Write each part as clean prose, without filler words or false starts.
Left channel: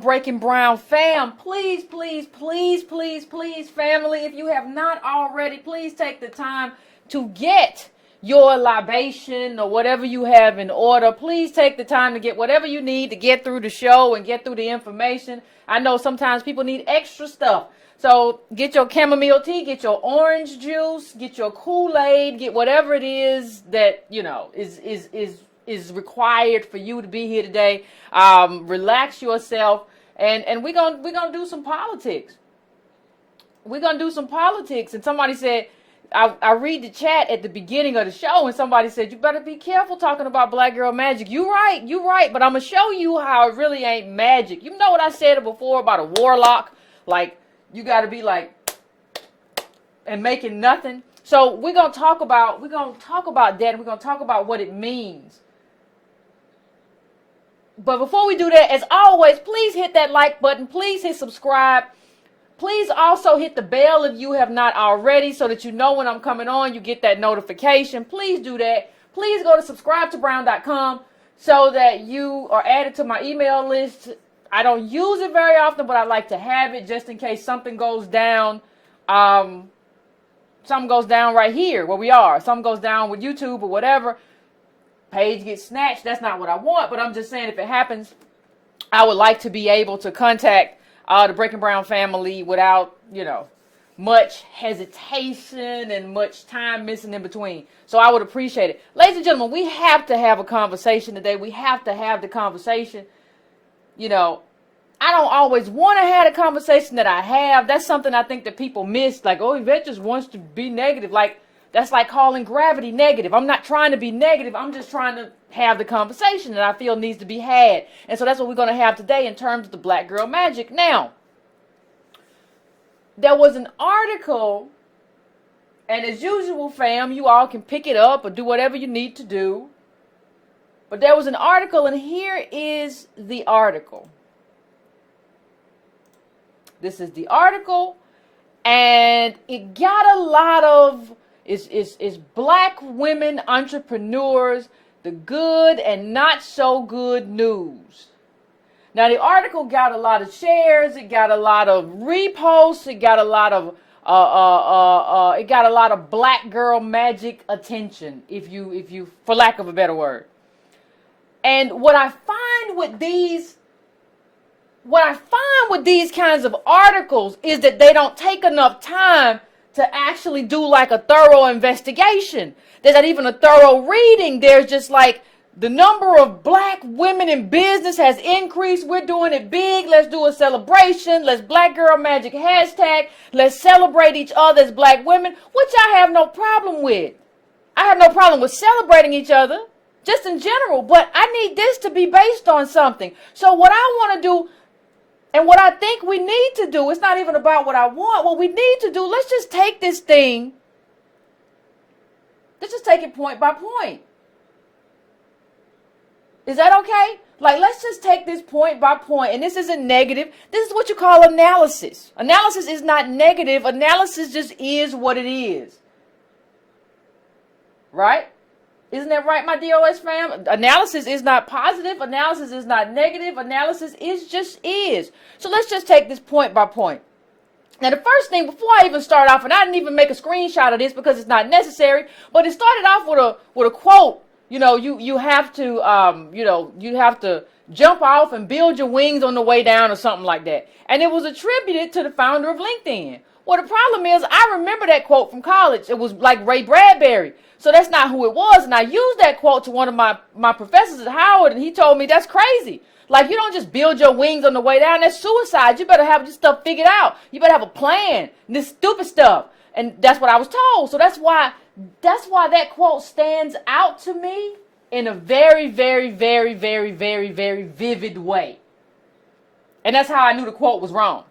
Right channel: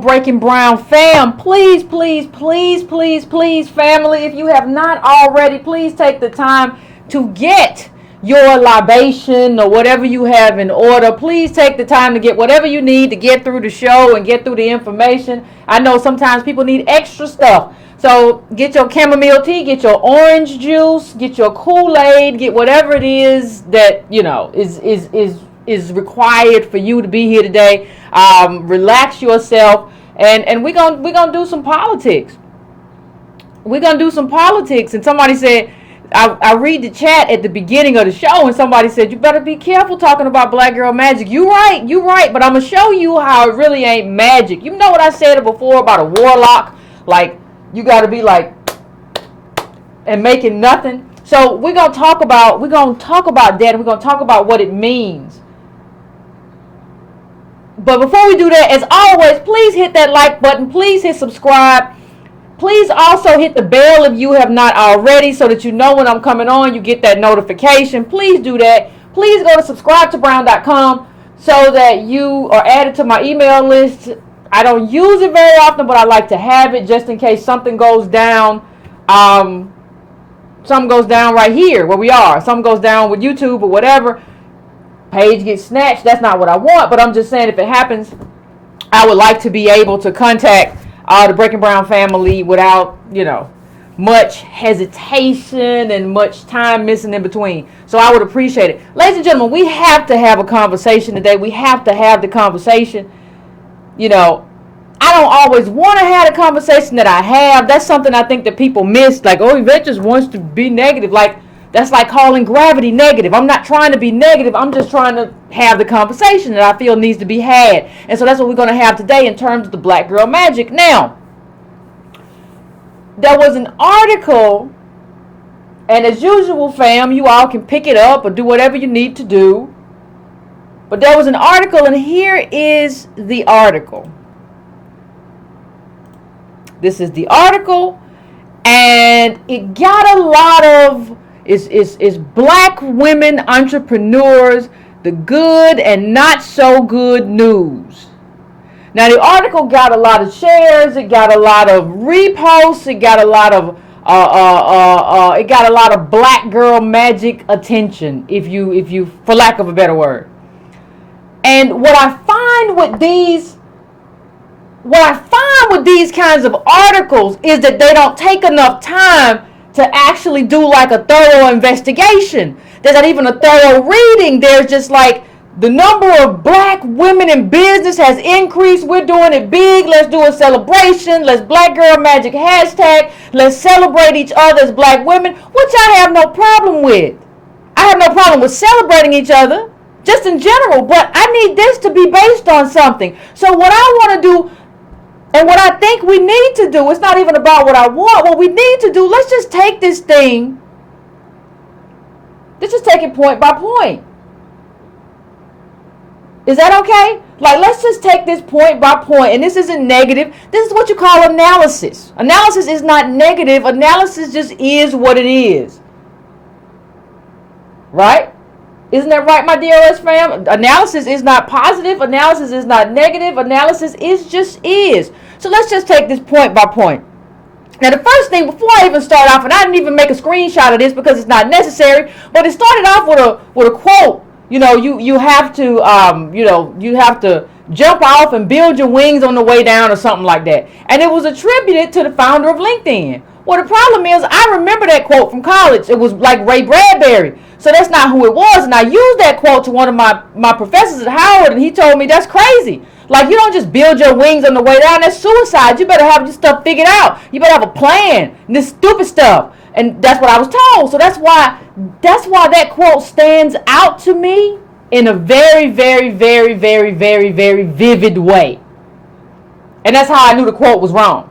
Breaking Brown fam, please, please, please, please, please, family, if you have not already, please take the time to get your libation or whatever you have in order. Please take the time to get whatever you need to get through the show and get through the information. I know sometimes people need extra stuff. So get your chamomile tea, get your orange juice, get your Kool-Aid, get whatever it is that, you know, is required for you to be here today. Relax yourself. And we're gonna do some politics. We're gonna do some politics. And somebody said, I read the chat at the beginning of the show, and somebody said, you better be careful talking about black girl magic. You right, but I'm gonna show you how it really ain't magic. You know what I said before about a warlock? Like, you gotta be like and making nothing. So we're gonna talk about that, and we're gonna talk about what it means. But before we do that, as always, please hit that like button. Please hit subscribe. Please also hit the bell if you have not already, so that you know when I'm coming on, you get that notification. Please do that. Please go to subscribetobrown.com so that you are added to my email list. I don't use it very often, but I like to have it just in case something goes down. Something goes down right here where we are. Something goes down with YouTube or whatever. Page gets snatched. That's not what I want, but I'm just saying if it happens, I would like to be able to contact the Breaking Brown family without, you know, much hesitation and much time missing in between. So I would appreciate it. Ladies and gentlemen, we have to have a conversation today. We have to have the conversation. You know, I don't always want to have the conversation that I have. That's something I think that people miss. Like, oh, Yvette just wants to be negative. Like, that's like calling gravity negative. I'm not trying to be negative. I'm just trying to have the conversation that I feel needs to be had. And so that's what we're going to have today in terms of the black girl magic. Now, there was an article, and as usual, fam, you all can pick it up or do whatever you need to do. But there was an article, and here is the article. This is the article, and it got a lot of is black women entrepreneurs, the good and not so good news. Now the article got a lot of shares, it got a lot of reposts, it got a lot of black girl magic attention, if you for lack of a better word. And what I find with these kinds of articles is that they don't take enough time to actually do like a thorough investigation. There's not even a thorough reading. There's just like, the number of black women in business has increased. We're doing it big. Let's do a celebration. Let's Black Girl Magic hashtag. Let's celebrate each other as black women, which I have no problem with. I have no problem with celebrating each other, just in general, but I need this to be based on something. So what I want to do, and what I think we need to do, it's not even about what I want. What we need to do, let's just take this thing. Let's just take it point by point. Is that okay? Like, let's just take this point by point. And this isn't negative. This is what you call analysis. Analysis is not negative. Analysis just is what it is. Right? Isn't that right, my DOS fam? Analysis is not positive. Analysis is not negative. Analysis is just is. So let's just take this point by point. Now, the first thing, before I even start off, and I didn't even make a screenshot of this because it's not necessary, but it started off with a quote. You know, you have to you have to jump off and build your wings on the way down or something like that. And it was attributed to the founder of LinkedIn. Well, the problem is, I remember that quote from college. It was like Ray Bradbury. So that's not who it was. And I used that quote to one of my professors at Howard, and he told me that's crazy. Like, you don't just build your wings on the way down. That's suicide. You better have your stuff figured out. You better have a plan. And this stupid stuff. And that's what I was told. So that's why that quote stands out to me in a very, very, very, very, very, very vivid way. And that's how I knew the quote was wrong.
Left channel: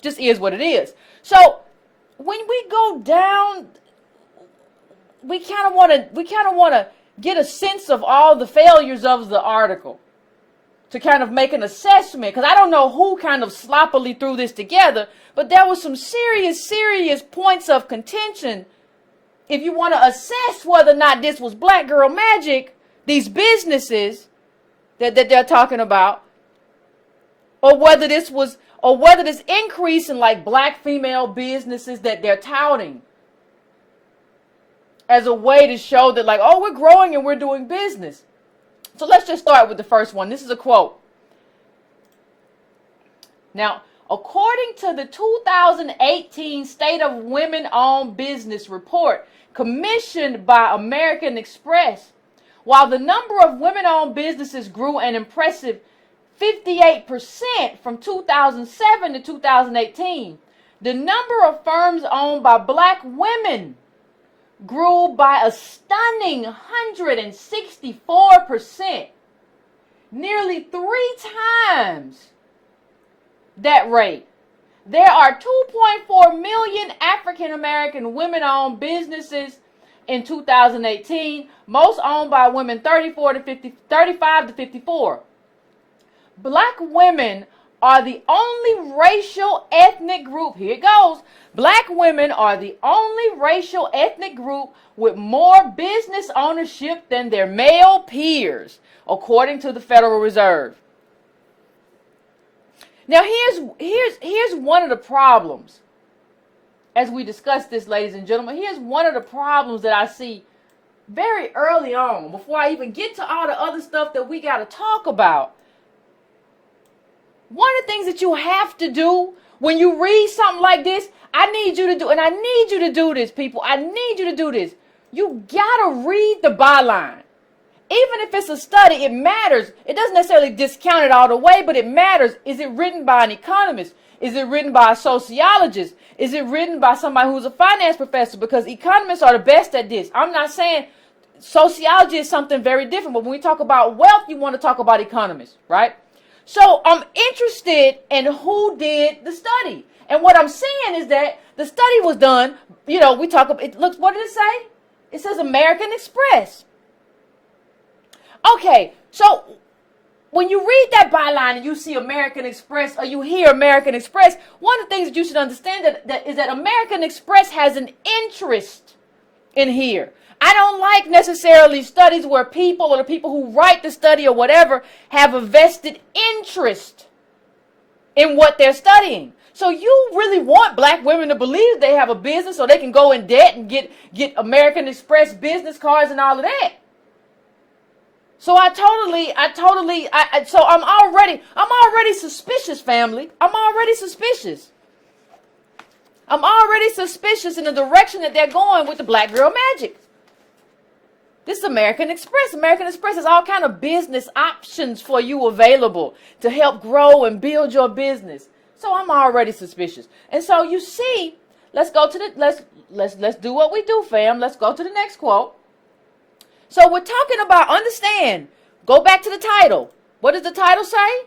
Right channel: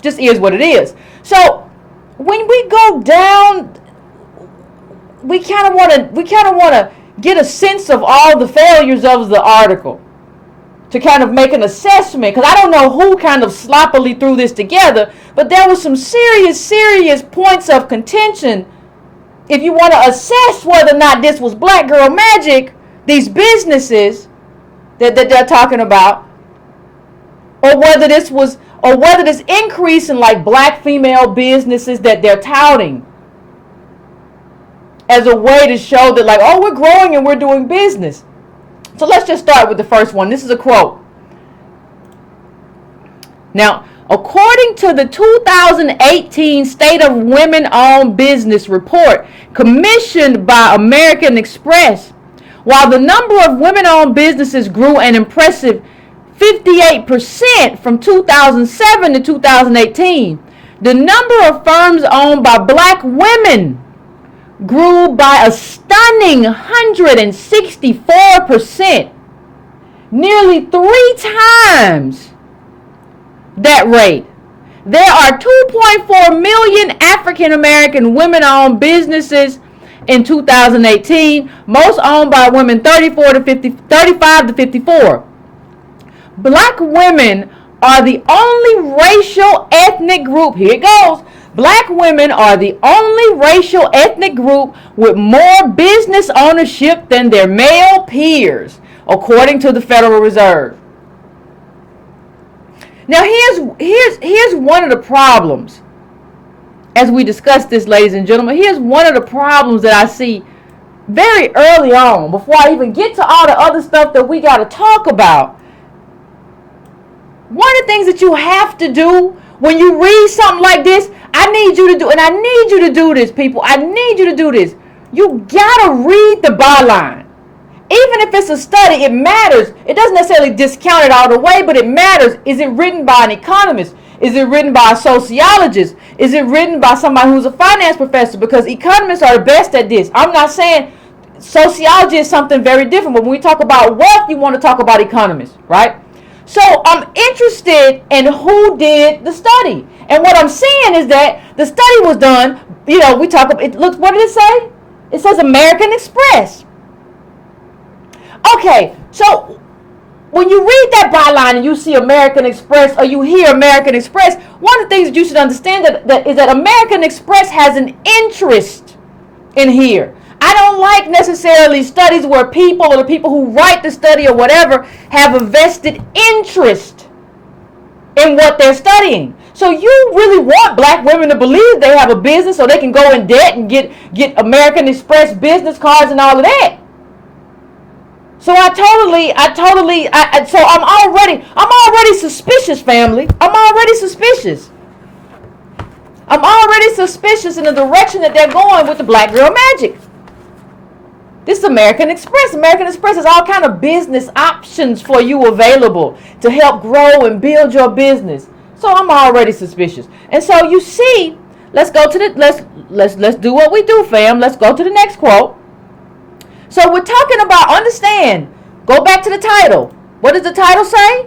Just is what it is. So when we go down, we kind of want to get a sense of all the failures of the article to kind of make an assessment, because I don't know who kind of sloppily threw this together, but there was some serious points of contention if you want to assess whether or not this was black girl magic, these businesses that they're talking about, or whether this increase in like black female businesses that they're touting as a way to show that, like, oh, we're growing and we're doing business. So let's just start with the first one. This is a quote. Now, according to the 2018 State of Women-Owned Business Report commissioned by American Express, while the number of women-owned businesses grew an impressive 58% from 2007 to 2018, the number of firms owned by black women grew by a stunning 164%, nearly 3 times that rate. There are 2.4 million African American women-owned businesses in 2018, most owned by women 35 to 54. Black women are the only racial ethnic group, here it goes, black women are the only racial ethnic group with more business ownership than their male peers, according to the Federal Reserve. Now here's one of the problems. As we discuss this, ladies and gentlemen, here's one of the problems that I see very early on, before I even get to all the other stuff that we got to talk about. One of the things that you have to do when you read something like this, I need you to do, and I need you to do this, people. I need you to do this. You gotta read the byline. Even if it's a study, it matters. It doesn't necessarily discount it all the way, but it matters. Is it written by an economist? Is it written by a sociologist? Is it written by somebody who's a finance professor? Because economists are the best at this. I'm not saying sociology is something very different, but when we talk about wealth, you want to talk about economists, right? So I'm interested in who did the study. And what I'm saying is that the study was done, we talk about, look, what did it say? It says American Express. Okay, so when you read that byline and you see American Express or you hear American Express, one of the things that you should understand is that American Express has an interest in here. I don't like necessarily studies where people or the people who write the study or whatever have a vested interest in what they're studying. So you really want black women to believe they have a business so they can go in debt and get American Express business cards and all of that. So I'm already suspicious, family. I'm already suspicious. I'm already suspicious in the direction that they're going with the black girl magic. This is American Express. American Express has all kind of business options for you available to help grow and build your business. So I'm already suspicious. And so you see, let's go to the let's do what we do, fam. Let's go to the next quote. So we're talking about, understand, go back to the title. What does the title say?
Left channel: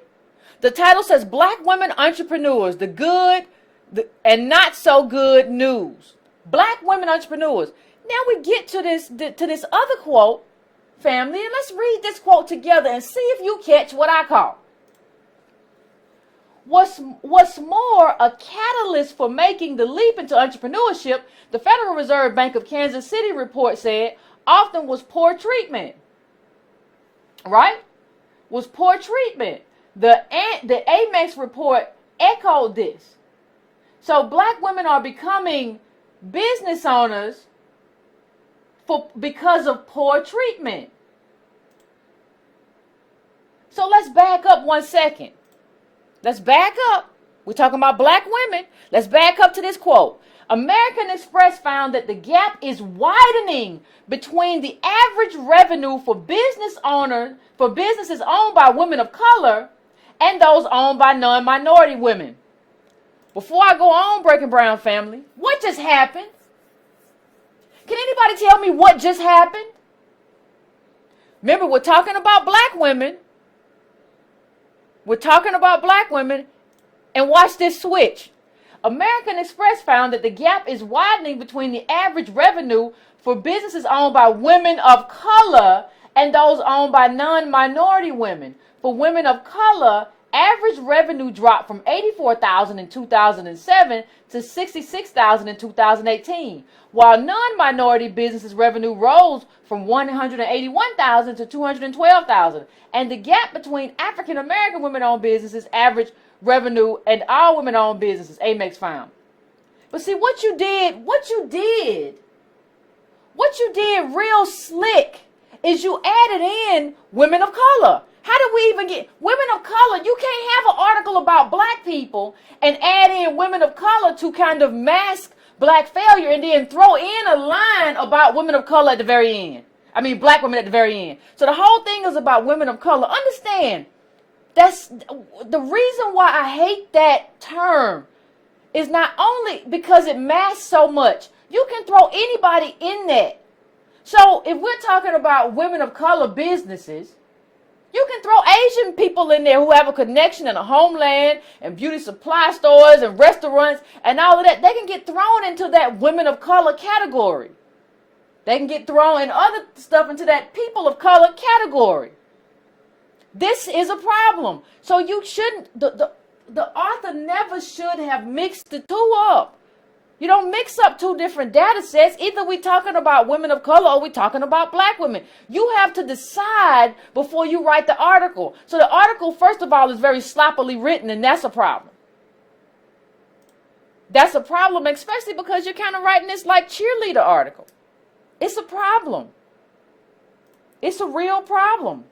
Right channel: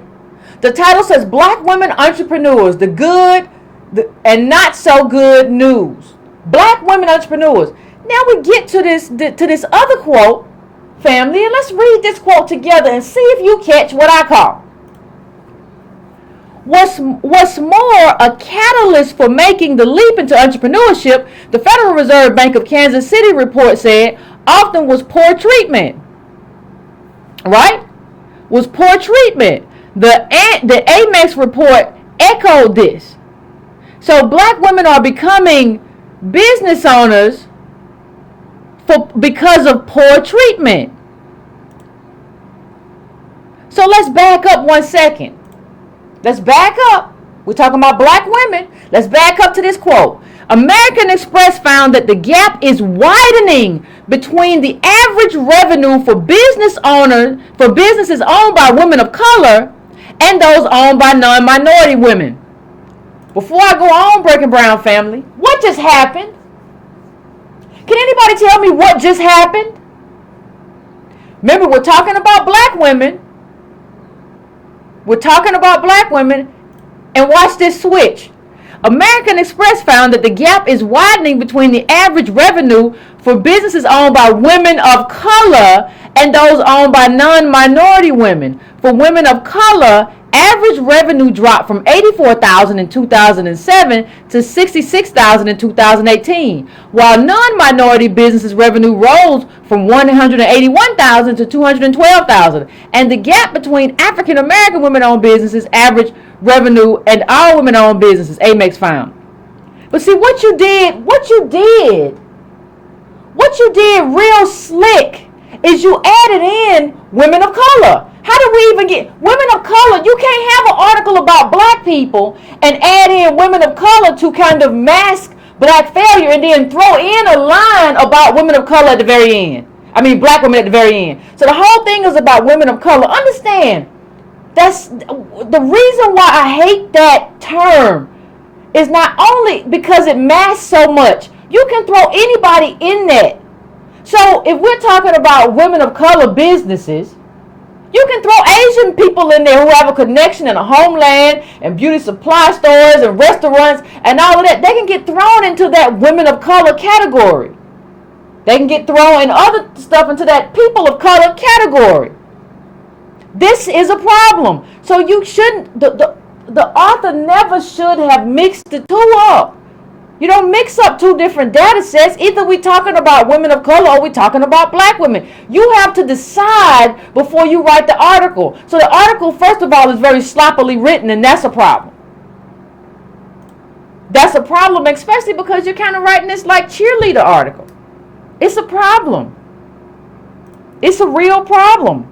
The title says Black Women Entrepreneurs, the good and not so good news. Black women entrepreneurs. Now we get to this other quote, family, and let's read this quote together and see if you catch what I call. What's more, a catalyst for making the leap into entrepreneurship, the Federal Reserve Bank of Kansas City report said, often was poor treatment, right? Was poor treatment. The Amex report echoed this. So black women are becoming business owners because of poor treatment. So let's back up 1 second. Let's back up. We're talking about black women. Let's back up to this quote. American Express found that the gap is widening between the average revenue for businesses owned by women of color and those owned by non-minority women. Before I go on, Breaking Brown family, what just happened? Can anybody tell me what just happened? Remember, we're talking about black women. We're talking about black women. And watch this switch. American Express found that the gap is widening between the average revenue for businesses owned by women of color and those owned by non-minority women. For women of color, average revenue dropped from $84,000 in 2007 to $66,000 in 2018, while non-minority businesses revenue rose from $181,000 to $212,000. And the gap between African American women-owned businesses average revenue and all women-owned businesses, Amex found. But see, what you did real slick is you added in women of color. How do we even get women of color? You can't have an article about black people and add in women of color to kind of mask black failure and then throw in a line about women of color at the very end. I mean, black women at the very end. So the whole thing is about women of color. Understand, that's the reason why I hate that term is not only because it masks so much. You can throw anybody in that. So if we're talking about women of color businesses, you can throw Asian people in there who have a connection in a homeland and beauty supply stores and restaurants and all of that. They can get thrown into that women of color category. They can get thrown in other stuff into that people of color category. This is a problem. So you shouldn't, the author never should have mixed the two up. You don't mix up two different data sets. Either we're talking about women of color or we're talking about black women. You have to decide before you write the article. So the article, first of all, is very sloppily written, and that's a problem. That's a problem, especially because you're kind of writing this like cheerleader article. It's a problem. It's a real problem.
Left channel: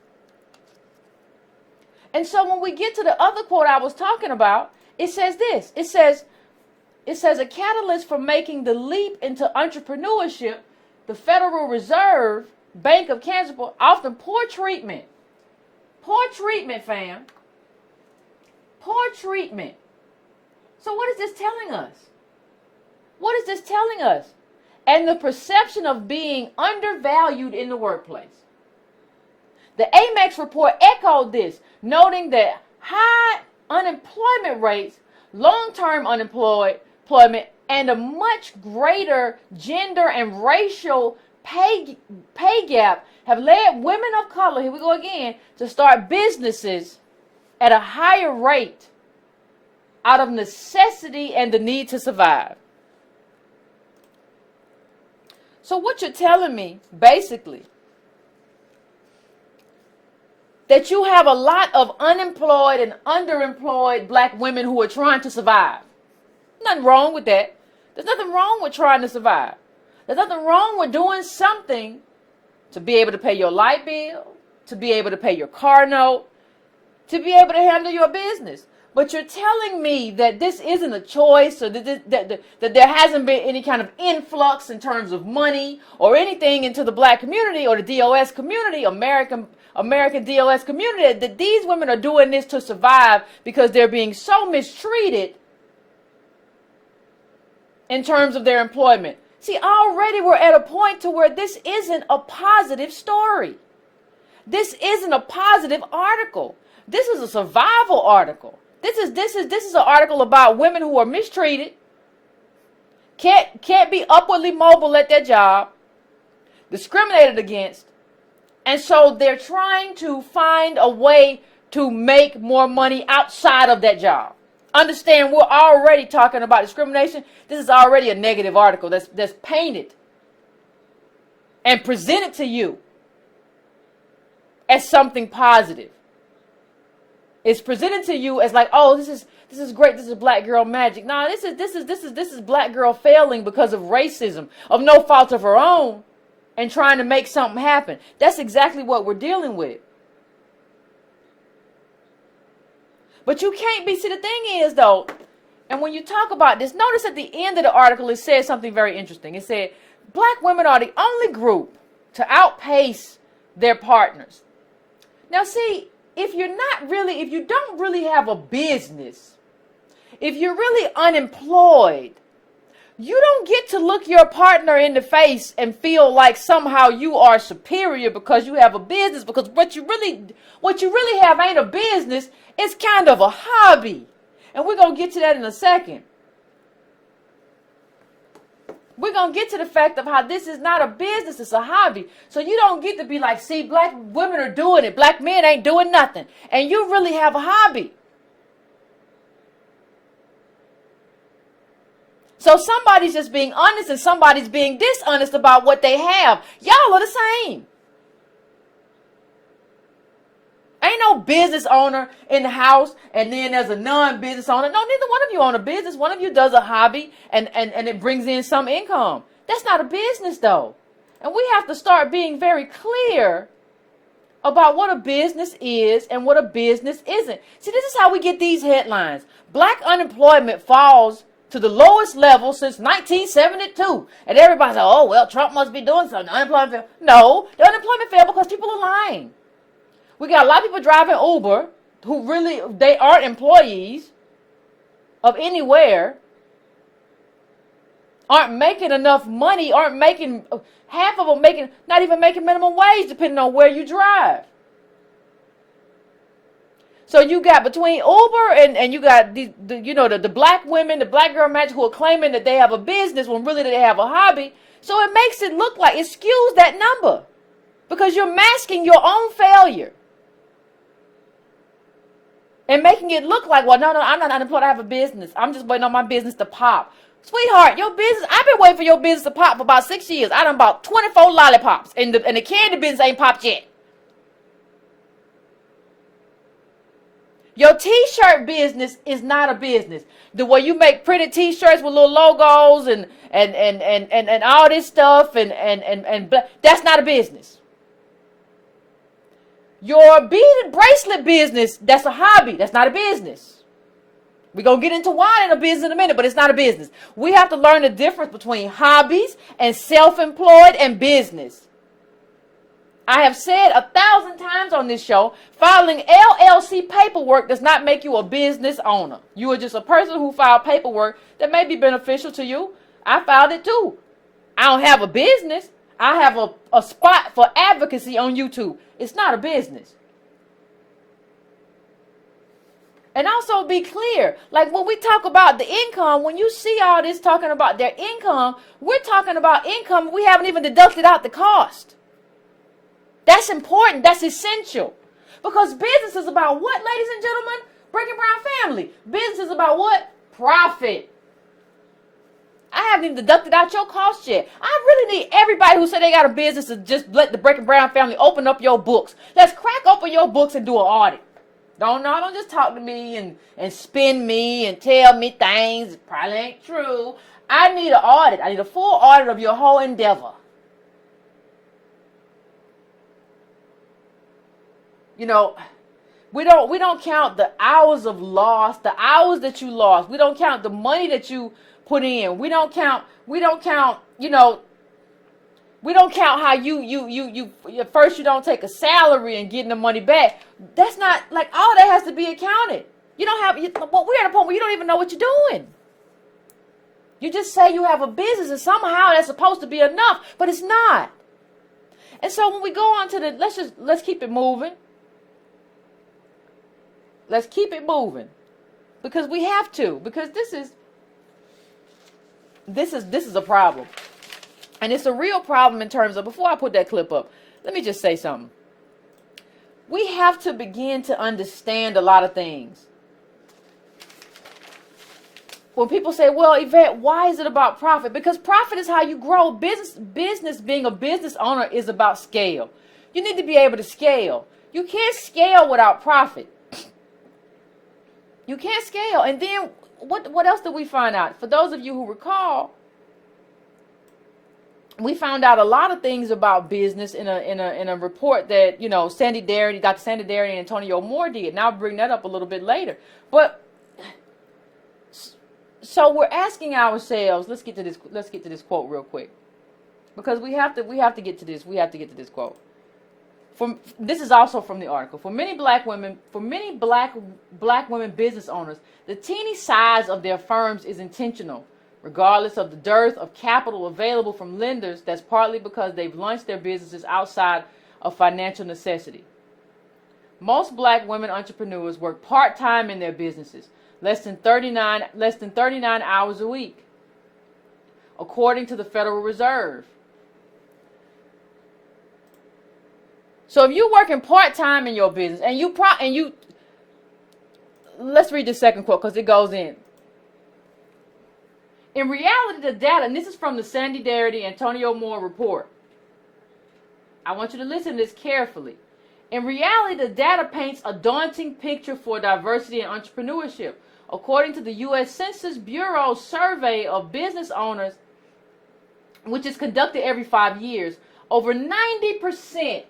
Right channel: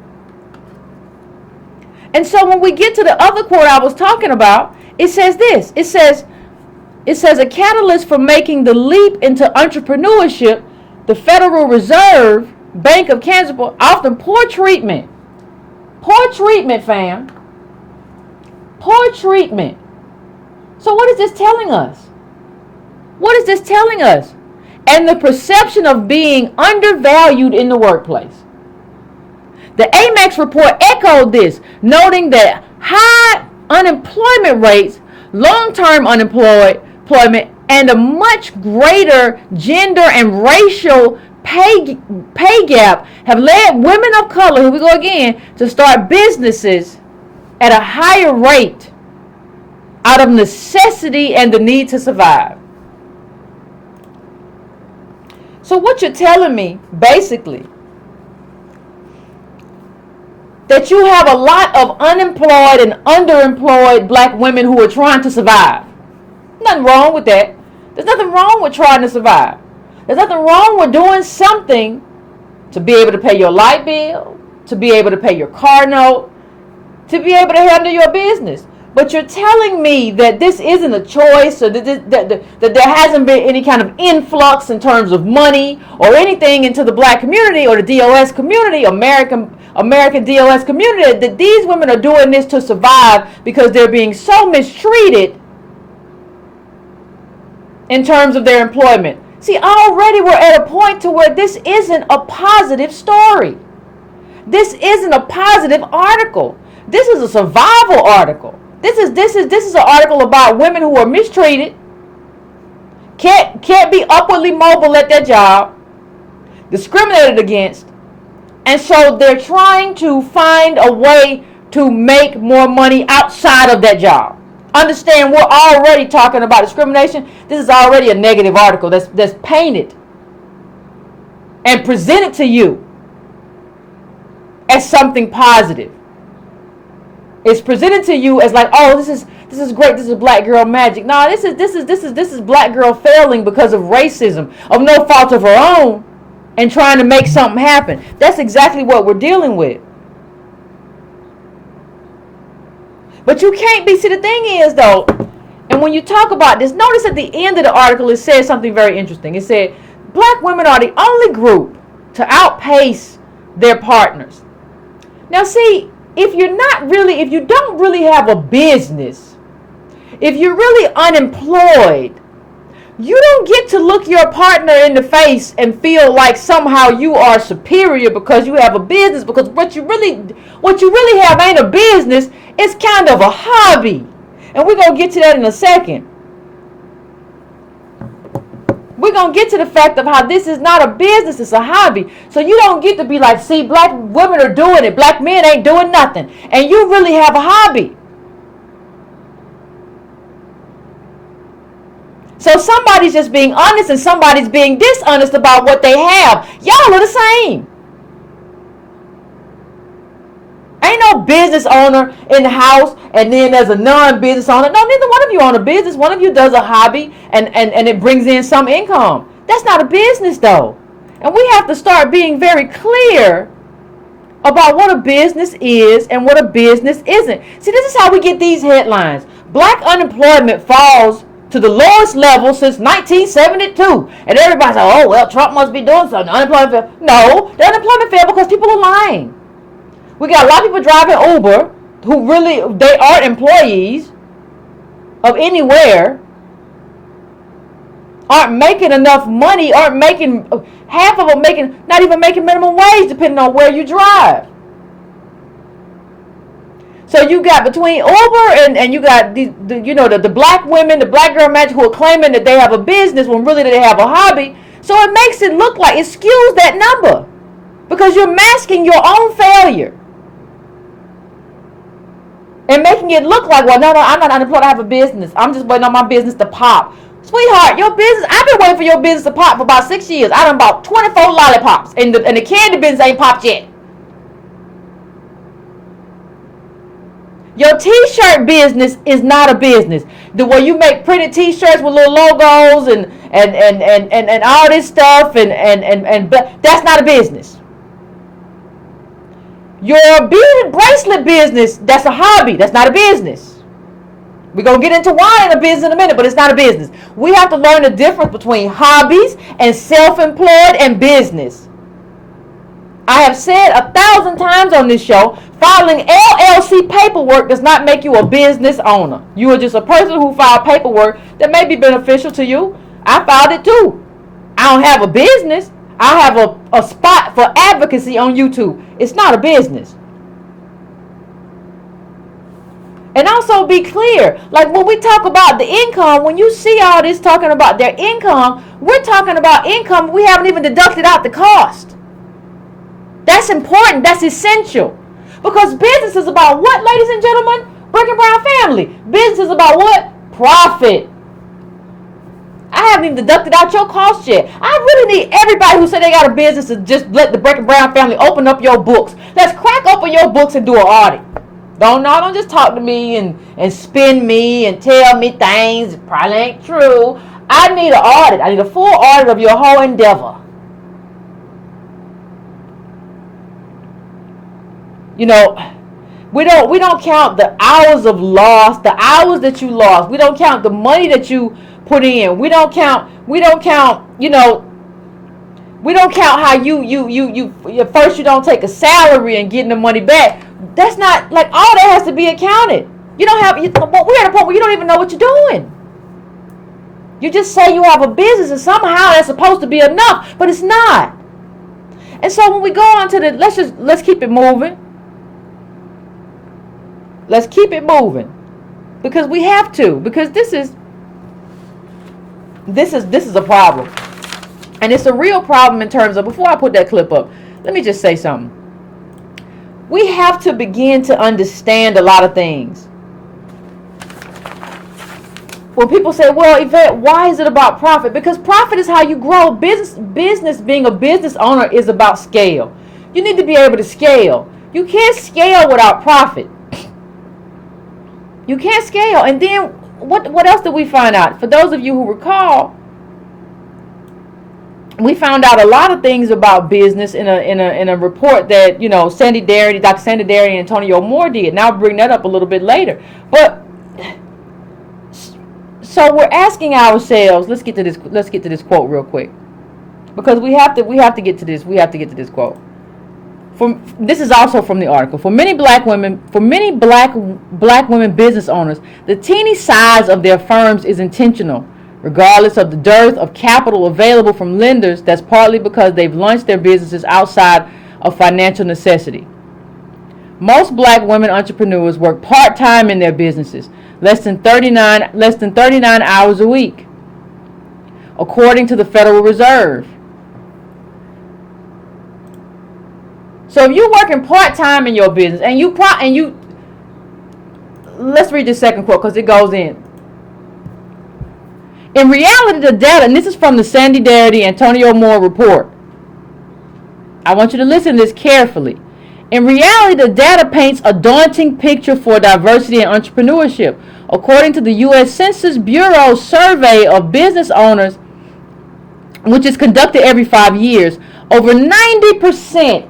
And so when we get to the other quote I was talking about, it says this. It says a catalyst for making the leap into entrepreneurship, the Federal Reserve Bank of Kansas, often poor treatment. Poor treatment, fam. Poor treatment. So what is this telling us? What is this telling us? And the perception of being undervalued in the workplace. The Amex report echoed this, noting that high unemployment rates, long-term unemployment, and a much greater gender and racial pay gap have led women of color, here we go again, to start businesses at a higher rate out of necessity and the need to survive. So what you're telling me, basically, that you have a lot of unemployed and underemployed black women who are trying to survive. Nothing wrong with that. There's nothing wrong with trying to survive. There's nothing wrong with doing something to be able to pay your light bill, to be able to pay your car note, to be able to handle your business. But you're telling me that this isn't a choice, or that there hasn't been any kind of influx in terms of money or anything into the black community or the DOS community, American DOS community, that these women are doing this to survive because they're being so mistreated in terms of their employment. See, already we're at a point to where this isn't a positive story. This isn't a positive article. This is a survival article. This is an article about women who are mistreated, can't be upwardly mobile at their job, discriminated against, and so they're trying to find a way to make more money outside of that job. Understand, we're already talking about discrimination. This is already a negative article that's painted. and present it to you as something positive. It's presented to you as like, oh, this is great. This is black girl magic. No, this is black girl failing because of racism, of no fault of her own, and trying to make something happen. That's exactly what we're dealing with. But you can't be. See, the thing is though, and when you talk about this, notice at the end of the article it says something very interesting. It said black women are the only group to outpace their partners. Now, see. If you don't really have a business, if you're really unemployed, you don't get to look your partner in the face and feel like somehow you are superior because you have a business, because what you really have ain't a business, it's kind of a hobby. And we're going to get to that in a second. We're going to get to the fact of how this is not a business, it's a hobby. So you don't get to be like, see, black women are doing it, black men ain't doing nothing. And you really have a hobby. So somebody's just being honest and somebody's being dishonest about what they have. Y'all are the same. Ain't no business owner in the house and then there's a non-business owner. No, neither one of you own a business. One of you does a hobby and it brings in some income. That's not a business though. And we have to start being very clear about what a business is and what a business isn't. See, this is how we get these headlines. Black unemployment falls to the lowest level since 1972. And everybody's like, oh, well, Trump must be doing something. Unemployment fell. No, the unemployment fell because people are lying. We got a lot of people driving Uber who really, they aren't employees of anywhere, aren't making enough money, aren't making, half of them making, not even making minimum wage depending on where you drive. So you got between Uber and you got the black women, the black girl magic who are claiming that they have a business when really they have a hobby. So it makes it look like, it skews that number because you're masking your own failure. And making it look like, well, no, I'm not unemployed, I have a business. I'm just waiting on my business to pop. Sweetheart, your business, I've been waiting for your business to pop for about 6 years. I done bought 24 lollipops, and the candy business ain't popped yet. Your t-shirt business is not a business. The way you make pretty t-shirts with little logos and all this stuff, and that's not a business. Your beaded bracelet business, that's a hobby. That's not a business. We're going to get into why in a business in a minute, but it's not a business. We have to learn the difference between hobbies and self-employed and business. I have said 1,000 times on this show, filing LLC paperwork does not make you a business owner. You are just a person who filed paperwork that may be beneficial to you. I filed it too. I don't have a business. I have a spot for advocacy on YouTube. It's not a business. And also be clear, like when we talk about the income, when you see all this talking about their income, we're talking about income. We haven't even deducted out the cost. That's important. That's essential. Because business is about what, ladies and gentlemen? Breaking Brown family. Business is about what? Profit. I haven't even deducted out your cost yet. I really need everybody who said they got a business to just let the Breaking Brown family open up your books. Let's crack open your books and do an audit. Don't just talk to me and spin me and tell me things that probably ain't true. I need an audit. I need a full audit of your whole endeavor. You know, we don't count the hours of loss, the hours that you lost. We don't count the money that you put in. We don't count, you know, we don't count how you at first you don't take a salary and getting the money back. That's not, like, all that has to be accounted. You don't have, we're at a point where you don't even know what you're doing. You just say you have a business and somehow that's supposed to be enough, but it's not. And so when we go on to the, let's keep it moving. Let's keep it moving. Because we have to, because this is a problem. And it's a real problem in terms of, before I put that clip up, let me just say something. We have to begin to understand a lot of things. when people say, well, Yvette, why is it about profit? Because profit is how you grow. Business, being a business owner is about scale. You need to be able to scale. You can't scale without profit. You can't scale. And then what else did we find out? For those of you who recall, we found out a lot of things about business in a report that, you know, Dr. Sandy Darity and Antonio Moore did. And I'll bring that up a little bit later. But so we're asking ourselves, let's get to this quote real quick. Because we have to get to this quote. This is also from the article. For many black women business owners, the teeny size of their firms is intentional, regardless of the dearth of capital available from lenders. That's partly because they've launched their businesses outside of financial necessity. Most black women entrepreneurs work part-time in their businesses, less than 39 hours a week, according to the Federal Reserve. So if you're working part-time in your business, and you let's read the second quote because it goes in. In reality, the data, and this is from the Sandy Darity Antonio Moore report. I want you to listen to this carefully. In reality, the data paints a daunting picture for diversity and entrepreneurship. According to the U.S. Census Bureau's survey of business owners, which is conducted every 5 years, over 90%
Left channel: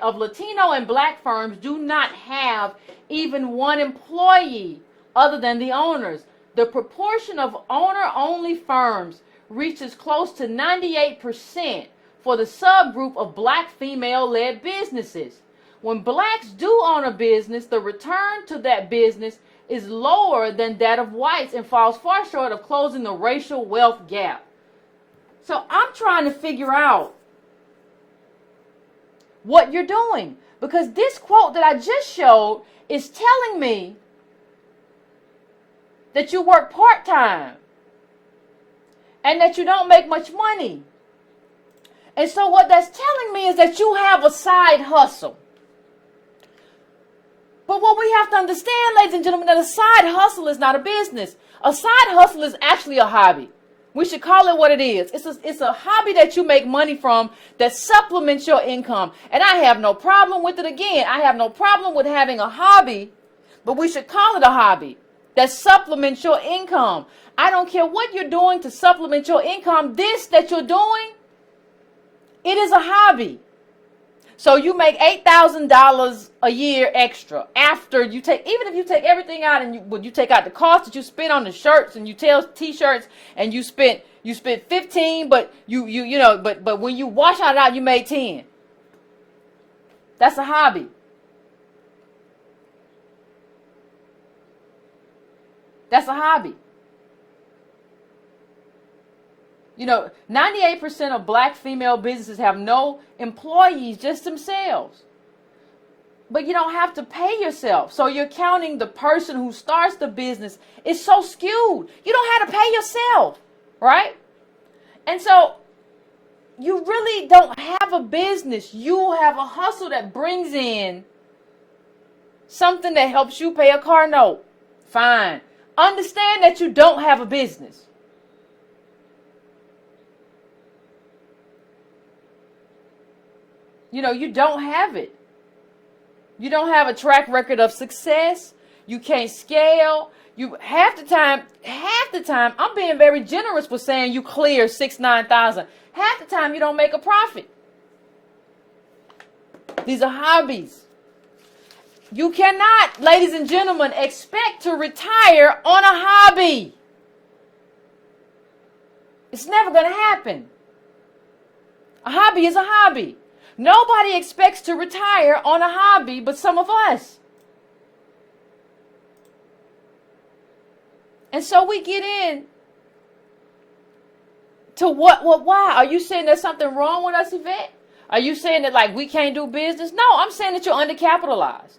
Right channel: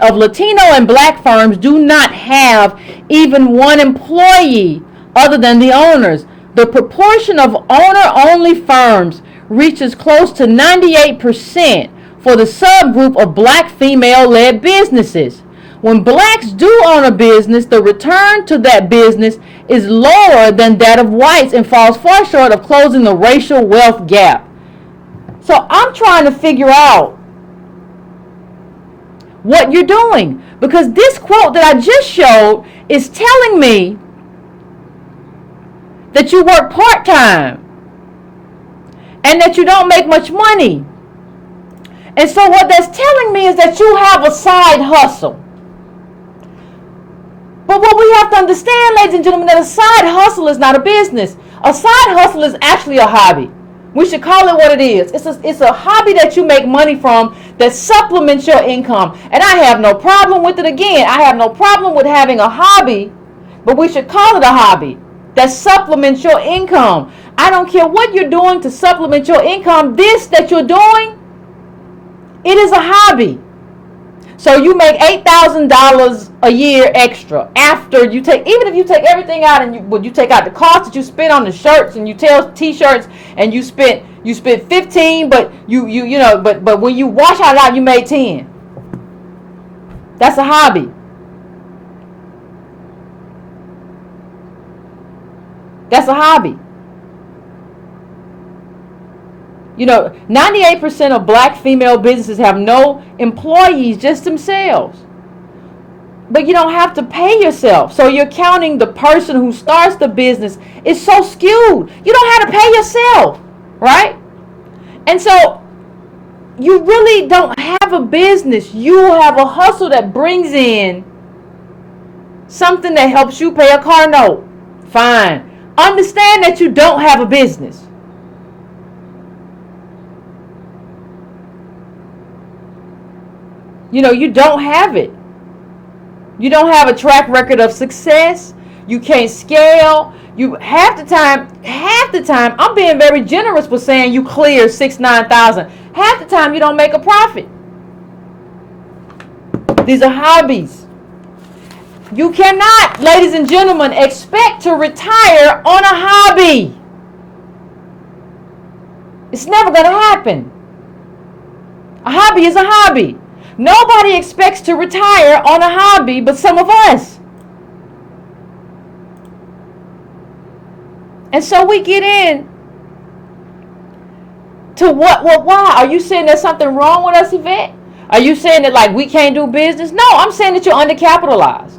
of Latino and black firms do not have even one employee other than the owners. The proportion of owner-only firms reaches close to 98% for the subgroup of black female-led businesses. When blacks do own a business, the return to that business is lower than that of whites and falls far short of closing the racial wealth gap. So I'm trying to figure out what you're doing, because this quote that I just showed is telling me that you work part-time and that you don't make much money. And so what that's telling me is that you have a side hustle. But what we have to understand, ladies and gentlemen, that a side hustle is not a business. A side hustle is actually a hobby. We should call it what it is. It's a hobby that you make money from that supplements your income. And I have no problem with it. Again, I have no problem with having a hobby, but we should call it a hobby that supplements your income. I don't care what you're doing to supplement your income. This that you're doing, it is a hobby. So you make $8,000 a year extra after you take, even if you take everything out and you take out the cost that you spent on the shirts and you tell t-shirts and you spent 15, but but when you wash it out, you made 10. That's a hobby. That's a hobby. 98% of black female businesses have no employees, just themselves. But you don't have to pay yourself. So you're counting the person who starts the business is so skewed. You don't have to pay yourself, right? And so you really don't have a business. You have a hustle that brings in something that helps you pay a car note. Fine. Understand that you don't have a business. You don't have it. You don't have a track record of success. You can't scale. You half the time, I'm being very generous with saying you clear 9,000. Half the time you don't make a profit. These are hobbies. You cannot, ladies and gentlemen, expect to retire on a hobby. It's never going to happen. A hobby is a hobby. Nobody expects to retire on a hobby but some of us. And so we get in to why? Are you saying there's something wrong with us, Yvette? Are you saying that like we can't do business? No, I'm saying that you're undercapitalized.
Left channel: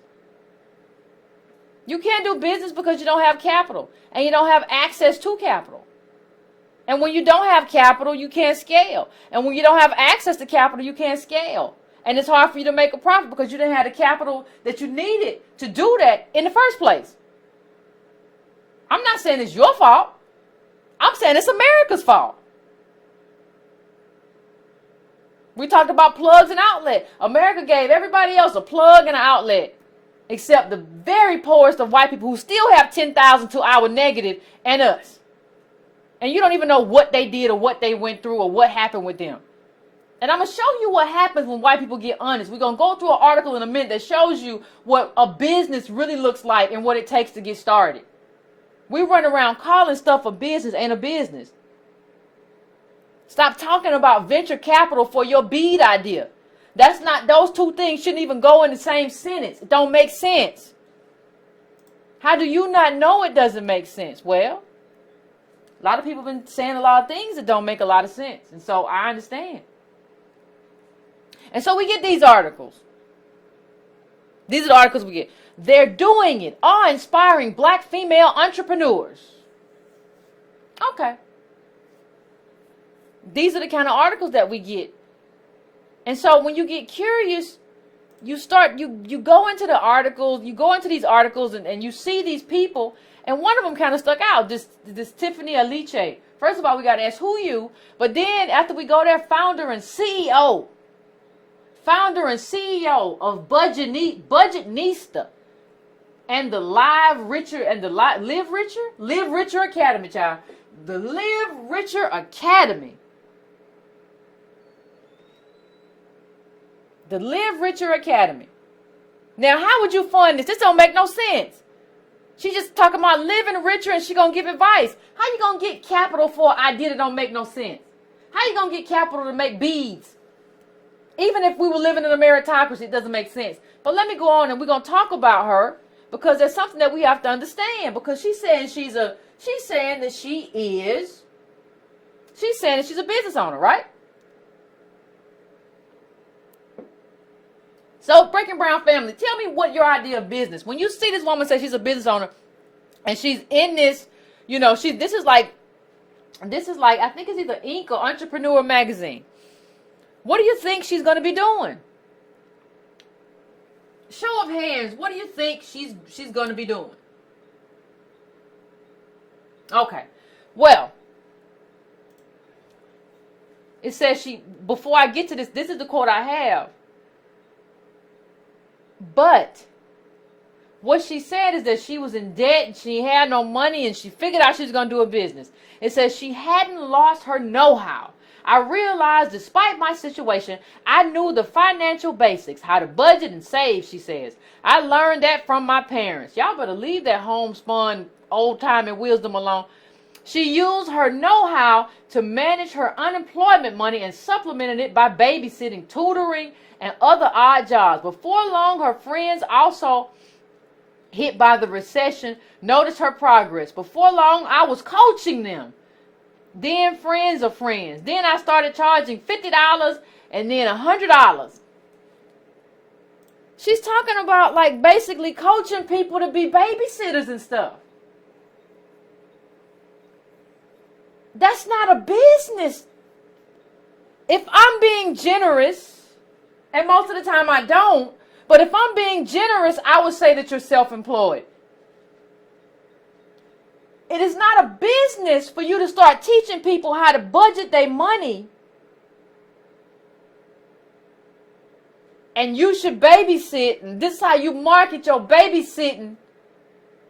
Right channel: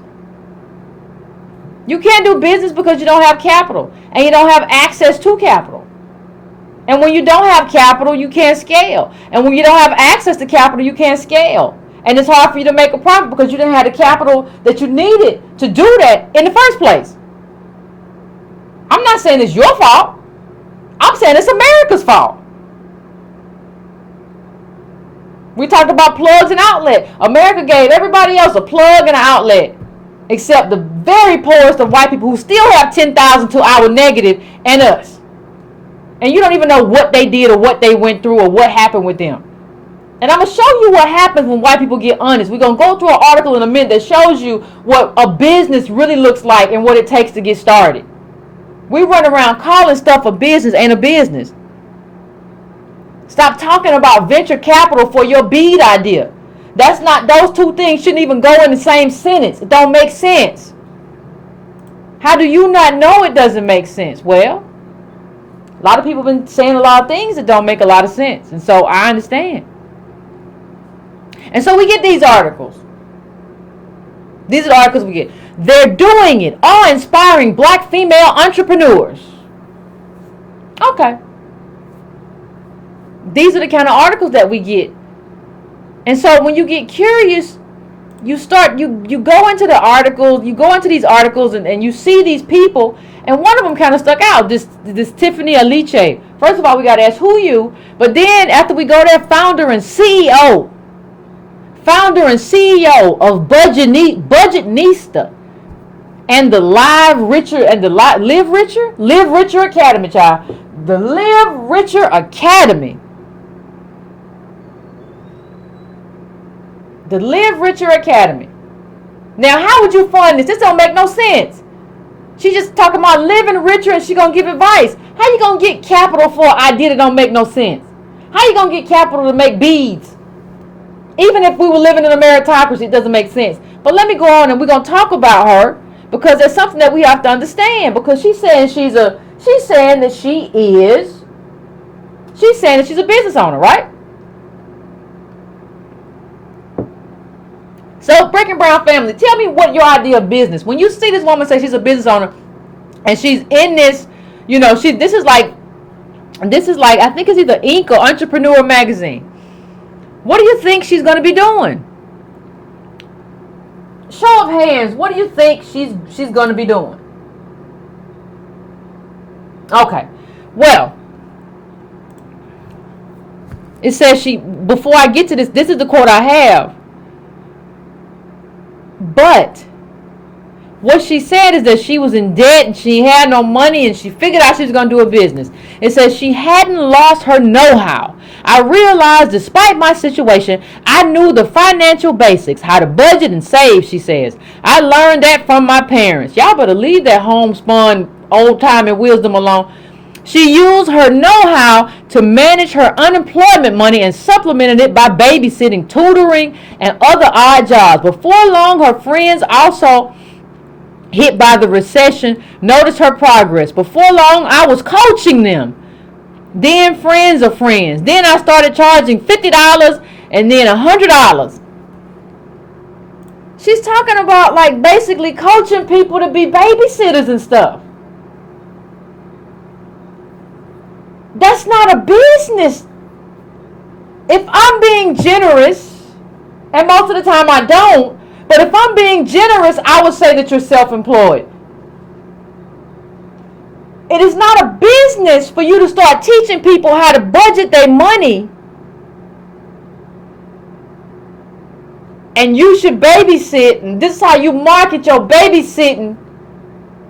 You can't do business because you don't have capital and you don't have access to capital. And when you don't have capital, you can't scale. And when you don't have access to capital, you can't scale. And it's hard for you to make a profit because you didn't have the capital that you needed to do that in the first place. I'm not saying it's your fault. I'm saying it's America's fault. We talked about plugs and outlet. America gave everybody else a plug and an outlet, except the very poorest of white people who still have 10,000 to our negative and us. And you don't even know what they did or what they went through or what happened with them. And I'm going to show you what happens when white people get honest. We're going to go through an article in a minute that shows you what a business really looks like and what it takes to get started. We run around calling stuff a business ain't a business. Stop talking about venture capital for your bead idea. That's not, those two things shouldn't even go in the same sentence. It don't make sense. How do you not know it doesn't make sense? Well, a lot of people have been saying a lot of things that don't make a lot of sense. And so I understand. And so we get these articles. These are the articles we get. They're doing it. Awe-inspiring black female entrepreneurs. Okay. These are the kind of articles that we get. And so when you get curious, you go into the articles, you go into these articles and you see these people, and one of them kind of stuck out, this Tiffany Aliche. First of all, we got to ask who you, but then after we go there, founder and CEO of Budgetnista and the Live Richer Academy, child. The Live Richer Academy. The Live Richer Academy. Now, how would you fund this? This don't make no sense. She just talking about living richer and she gonna give advice. How you gonna get capital for an idea that don't make no sense? How you gonna get capital to make beads? Even if we were living in a meritocracy, it doesn't make sense. But let me go on and we're gonna talk about her because there's something that we have to understand. Because she's saying she's saying that she's a business owner, right? So, Breaking Brown family, tell me what your idea of business. When you see this woman say she's a business owner, and she's in this, this is like, I think it's either Inc. or Entrepreneur magazine. What do you think she's going to be doing? Show of hands, what do you think she's going to be doing? Okay, well, it says before I get to this is the quote I have. But what she said is that she was in debt and she had no money and she figured out she was going to do a business. It says she hadn't lost her know-how. I realized despite my situation, I knew the financial basics, how to budget and save, she says. I learned that from my parents. Y'all better leave that homespun old-timey wisdom alone. She used her know-how to manage her unemployment money and supplemented it by babysitting, tutoring, and other odd jobs. Before long, her friends also hit by the recession noticed her progress. Before long, I was coaching them. Then friends of friends. Then I started charging $50 and then $100. She's talking about like basically coaching people to be babysitters and stuff. That's not a business. If I'm being generous, and most of the time I don't, but if I'm being generous, I would say that you're self-employed. It is not a business for you to start teaching people how to budget their money. And you should babysit, and this is how you market your babysitting.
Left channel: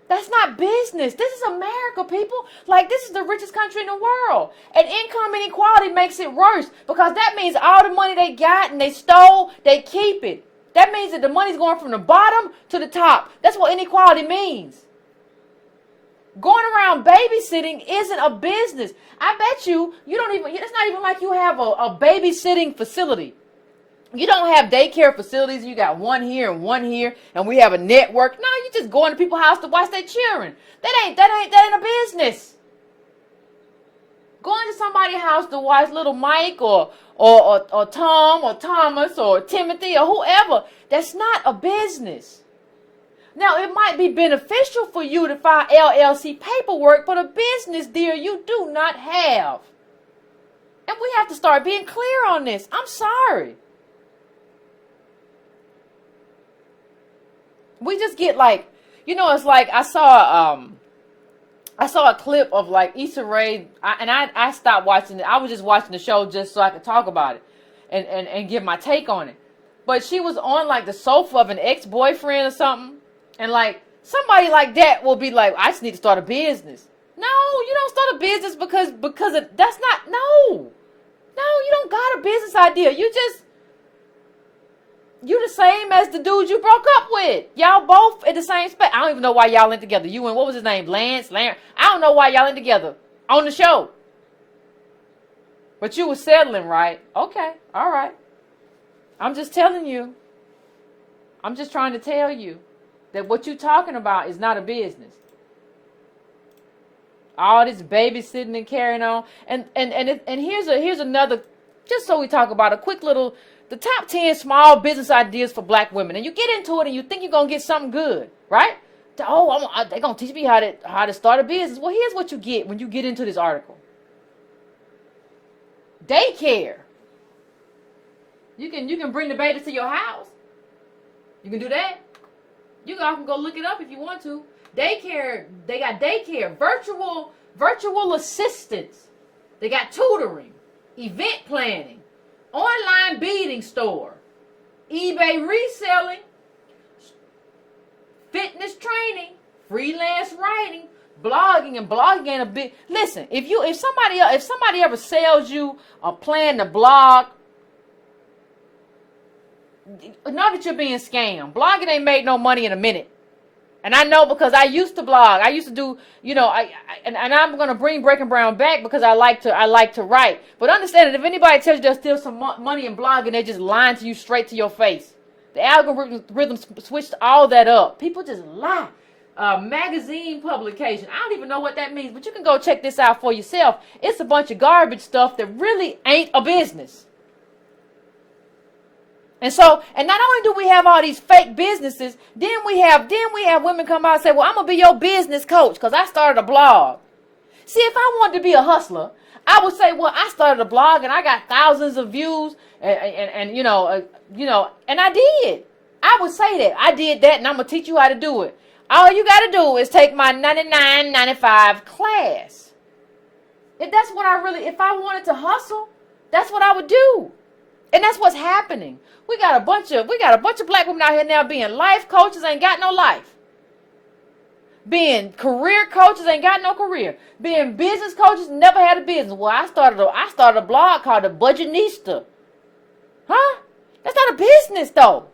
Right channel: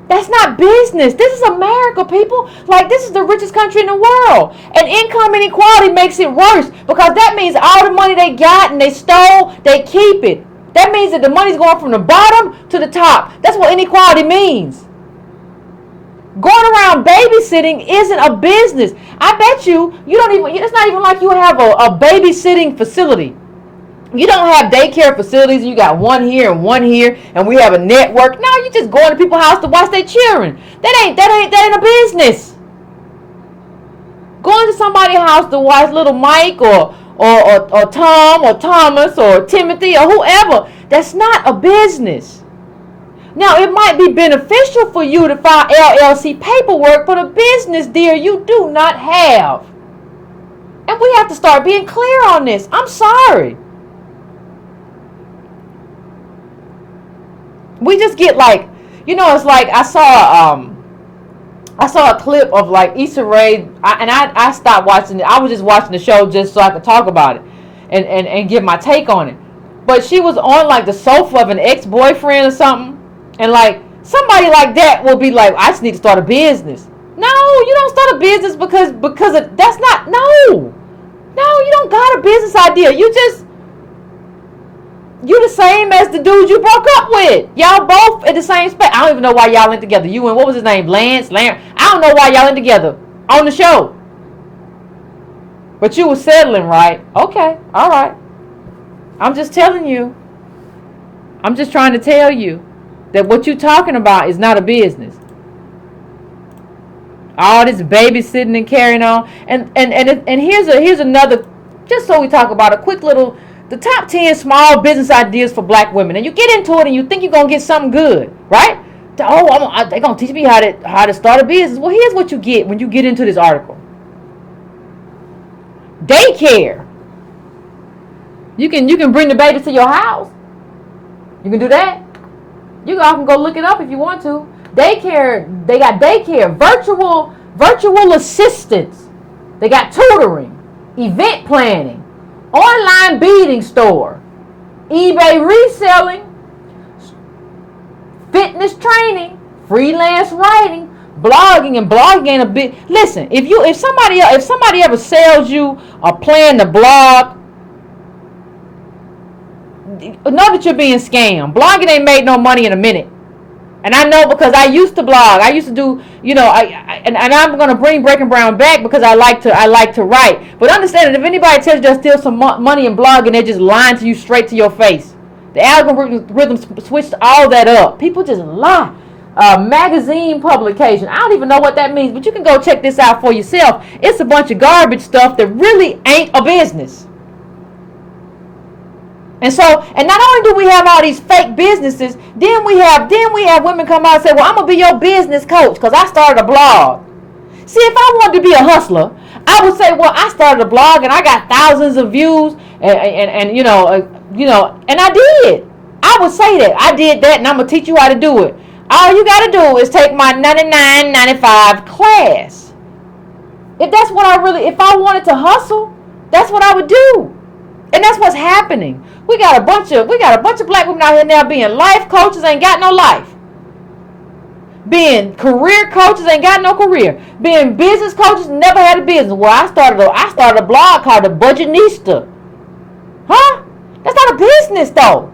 That's not business. This is America, people. Like, this is the richest country in the world. And income inequality makes it worse because that means all the money they got and they stole, they keep it. That means that the money's going from the bottom to the top. That's what inequality means. Going around babysitting isn't a business. I bet you don't even, it's not even like you have a babysitting facility. You don't have daycare facilities. You got one here, and we have a network. No, you just go into people's house to watch their children. That ain't a business. Going to somebody's house to watch little Mike or Tom or Thomas or Timothy or whoever. That's not a business. Now, it might be beneficial for you to file LLC paperwork, but a business, dear, you do not have. And we have to start being clear on this. I'm sorry. We just get like, it's like I saw I saw a clip of like Issa Rae, I stopped watching it. I was just watching the show just so I could talk about it and give my take on it. But she was on like the sofa of an ex-boyfriend or something, and like somebody like that will be like, I just need to start a business. No, you don't start a business because that's not, no, you don't got a business idea. You the same as the dude you broke up with. Y'all both in the same space. I don't even know why y'all in together. You and what was his name? Lance. I don't know why y'all in together on the show. But you was settling, right? Okay, all right. I'm just telling you. I'm just trying to tell you that what you talking about is not a business. All this babysitting and carrying on, and here's another. Just so we talk about a quick little. The top 10 small business ideas for black women. And you get into it and you think you're going to get something good, right? Oh, they're going to teach me how to start a business. Well, here's what you get when you get into this article. Daycare. You can bring the baby to your house. You can do that. You can go look it up if you want to. Daycare. They got daycare. Virtual assistants. They got tutoring. Event planning. Online beading store, eBay reselling, fitness training, freelance writing, blogging, and blogging ain't a bit. Listen, if somebody ever sells you a plan to blog, know that you're being scammed. Blogging ain't made no money in a minute. And I know because I used to blog. I used to do, and I'm gonna bring Breaking Brown back because I like to write. But understand that if anybody tells you they'll steal some money in blogging, they're just lying to you straight to your face. The algorithm switched all that up. People just lie. Magazine publication. I don't even know what that means, but you can go check this out for yourself. It's a bunch of garbage stuff that really ain't a business. And not only do we have all these fake businesses, then we have women come out and say, well, I'm going to be your business coach because I started a blog. See, if I wanted to be a hustler, I would say, well, I started a blog and I got thousands of views and I did. I would say that. I did that and I'm going to teach you how to do it. All you got to do is take my $99.95 class. If I wanted to hustle, that's what I would do. And that's what's happening. We got a bunch of black women out here now being life coaches, ain't got no life. Being career coaches, ain't got no career. Being business coaches, never had a business. Well, I started a blog called The Budgetnista. Huh? That's not a business though.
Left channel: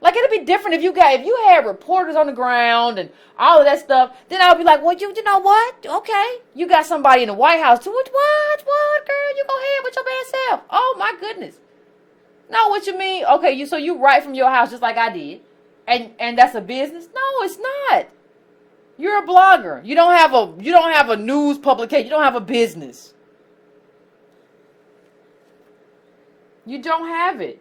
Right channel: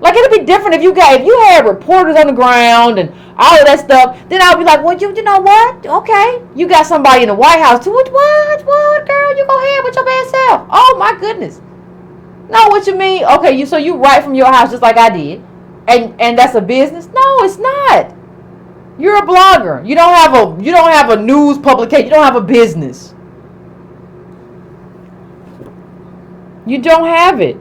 Like it'll be different if you had reporters on the ground and all of that stuff. Then I'll be like, well, you know what? Okay, you got somebody in the White House too. What, girl? You go ahead with your bad self. Oh my goodness. No, what you mean? Okay, so you write from your house just like I did, and that's a business? No, it's not. You're a blogger. You don't have a news publication. You don't have a business. You don't have it.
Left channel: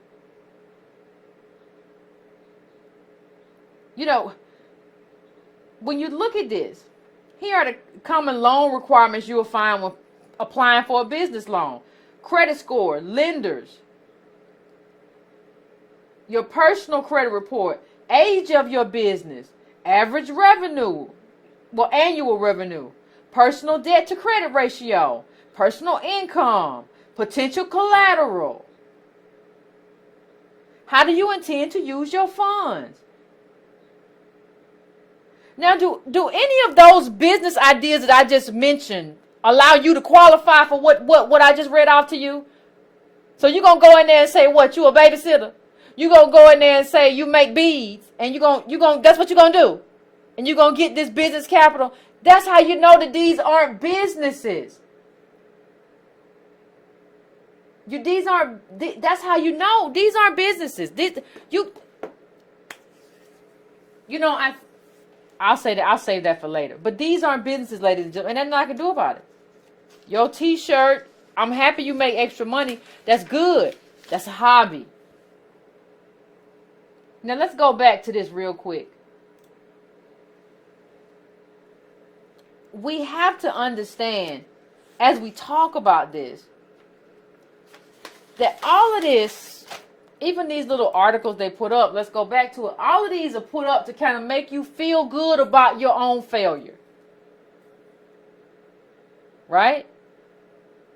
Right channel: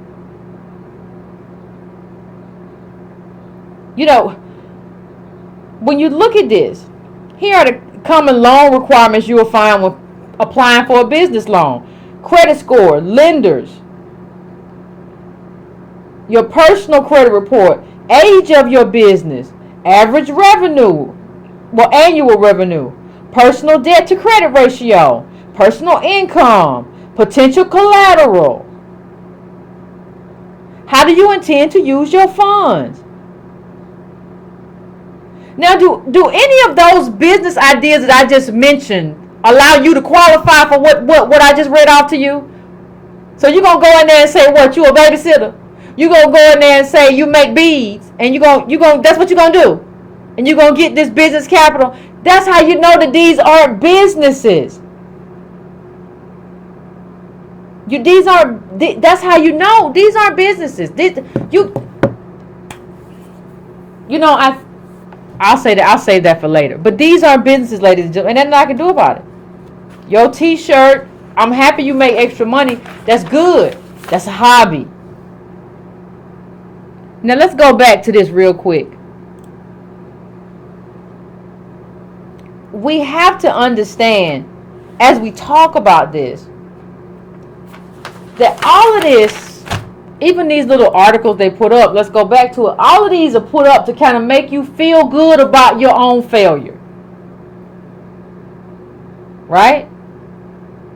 When you look at this, here are the common loan requirements you will find when applying for a business loan. Credit score, lenders, your personal credit report, age of your business, average revenue, annual revenue, personal debt to credit ratio, personal income, potential collateral. How do you intend to use your funds? Now, do any of those business ideas that I just mentioned allow you to qualify for what I just read off to you? So you're going to go in there and say, what, you a babysitter? You're going to go in there and say you make beads, and that's what you're going to do. And you're going to get this business capital. That's how you know that these aren't businesses. That's how you know these aren't businesses. I'll say that. I'll save that for later. But these aren't businesses, ladies and gentlemen, and nothing I can do about it. Your T-shirt, I'm happy you make extra money. That's good. That's a hobby. Now let's go back to this real quick. We have to understand, as we talk about this, that all of this, even these little articles they put up, let's go back to it, all of these are put up to kind of make you feel good about your own failure. right?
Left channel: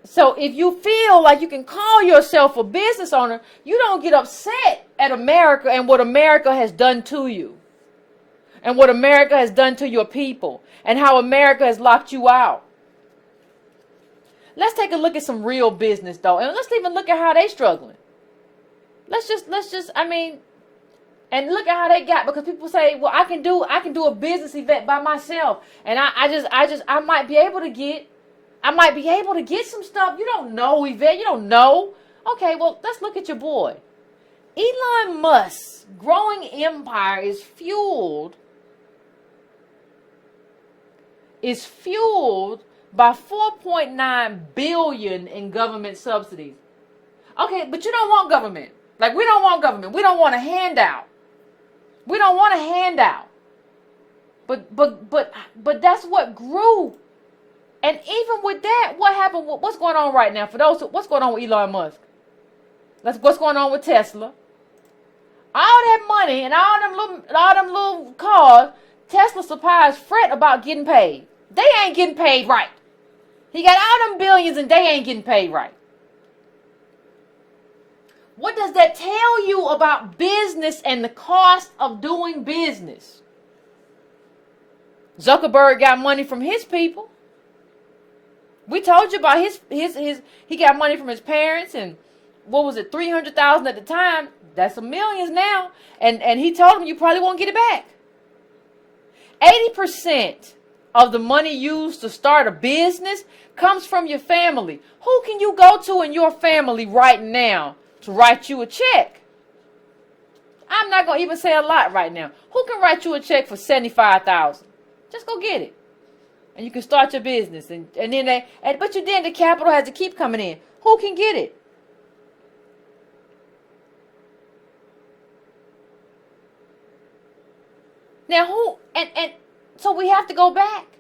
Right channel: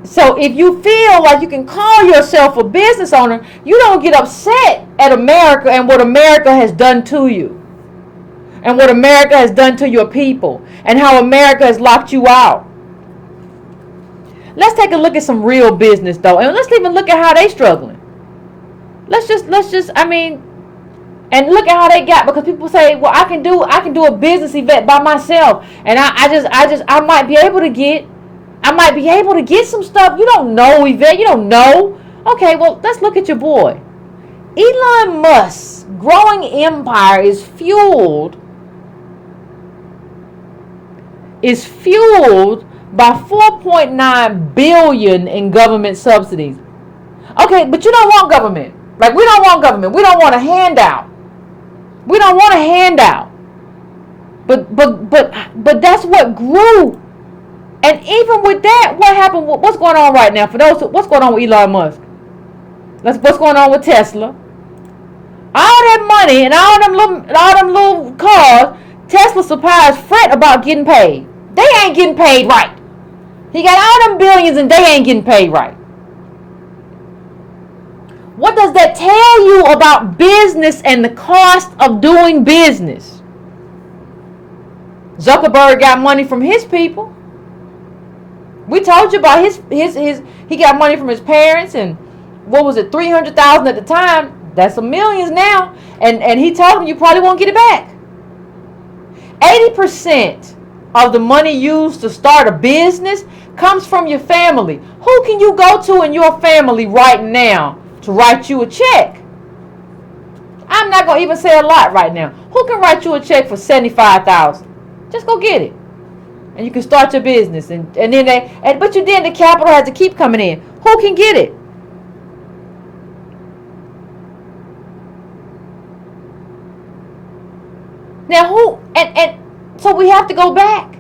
So if you feel like you can call yourself a business owner, you don't get upset at America and what America has done to you, and what America has done to your people, and how America has locked you out. Let's take a look at some real business though, and let's even look at how they struggling. Let's just I mean, and look at how they got, because people say, well, I can do a business event by myself, and I might be able to get some stuff. You don't know, Yvette. You don't know. Okay, well, let's look at your boy. Elon Musk's growing empire is fueled by $4.9 billion in government subsidies. Okay, but you don't want government. Like, we don't want government. We don't want a handout. We don't want a handout. But that's what grew. And even with that, what happened? What's going on right now? What's going on with Elon Musk? What's going on with Tesla? All that money and all them little cars, Tesla suppliers fret about getting paid. They ain't getting paid right. He got all them billions and they ain't getting paid right. What does that tell you about business and the cost of doing business? Zuckerberg got money from his people. We told you about his he got money from his parents, and what was it, $300,000 at the time? That's some millions now. And he told him you probably won't get it back. 80% of the money used to start a business comes from your family. Who can you go to in your family right now to write you a check? I'm not going to even say a lot right now. Who can write you a check for $75,000? Just go get it. And you can start your business. But then the capital has to keep coming in. Who can get it? Now who, and so we have to go back.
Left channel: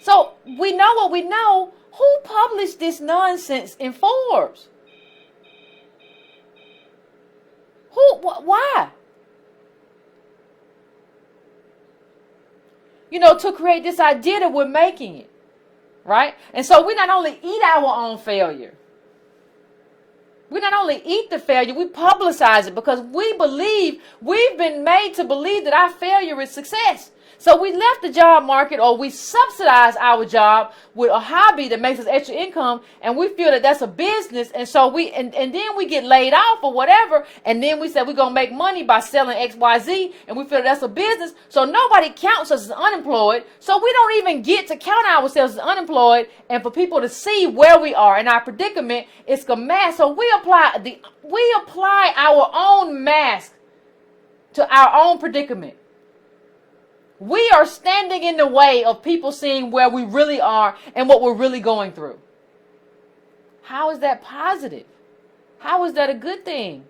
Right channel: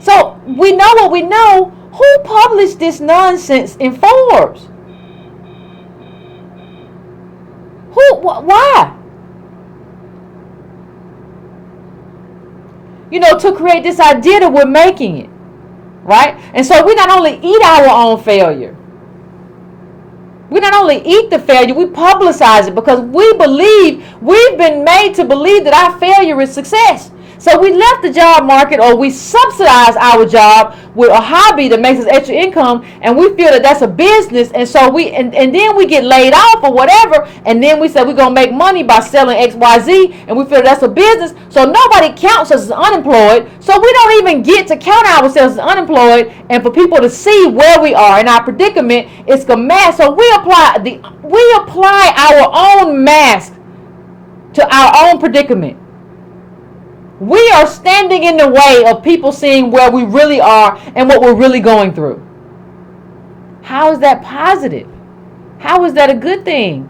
So we know what we know. Who published this nonsense in Forbes? Why? To create this idea that we're making it, right? And so we not only eat our own failure, we not only eat the failure, we publicize it, because we've been made to believe that our failure is success. So we left the job market, or we subsidize our job with a hobby that makes us extra income, and we feel that that's a business, and so and then we get laid off or whatever, and then we say we're going to make money by selling XYZ, and we feel that's a business, so nobody counts us as unemployed, so we don't even get to count ourselves as unemployed, and for people to see where we are in our predicament, it's a mask. So we apply our own mask to our own predicament. We are standing in the way of people seeing where we really are and what we're really going through. How is that positive? How is that a good thing?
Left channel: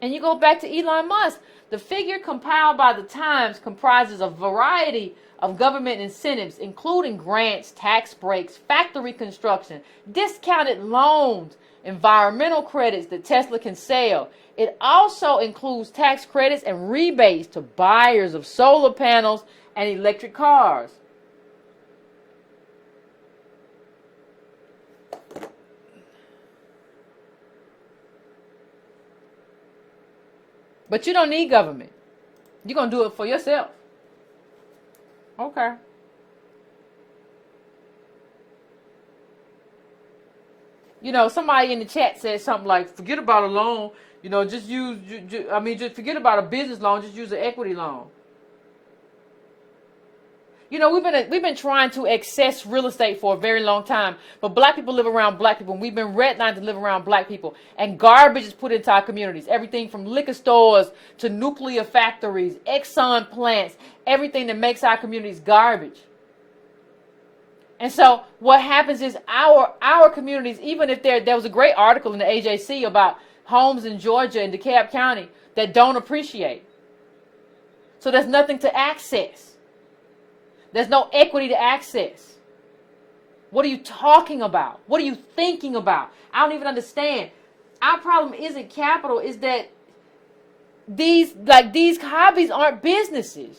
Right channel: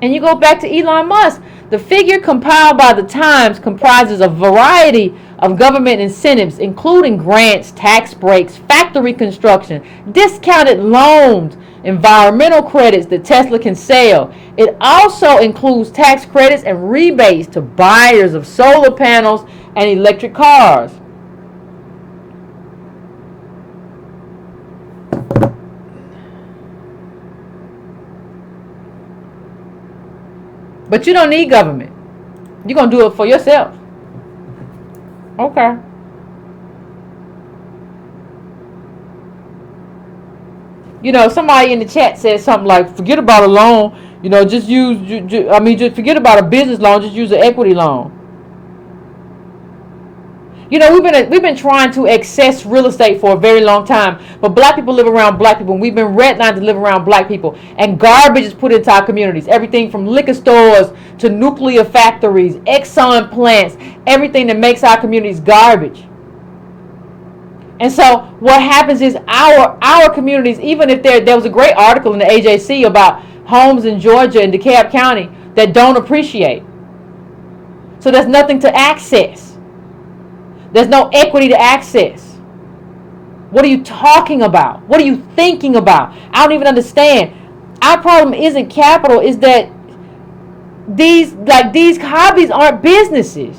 And you go back to Elon Musk. The figure compiled by the Times comprises a variety of government incentives, including grants, tax breaks, factory construction, discounted loans, environmental credits that Tesla can sell. It also includes tax credits and rebates to buyers of solar panels and electric cars. But you don't need government. You're going to do it for yourself. Okay. Somebody in the chat said something like, forget about a loan, just forget about a business loan, just use an equity loan. We've been trying to access real estate for a very long time, but black people live around black people, and we've been redlined to live around black people, and garbage is put into our communities. Everything from liquor stores to nuclear factories, Exxon plants, everything that makes our communities garbage. And so what happens is our communities, even if there was a great article in the AJC about homes in Georgia and DeKalb County that don't appreciate. So there's nothing to access. There's no equity to access. What are you talking about? What are you thinking about? I don't even understand. Our problem isn't capital, is that these hobbies aren't businesses.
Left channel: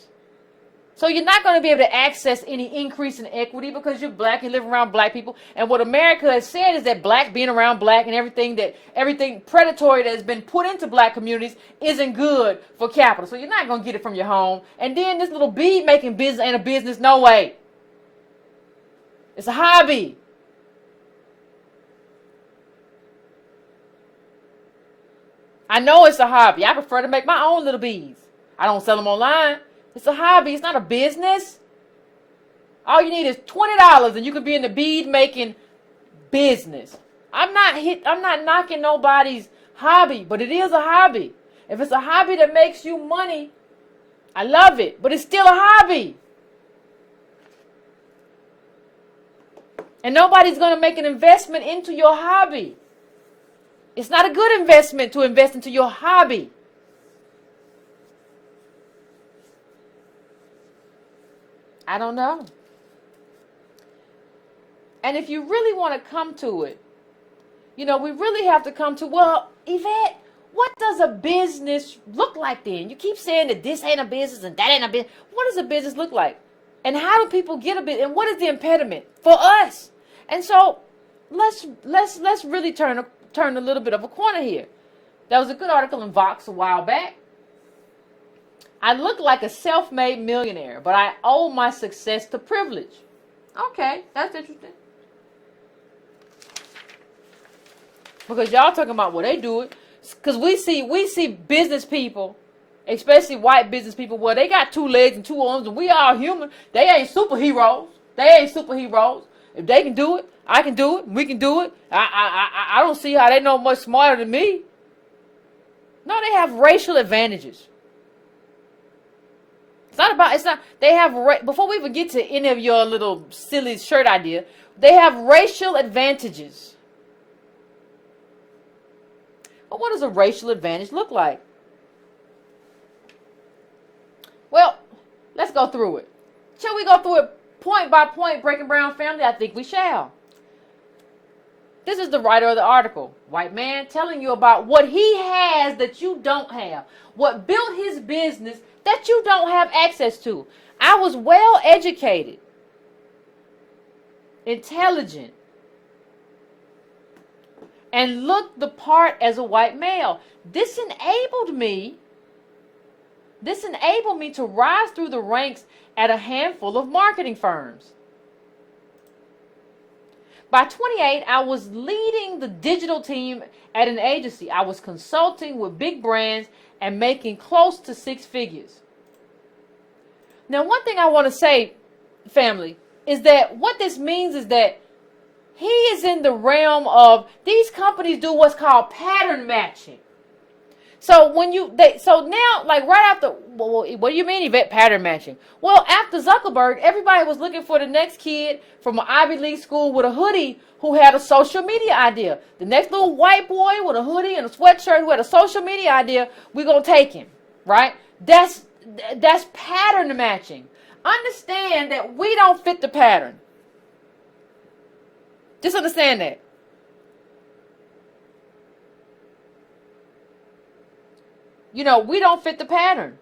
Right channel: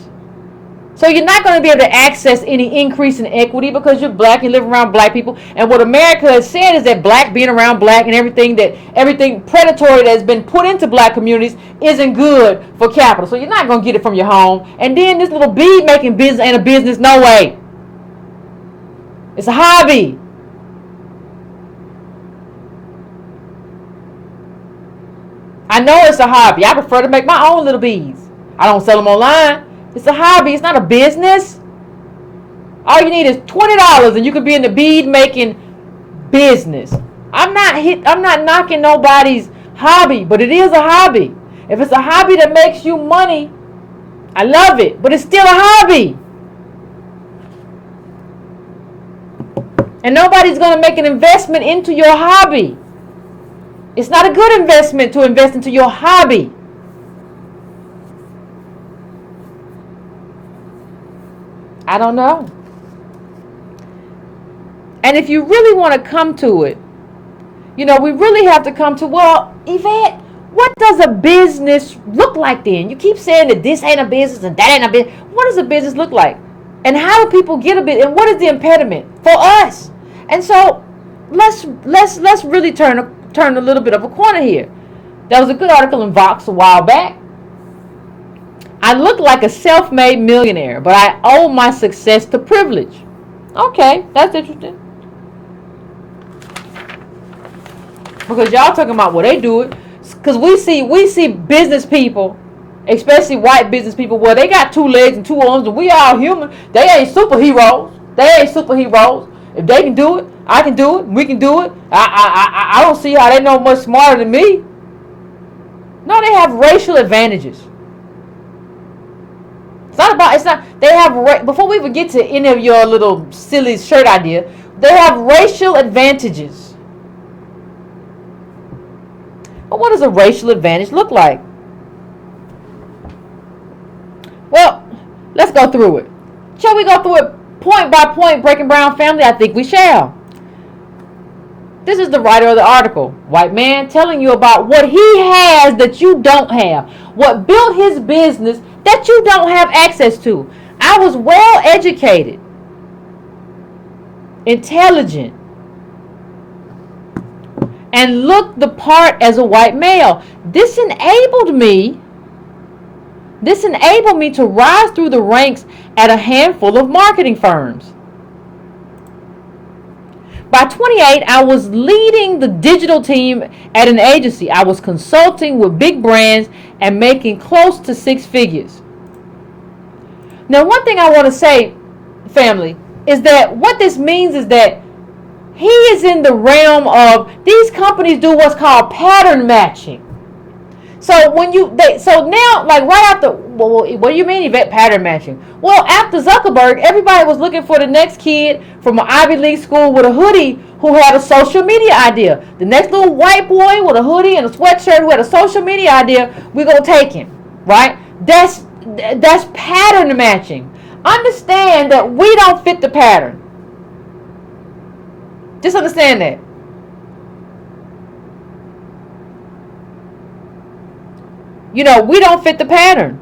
So you're not going to be able to access any increase in equity because you're black, you live around black people. And what America has said is that black being around black and everything predatory that has been put into black communities isn't good for capital. So you're not going to get it from your home. And then this little bead making business ain't a business, no way. It's a hobby. I know it's a hobby. I prefer to make my own little beads. I don't sell them online. It's a hobby. It's not a business. All you need is $20 and you can be in the bead making business. I'm not knocking nobody's hobby, but it is a hobby. If it's a hobby that makes you money, I love it, but it's still a hobby. And nobody's going to make an investment into your hobby. It's not a good investment to invest into your hobby. I don't know. And if you really want to come to it, we really have to come to, well, Yvette, what does a business look like then? You keep saying that this ain't a business and that ain't a business. What does a business look like? And how do people get a business? And what is the impediment for us? And so let's really turn a little bit of a corner here. There was a good article in Vox a while back. I look like a self-made millionaire, but I owe my success to privilege. Okay, that's interesting. Because y'all talking about, well, they do it. Because we see business people, especially white business people, well, they got 2 legs and 2 arms, and we all human. They ain't superheroes. If they can do it, I can do it. We can do it. I don't see how they know much smarter than me. No, they have racial advantages. Before we even get to any of your little silly shirt idea, they have racial advantages. But what does a racial advantage look like? Well, let's go through it. Shall we go through it point by point, Breaking Brown family? I think we shall. This is the writer of the article. White man telling you about what he has that you don't have. What built his business that you don't have access to. I was well educated, intelligent, and looked the part as a white male. This enabled me to rise through the ranks at a handful of marketing firms. By 28, I was leading the digital team at an agency. I was consulting with big brands and making close to 6 figures. Now, one thing I want to say, family, is that what this means is that he is in the realm of, these companies do what's called pattern matching. So now, like right after, well, what do you mean, Yvette, pattern matching? Well, after Zuckerberg, everybody was looking for the next kid from an Ivy League school with a hoodie who had a social media idea. The next little white boy with a hoodie and a sweatshirt who had a social media idea, we're going to take him, right? That's pattern matching. Understand that we don't fit the pattern. Just understand that. We don't fit the pattern.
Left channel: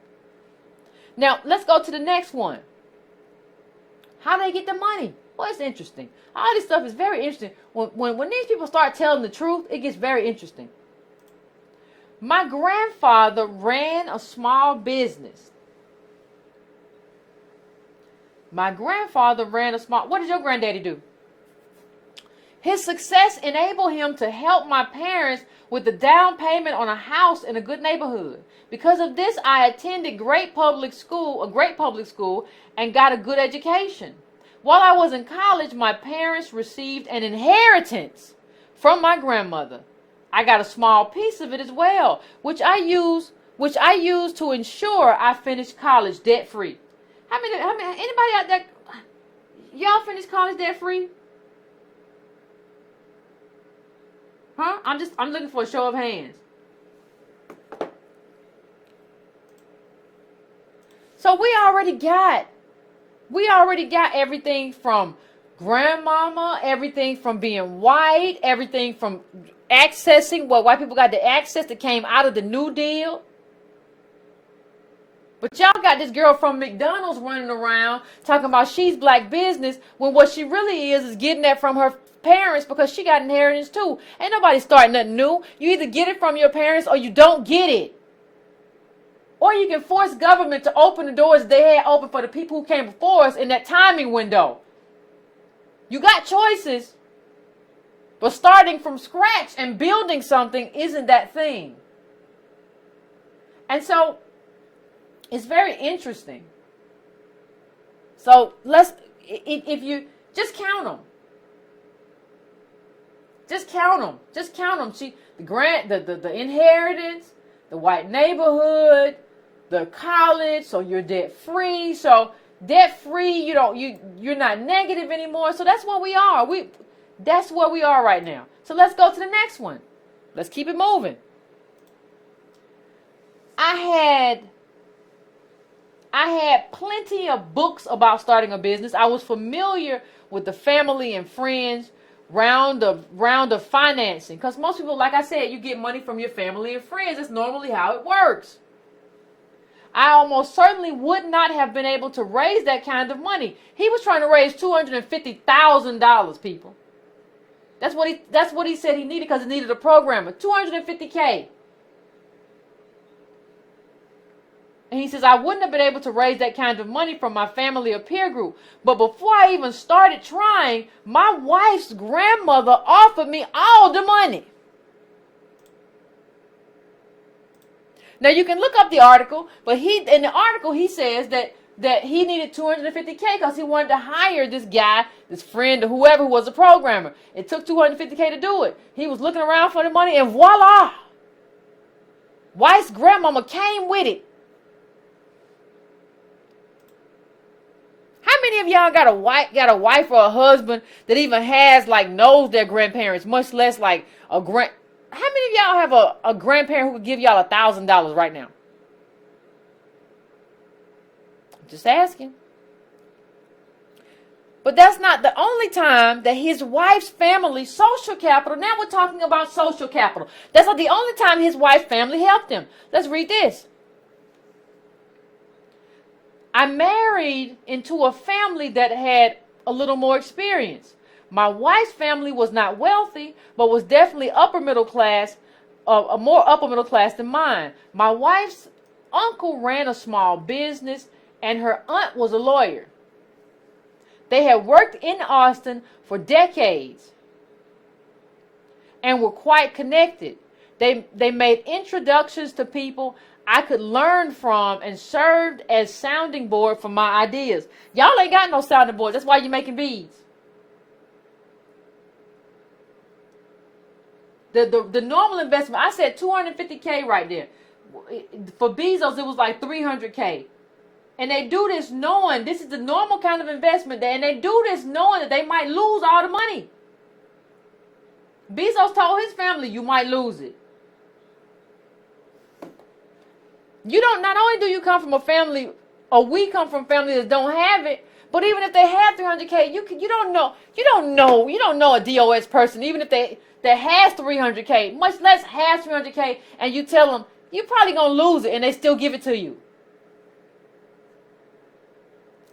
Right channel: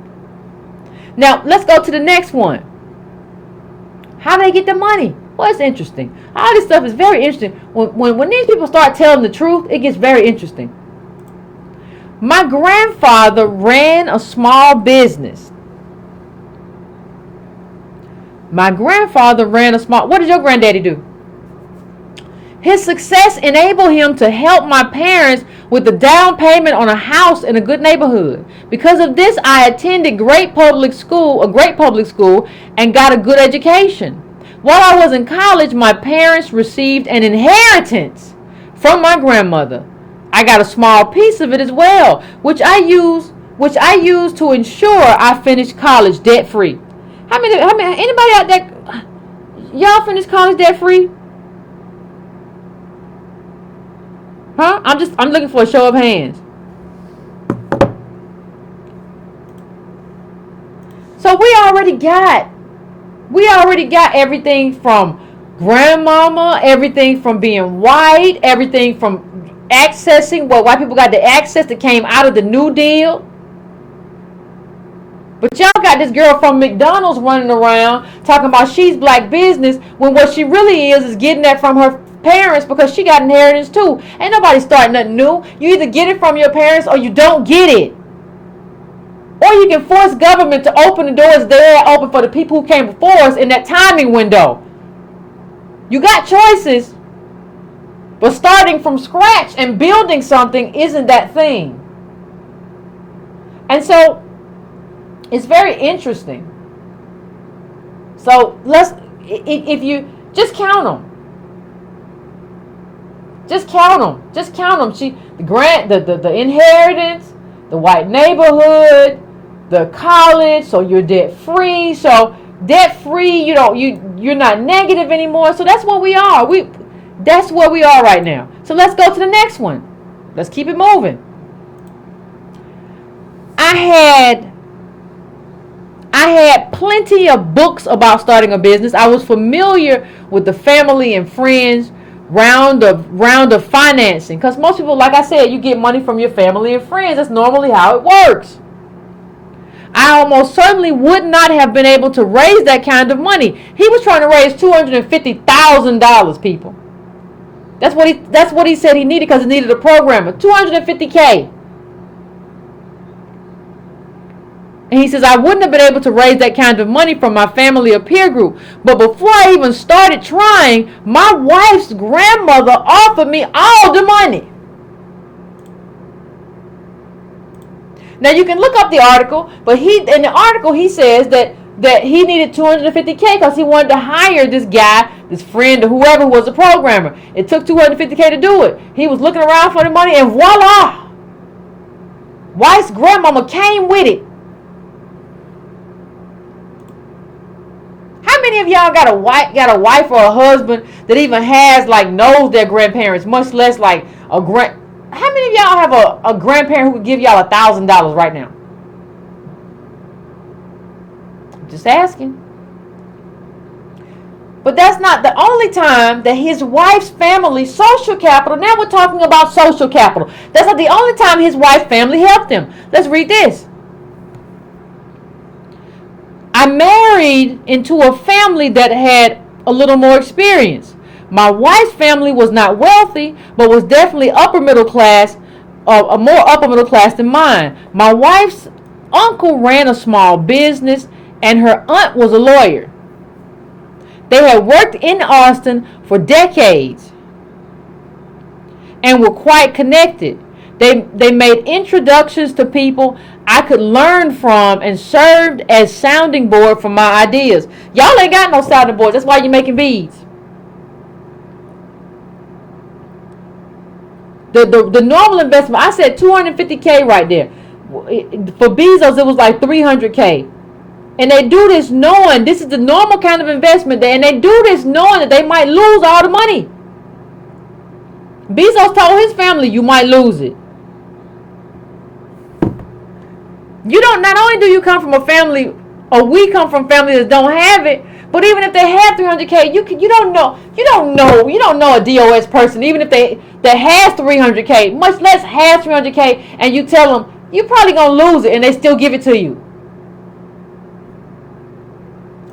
Now, let's go to the next one. How do they get the money? Well, it's interesting. All this stuff is very interesting. When these people start telling the truth, it gets very interesting. My grandfather ran a small business. What did your granddaddy do? His success enabled him to help my parents with the down payment on a house in a good neighborhood. Because of this, I attended a great public school, and got a good education. While I was in college, my parents received an inheritance from my grandmother. I got a small piece of it as well, which I used to ensure I finished college debt free. Anybody out there, y'all finished college debt free? Huh? I'm looking for a show of hands. So we already got everything from grandmama, everything from being white, everything from accessing what white people got the access that came out of the New Deal. But y'all got this girl from McDonald's running around talking about she's black business when what she really is getting that from her parents because she got inheritance too. Ain't nobody starting nothing new. You either get it from your parents or you don't get it. Or you can force government to open the doors there open for the people who came before us in that timing window. You got choices, but starting from scratch and building something isn't that thing. And so it's very interesting. So if you just count them. Just count them. Just count them. The inheritance, the white neighborhood, the college, so you're debt free. So debt free, you're not negative anymore. So that's what we are. That's where we are right now. So let's go to the next one. Let's keep it moving. I had plenty of books about starting a business. I was familiar with the family and friends round of financing. Because most people, like I said, you get money from your family and friends. That's normally how it works. I almost certainly would not have been able to raise that kind of money. He was trying to raise $250,000, people. That's what he said he needed because he needed a programmer. $250K. And he says, I wouldn't have been able to raise that kind of money from my family or peer group. But before I even started trying, my wife's grandmother offered me all the money. Now you can look up the article, but in the article he says that he needed $250K because he wanted to hire this guy, this friend or whoever was a programmer. It took $250K to do it. He was looking around for the money and voila! Wife's grandmama came with it. How many of y'all got a wife or a husband that even knows their grandparents, much less like a grand? How many of y'all have a grandparent who could give y'all $1,000 right now? Just asking. But that's not the only time that his wife's family, social capital, now we're talking about social capital. That's not the only time his wife's family helped him. Let's read this. I married into a family that had a little more experience. My wife's family was not wealthy, but was definitely upper middle class, a more upper middle class than mine. My wife's uncle ran a small business, and her aunt was a lawyer. They had worked in Austin for decades and were quite connected. They made introductions to people I could learn from and served as sounding board for my ideas. Y'all ain't got no sounding boards. That's why you're making beads. The normal investment, I said $250K right there. For Bezos, it was like $300K. And they do this knowing this is the normal kind of investment. And they do this knowing that they might lose all the money. Bezos told his family, you might lose it. Not only do you come from a family, or we come from families that don't have it, but even if they have $300K, you don't know a DOS person, even if that has $300K, much less has $300K, and you tell them you're probably gonna lose it, and they still give it to you.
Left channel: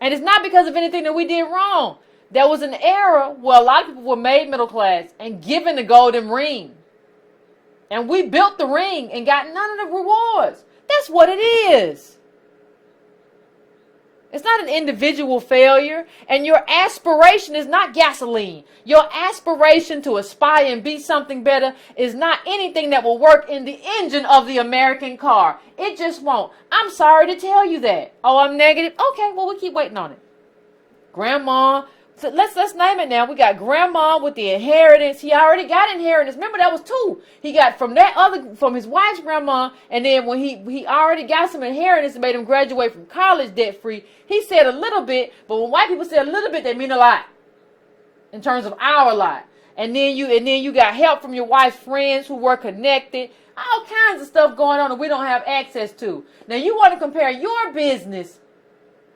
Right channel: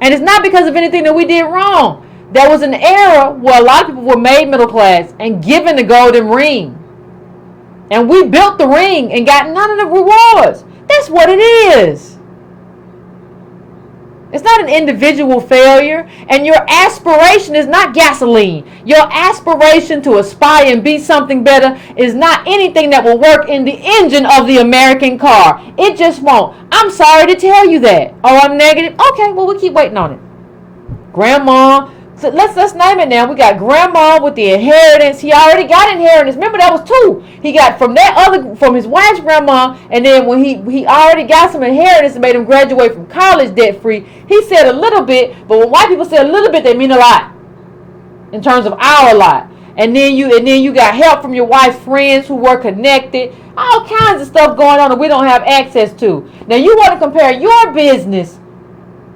And it's not because of anything that we did wrong. There was an era where a lot of people were made middle class and given the golden ring, and we built the ring and got none of the rewards. That's what it is. It's not an individual failure, and your aspiration is not gasoline. Your aspiration to aspire and be something better is not anything that will work in the engine of the American car. It just won't. I'm sorry to tell you that. Oh, I'm negative? Okay, well, we'll keep waiting on it. Grandma. So let's name it now. We got grandma with the inheritance. He already got inheritance. Remember, that was two. He got from his wife's grandma, and then when he already got some inheritance and made him graduate from college debt free, he said a little bit, but when white people say a little bit, they mean a lot in terms of our lot. And then you got help from your wife's friends who were connected. All kinds of stuff going on that we don't have access to. Now you want to compare your business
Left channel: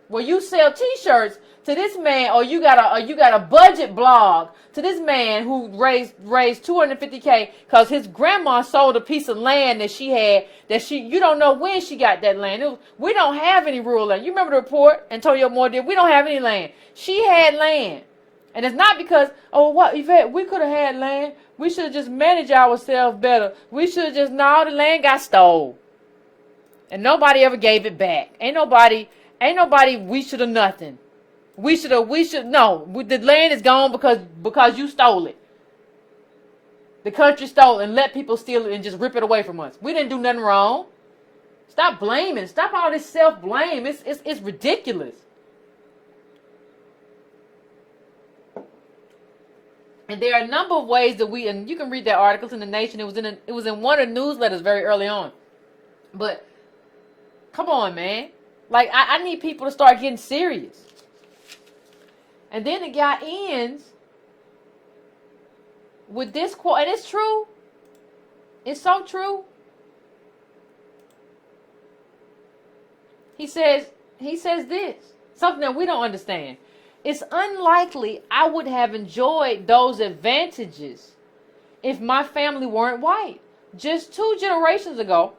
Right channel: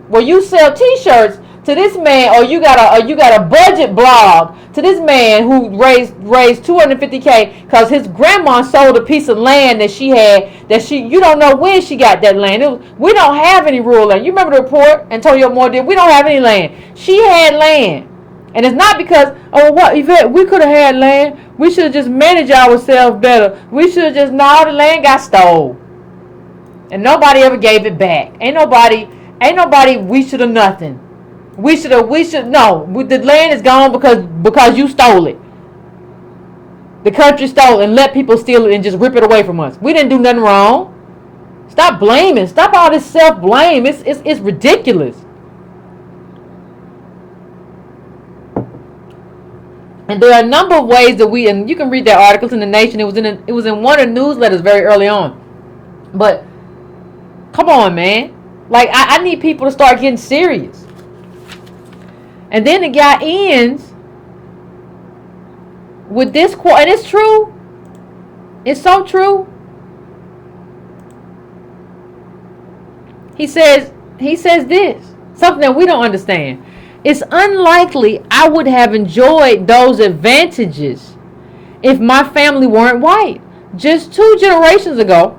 where you sell t-shirts to this man, or you got a budget blog to this man who raised $250K because his grandma sold a piece of land that she had you don't know when she got that land. We don't have any rural land. You remember the report Antonio Moore did? We don't have any land. She had land. And it's not because, oh, what, Yvette, we could have had land. We should have just managed ourselves better. We should have just, no, the land got stole. And nobody ever gave it back. Ain't nobody, we should have nothing. No, the land is gone because you stole it. The country stole it and let people steal it and just rip it away from us. We didn't do nothing wrong. Stop blaming. Stop all this self-blame. It's ridiculous. And there are a number of ways that and you can read that article in The Nation. It was in one of the newsletters very early on. But come on, man. Like, I need people to start getting serious. And then the guy ends with this quote, and it's true. It's so true. He says this, something that we don't understand. It's unlikely I would have enjoyed those advantages if my family weren't white. Just 2 generations ago,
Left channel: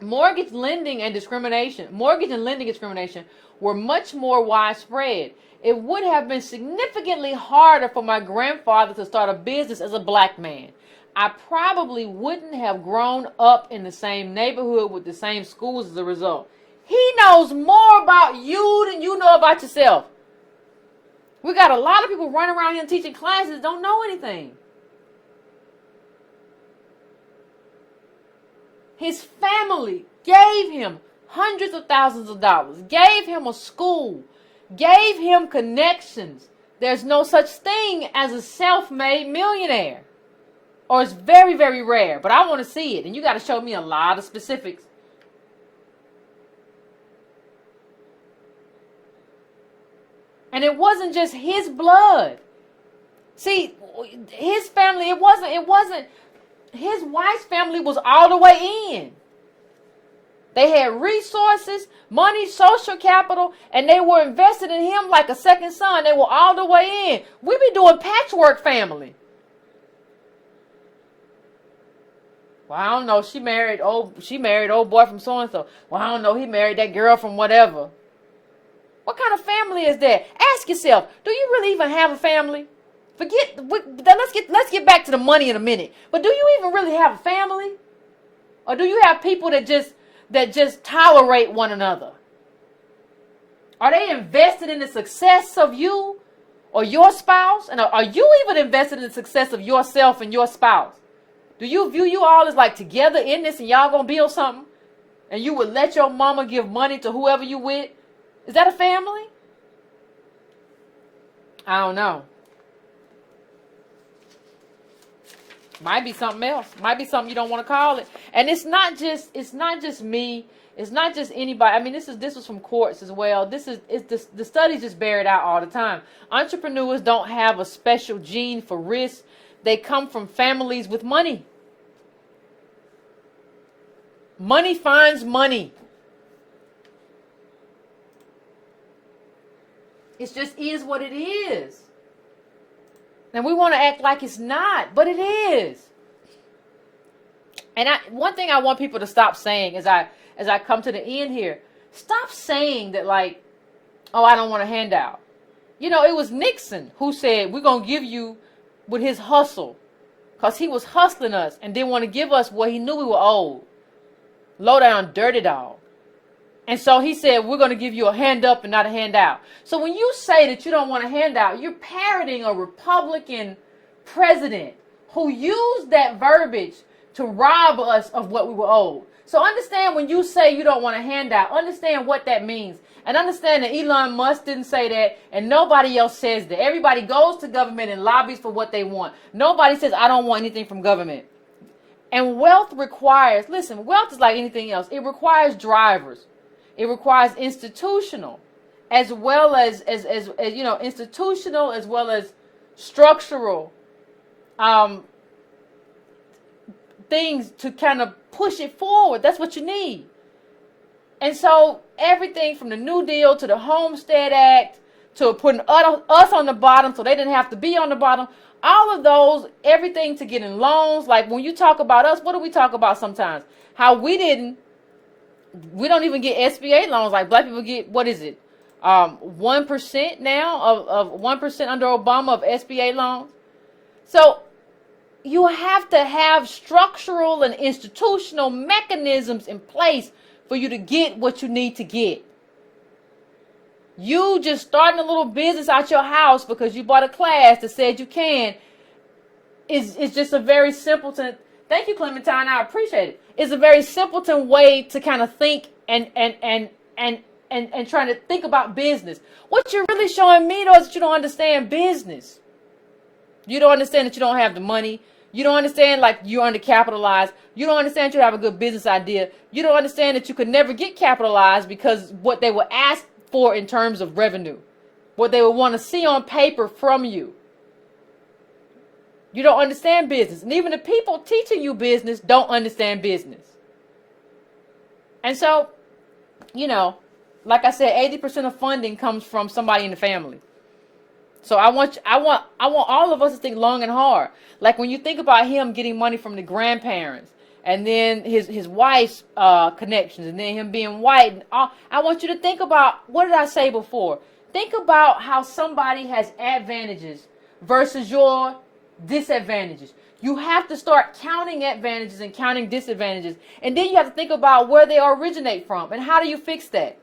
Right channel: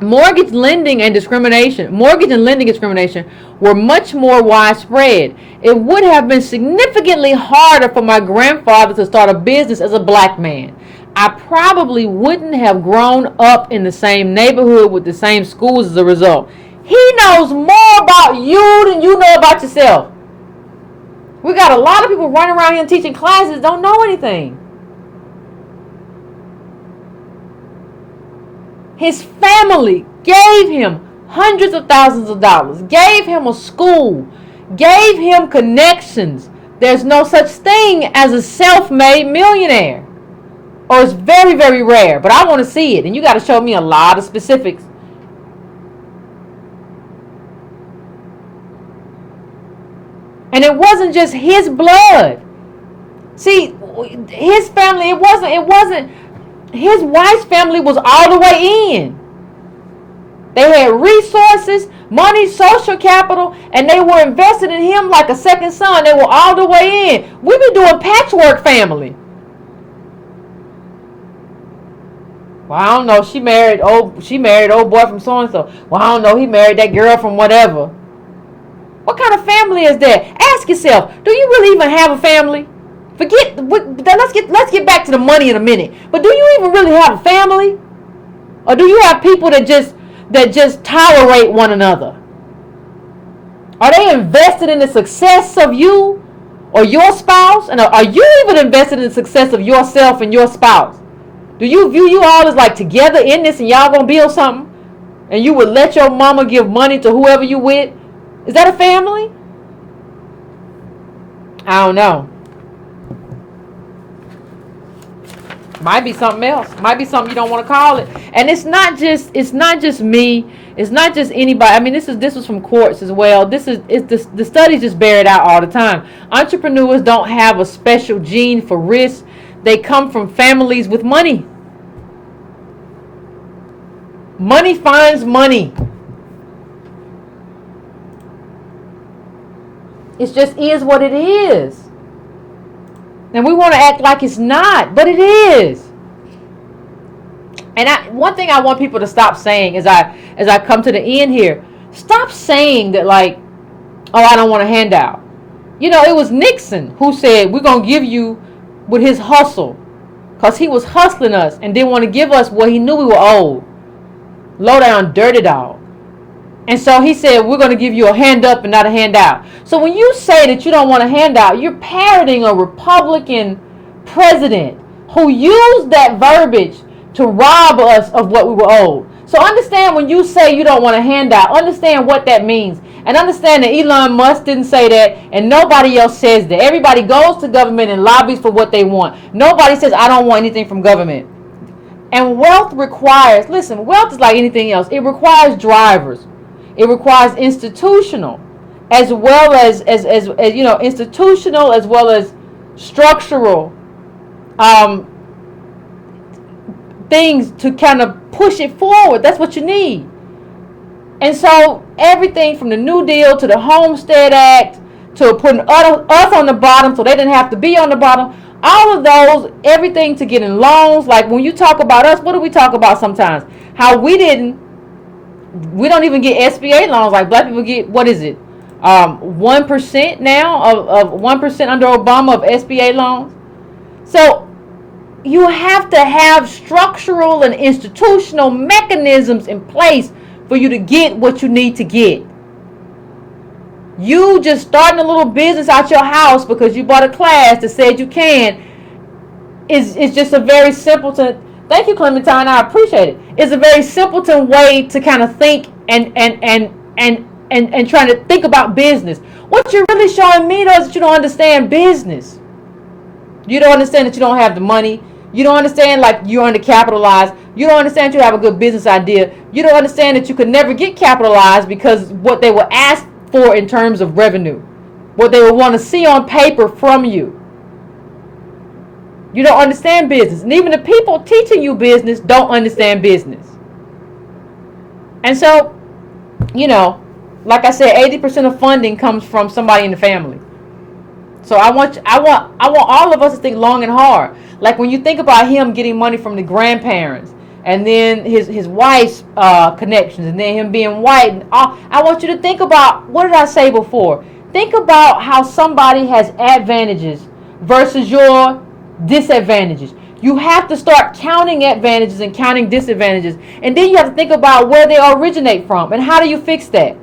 mortgage and lending discrimination were much more widespread. It would have been significantly harder for my grandfather to start a business as a black man. I probably wouldn't have grown up in the same neighborhood with the same schools as a result. He knows more about you than you know about yourself. We got a lot of people running around here teaching classes don't know anything. His family gave him hundreds of thousands of dollars, gave him a school, gave him connections. There's no such thing as a self-made millionaire. Or it's very, very rare. But I want to see it. And you got to show me a lot of specifics. And it wasn't just his blood. See, his family, it wasn't, his wife's family was all the way in. They had resources, money, social capital, and they were invested in him like a second son. They were all the way in. We be doing patchwork family. Well, I don't know. She married old boy from so and so. Well, I don't know. He married that girl from whatever. What kind of family is that? Ask yourself, do you really even have a family? Let's get back to the money in a minute. But do you even really have a family? Or do you have people that just tolerate one another? Are they invested in the success of you or your spouse? And are you even invested in the success of yourself and your spouse? Do you view you all as like together in this and y'all gonna build something? And you would let your mama give money to whoever you with? Is that a family? I don't know. Might be something else. Might be something you don't want to call it. And it's not just me. It's not just anybody. I mean, this was from courts as well. The studies just bear it out all the time. Entrepreneurs don't have a special gene for risk. They come from families with money. Money finds money. It just is what it is. And we want to act like it's not, but it is. And one thing I want people to stop saying as I come to the end here, stop saying that like, oh, I don't want a handout. You know, it was Nixon who said, we're going to give you with his hustle. Because he was hustling us and didn't want to give us what he knew we were owed. Low down, dirty dog. And so he said, we're going to give you a hand up and not a handout. So when you say that you don't want a handout, you're parroting a Republican president who used that verbiage to rob us of what we were owed. So understand when you say you don't want a handout, understand what that means. And understand that Elon Musk didn't say that and nobody else says that. Everybody goes to government and lobbies for what they want. Nobody says, I don't want anything from government. And wealth requires, listen, wealth is like anything else. It requires drivers. It requires institutional as well as you know, institutional as well as structural things to kind of push it forward. That's what you need. And so everything from the New Deal to the Homestead Act to putting us on the bottom so they didn't have to be on the bottom. All of those, everything to getting loans. Like when you talk about us, what do we talk about sometimes? How we don't even get SBA loans. Like black people get, what is it? 1% now of 1% under Obama of SBA loans. So you have to have structural and institutional mechanisms in place for you to get what you need to get. You just starting a little business out your house because you bought a class that said you can is just a very simpleton. Thank you, Clementine. I appreciate it. It's a very simpleton way to kind of think and trying to think about business. What you're really showing me though is that you don't understand business. You don't understand that you don't have the money. You don't understand like you're undercapitalized. You don't understand you have a good business idea. You don't understand that you could never get capitalized because what they will ask for in terms of revenue, what they will want to see on paper from you. You don't understand business. And even the people teaching you business don't understand business. And so, you know, like I said, 80% of funding comes from somebody in the family. So I want all of us to think long and hard. Like when you think about him getting money from the grandparents, and then his wife's connections, and then him being white, and I want you to think about, what did I say before? Think about how somebody has advantages versus your disadvantages. You have to start counting advantages and counting disadvantages, and then you have to think about where they originate from and how do you fix that.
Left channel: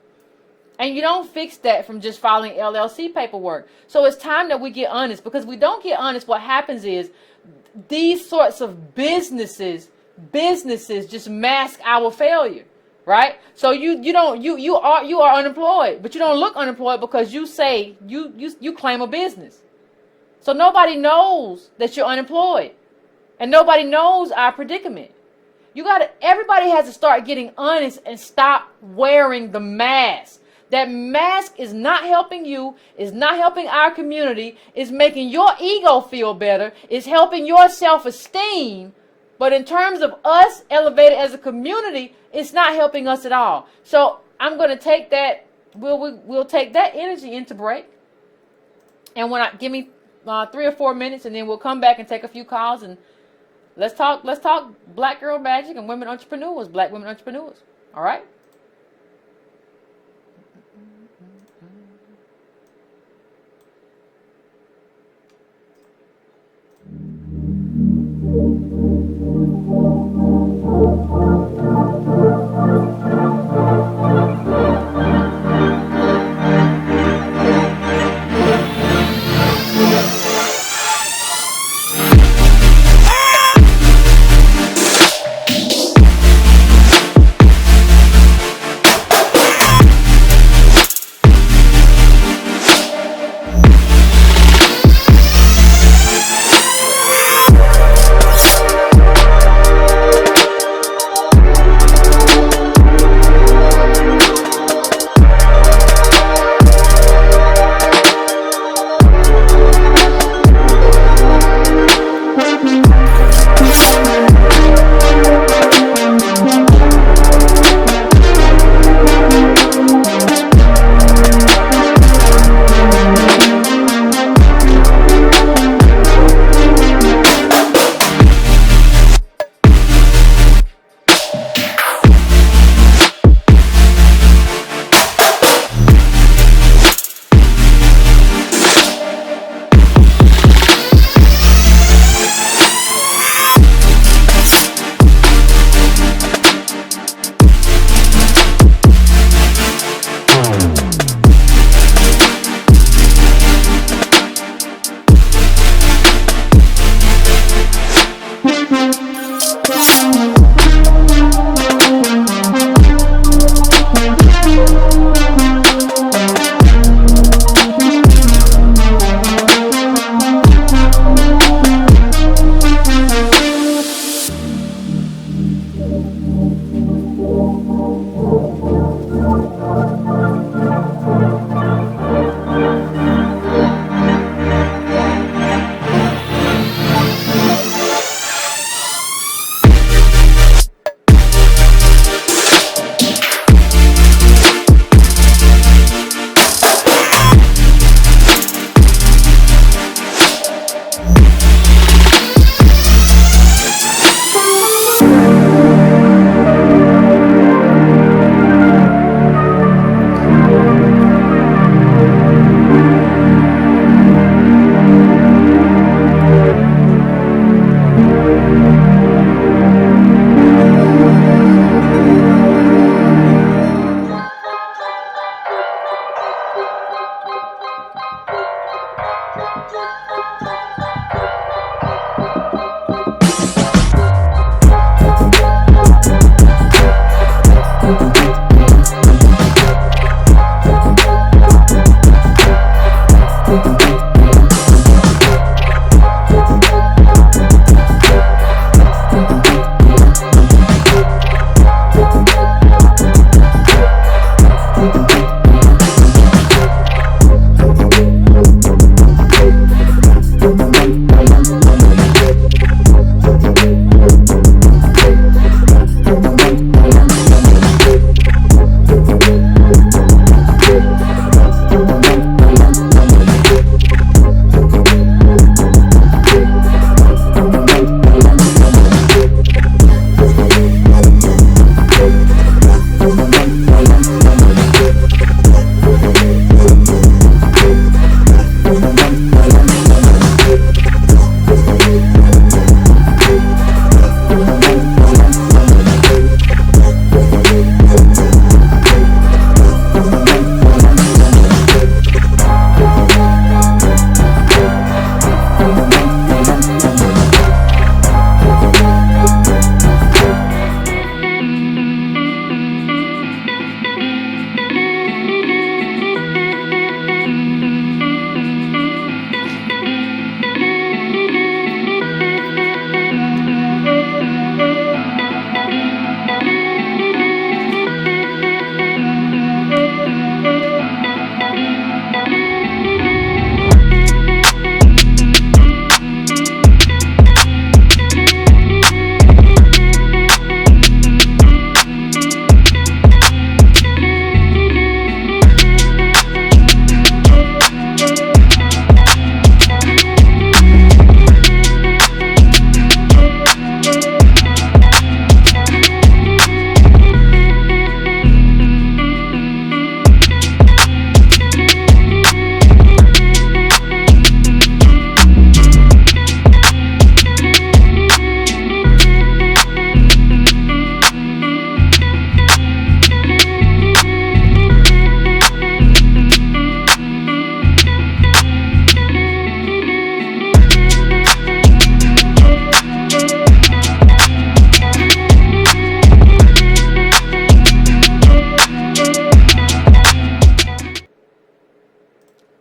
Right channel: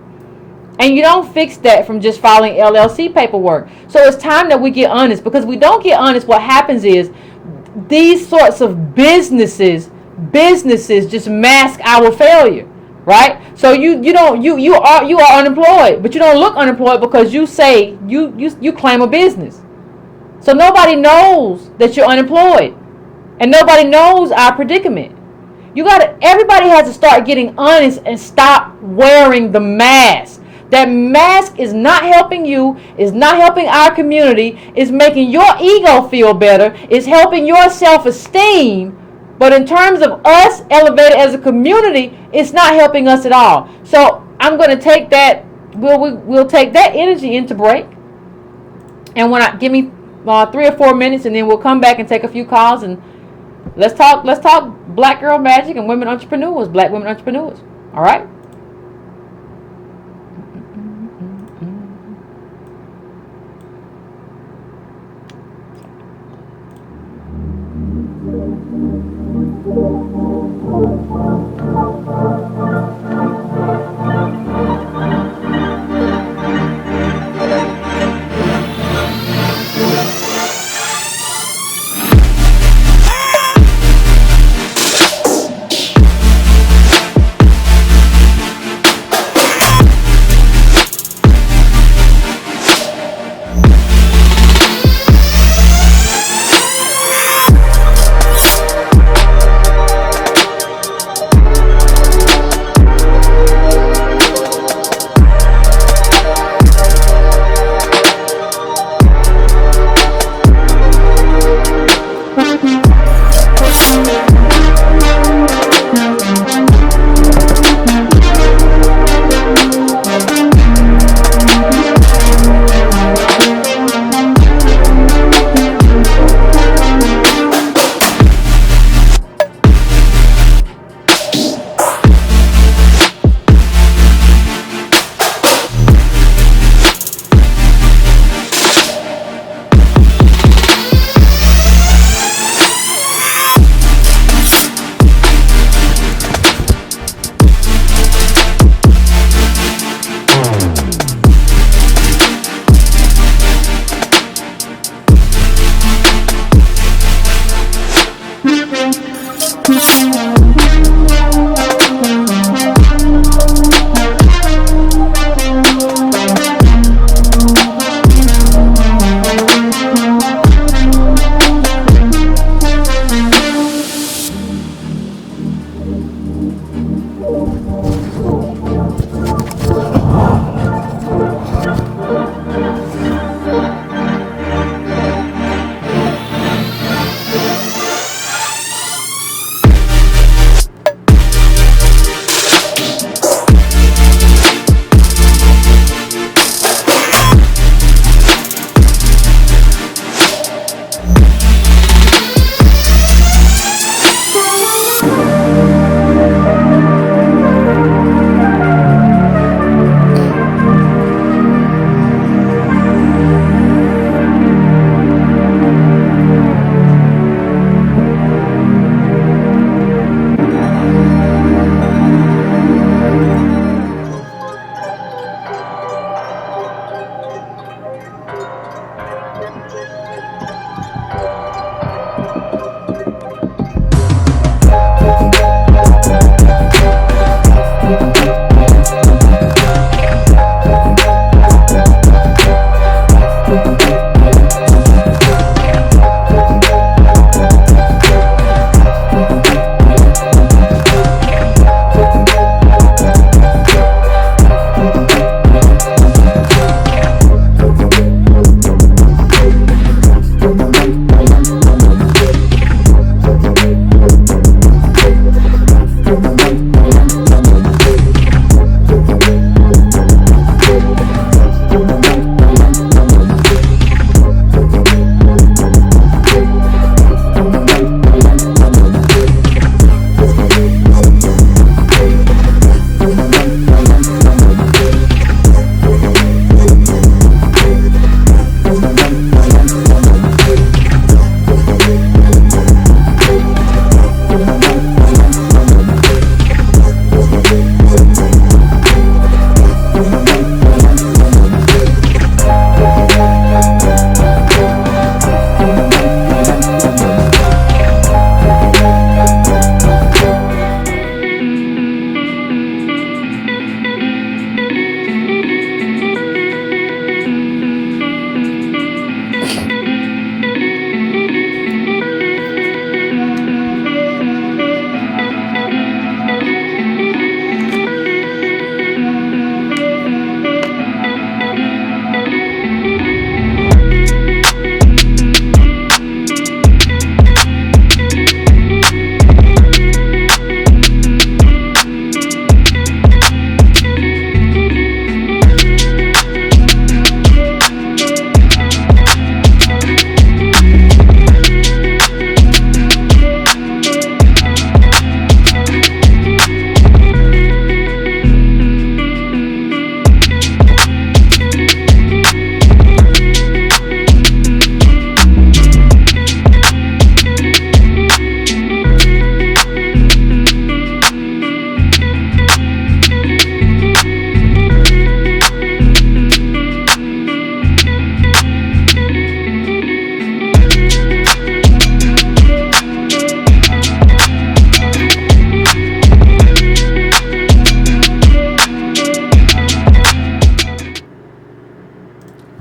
And you don't fix that from just filing LLC paperwork. So it's time that we get honest, because if we don't get honest, what happens is these sorts of businesses just mask our failure, right? So you are unemployed, but you don't look unemployed because you say you claim a business. So nobody knows that you're unemployed, and nobody knows our predicament. Everybody has to start getting honest and stop wearing the mask. That mask is not helping you, is not helping our community, is making your ego feel better, is helping your self-esteem, but in terms of us elevated as a community, it's not helping us at all. So I'm going to take that, we'll take that energy into break, and give me 3 or 4 minutes, and then we'll come back and take a few calls, and let's talk Black Girl Magic and women entrepreneurs, Black women entrepreneurs. All right?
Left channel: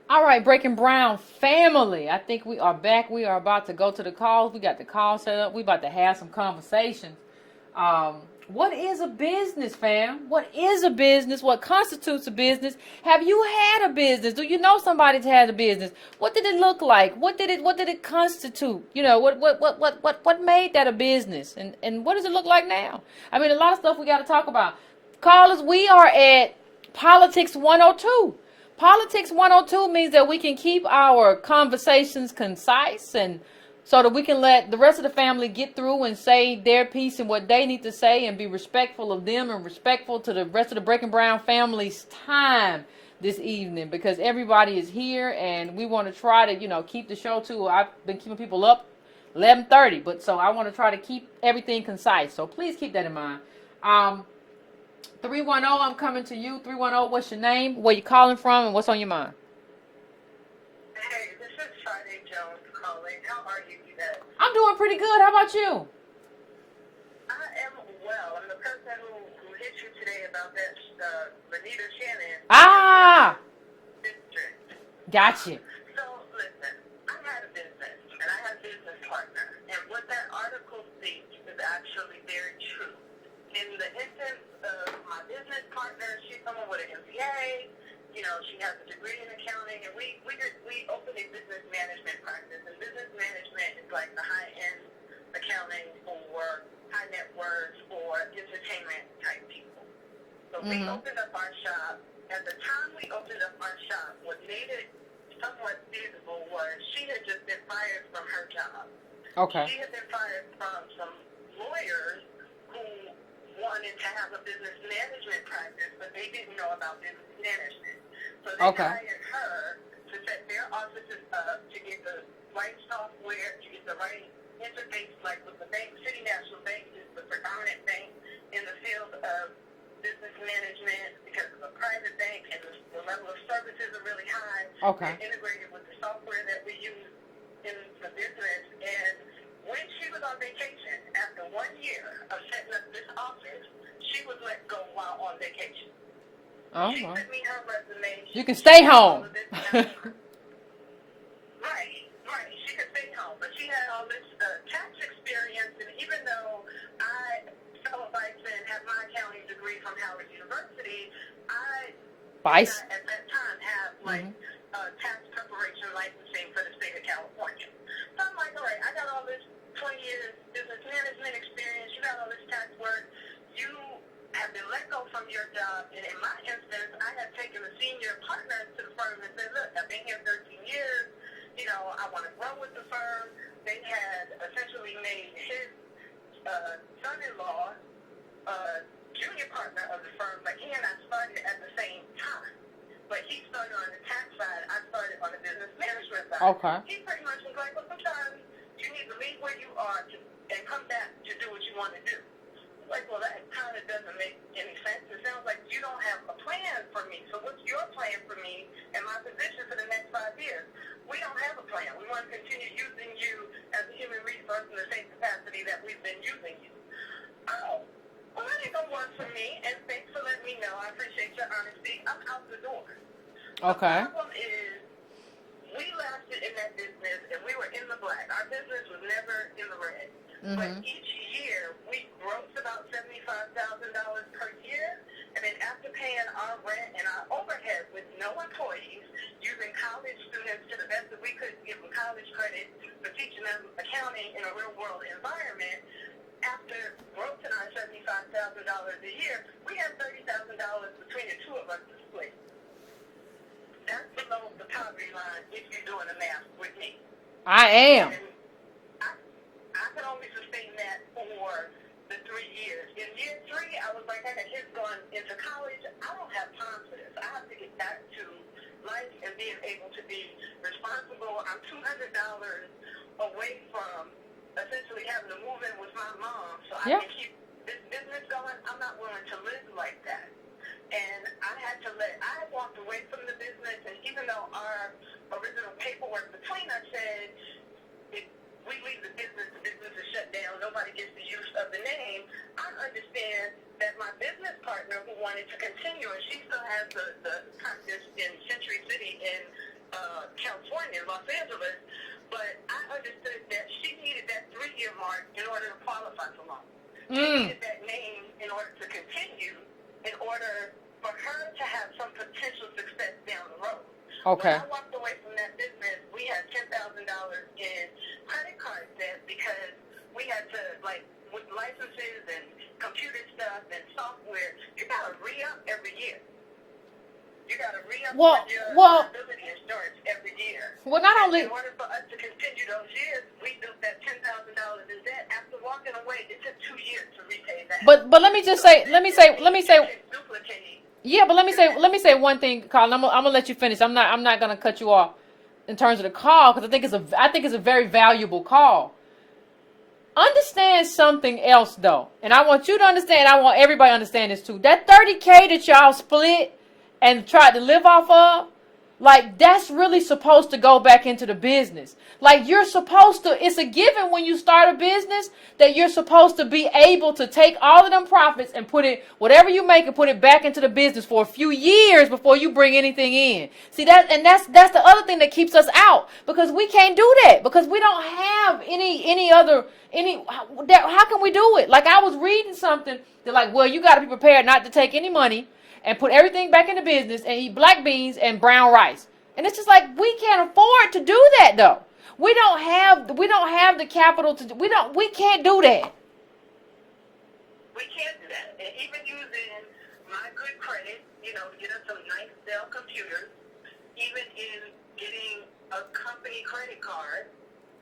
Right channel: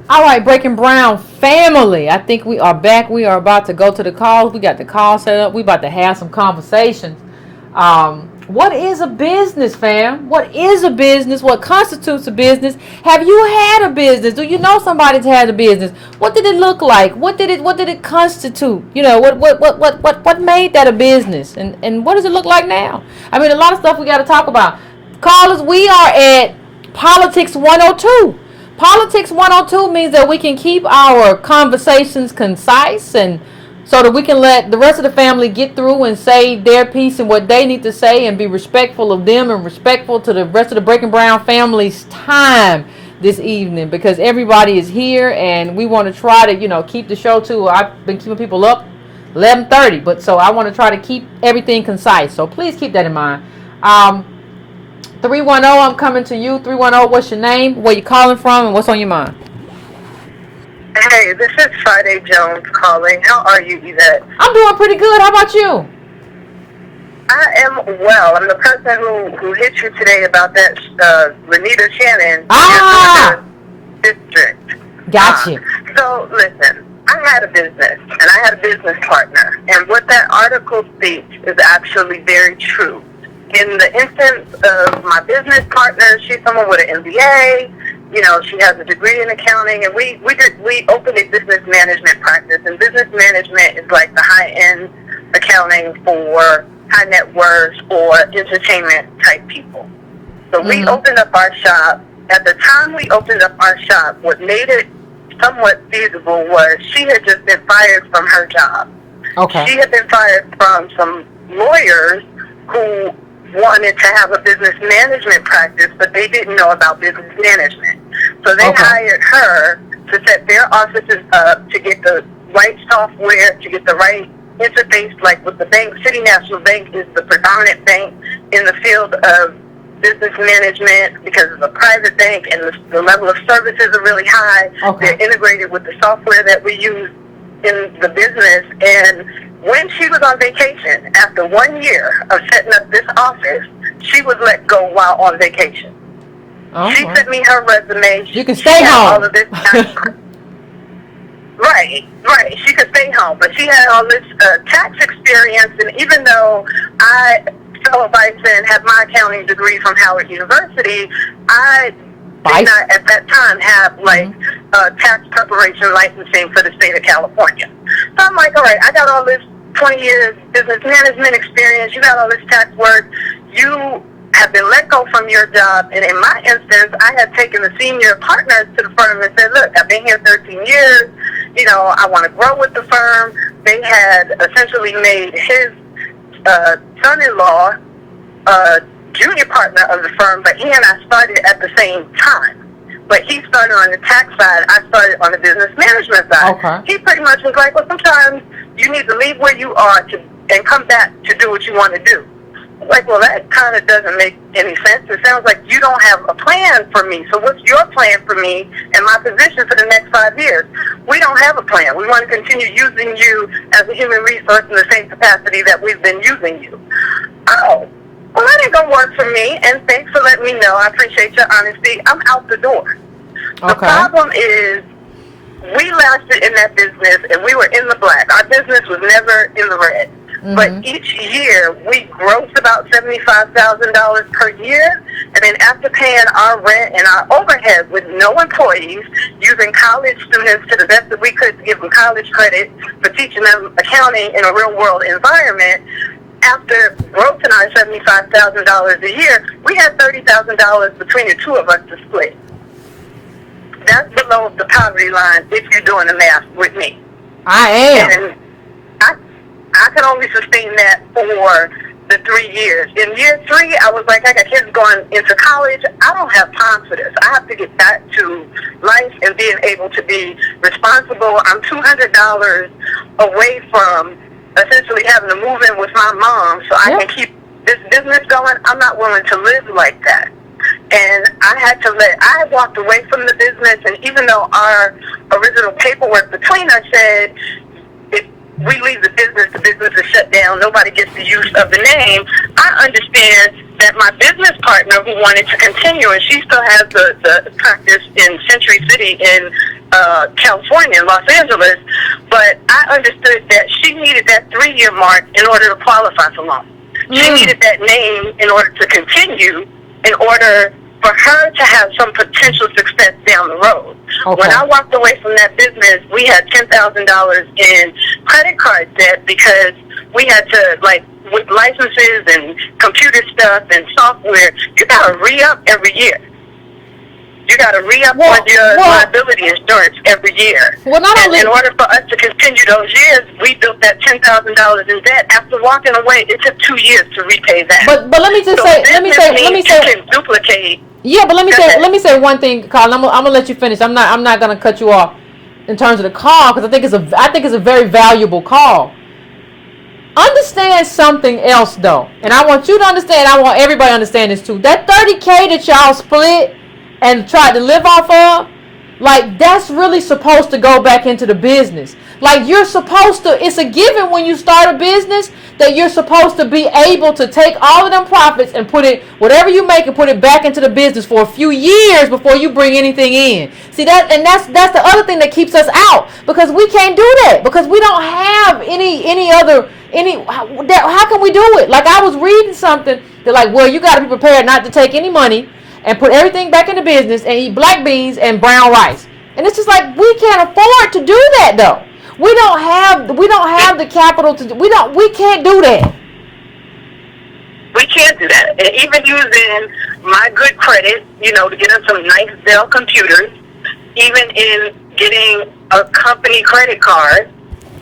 All right, Breaking Brown family. I think we are back. We are about to go to the calls. We got the call set up. We about to have some conversations. What is a business, fam? What is a business? What constitutes a business? Have you had a business? Do you know somebody that's had a business? What did it look like? What did it constitute? You know, what made that a business? And what does it look like now? I mean, a lot of stuff we got to talk about. Callers, we are at Politics 102. Politics 102 means that we can keep our conversations concise and so that we can let the rest of the family get through and say their piece and what they need to say and be respectful of them and respectful to the rest of the Breaking Brown family's time this evening, because everybody is here and we want to try to, keep the show to, I've been keeping people up 11:30, but so I want to try to keep everything concise. So please keep that in mind. 310, I'm coming to you. 310, what's your name? Where you calling from? And what's on your mind? Hey, this is Friday Jones calling. How are you, Yvette? I'm doing pretty good. How about you? I am well. I'm the person who hit you today about that Renita Shannon district. Gotcha. So, listen, I had a business, and I had a business partner. And what that article states is actually very true. In the instance of my business partner, she's someone with an MBA. She has a degree in accounting, and we opened a business management practice. And business management is like the high-end accounting for high net worth or entertainment type people. So we opened up our shop. At the time we opened up our shop, what made it somewhat feasible was she had just been fired from her job. Okay. She had been fired from some lawyers who wanted to have a business management practice, but they didn't know about business management. So they hired her to set their offices up, to get the right software, to get the right interface, like with the bank. City National Bank is the predominant bank in the field of business management because it's a private bank and the level of services are really high. Okay. They're integrated with the software that we use in the business. And when she was on vacation, after 1 year of setting up this office, she was let go while on vacation. She sent me her resume. You can stay home. All of this right. She could stay home, but she had all this tax experience, and even though I fellow vice and have my accounting degree from Howard University, I did not at that time have tax preparation licensing for the state of California. So I'm like, all right, I got all this 20 years business management experience, you got all this tax work, you have been let go from your job. And in my instance, I had taken the senior partners to the firm and said, look, I've been here 13 years, I want to grow with the firm. They had essentially made his son-in-law junior partner of the firm, but he and I started at the same time. But he started on the tax side, I started on the business management side. Okay. He pretty much was like, well, sometimes you need to leave where you are and come back to do what you want to do. Like, well, that kind of doesn't make any sense. It sounds like you don't have a plan for me. So what's your plan for me and my position for the next 5 years? We don't have a plan. We want to continue using you as a human resource in the same capacity that we've been using you. Oh, well, that ain't going to work for me, and thanks for letting me know. I appreciate your honesty. I'm out the door. The problem is we lasted in that business, and we were in the black. Our business was never in the red. But each year, we grossed about $75,000 per year. And then after paying our rent and our overhead with no employees, using college students to the best that we could to give them college credit for teaching them accounting in a real-world environment, after grossing our $75,000 a year, we had $30,000 between the two of us to split. That's below the poverty line if you're doing the math with me. I am. And I could only sustain that for the 3 years. In year 3, I was like, I got kids going into college. I don't have time for this. I have to get back to life and being able to be responsible. I'm $200 away from essentially having to move in with my mom so I can keep this business going. I'm not willing to live like that. And I walked away from the business, and even though our original paperwork between us said, we leave the business is shut down, nobody gets the use of the name, I understand that my business partner who wanted to continue, and she still has the practice in Century City in California, in Los Angeles, but I understood that she needed that 3-year mark in order to qualify for loan. She needed that name in order to continue, in order for her to have some potential success down the road. Okay. When I walked away from that business, we had $10,000 in credit card debt because we had to, like, with licenses and computer stuff and software, you got to re-up every year. You got to re-up on your liability insurance every year. Well, not only in order for us to continue those years, we built that $10,000 in debt. After walking away, it took 2 years to repay that. But let me just say, let me say, can duplicate. Yeah, but let me say one thing, Carl. I'm gonna let you finish. I'm not gonna cut you off in terms of the call, because I think it's a very valuable call. Understand something else though, and I want you to understand. I want everybody to understand this too. That $30K that y'all split and tried to live off of, like, that's really supposed to go back into the business. Like, you're supposed to, it's a given when you start a business that you're supposed to be able to take all of them profits and put it, whatever you make, and put it back into the business for a few years before you bring anything in. See that, and that's the other thing that keeps us out, because we can't do that, because we don't have how can we do it? Like, I was reading something that, like, well, you got to be prepared not to take any money and put everything back in the business and eat black beans and brown rice. And it's just like, we can't afford to do that though. We don't have the capital to we can't do that. We can't do that. And even using my good credit, to get us some nice Dell computers, even in getting a company credit card,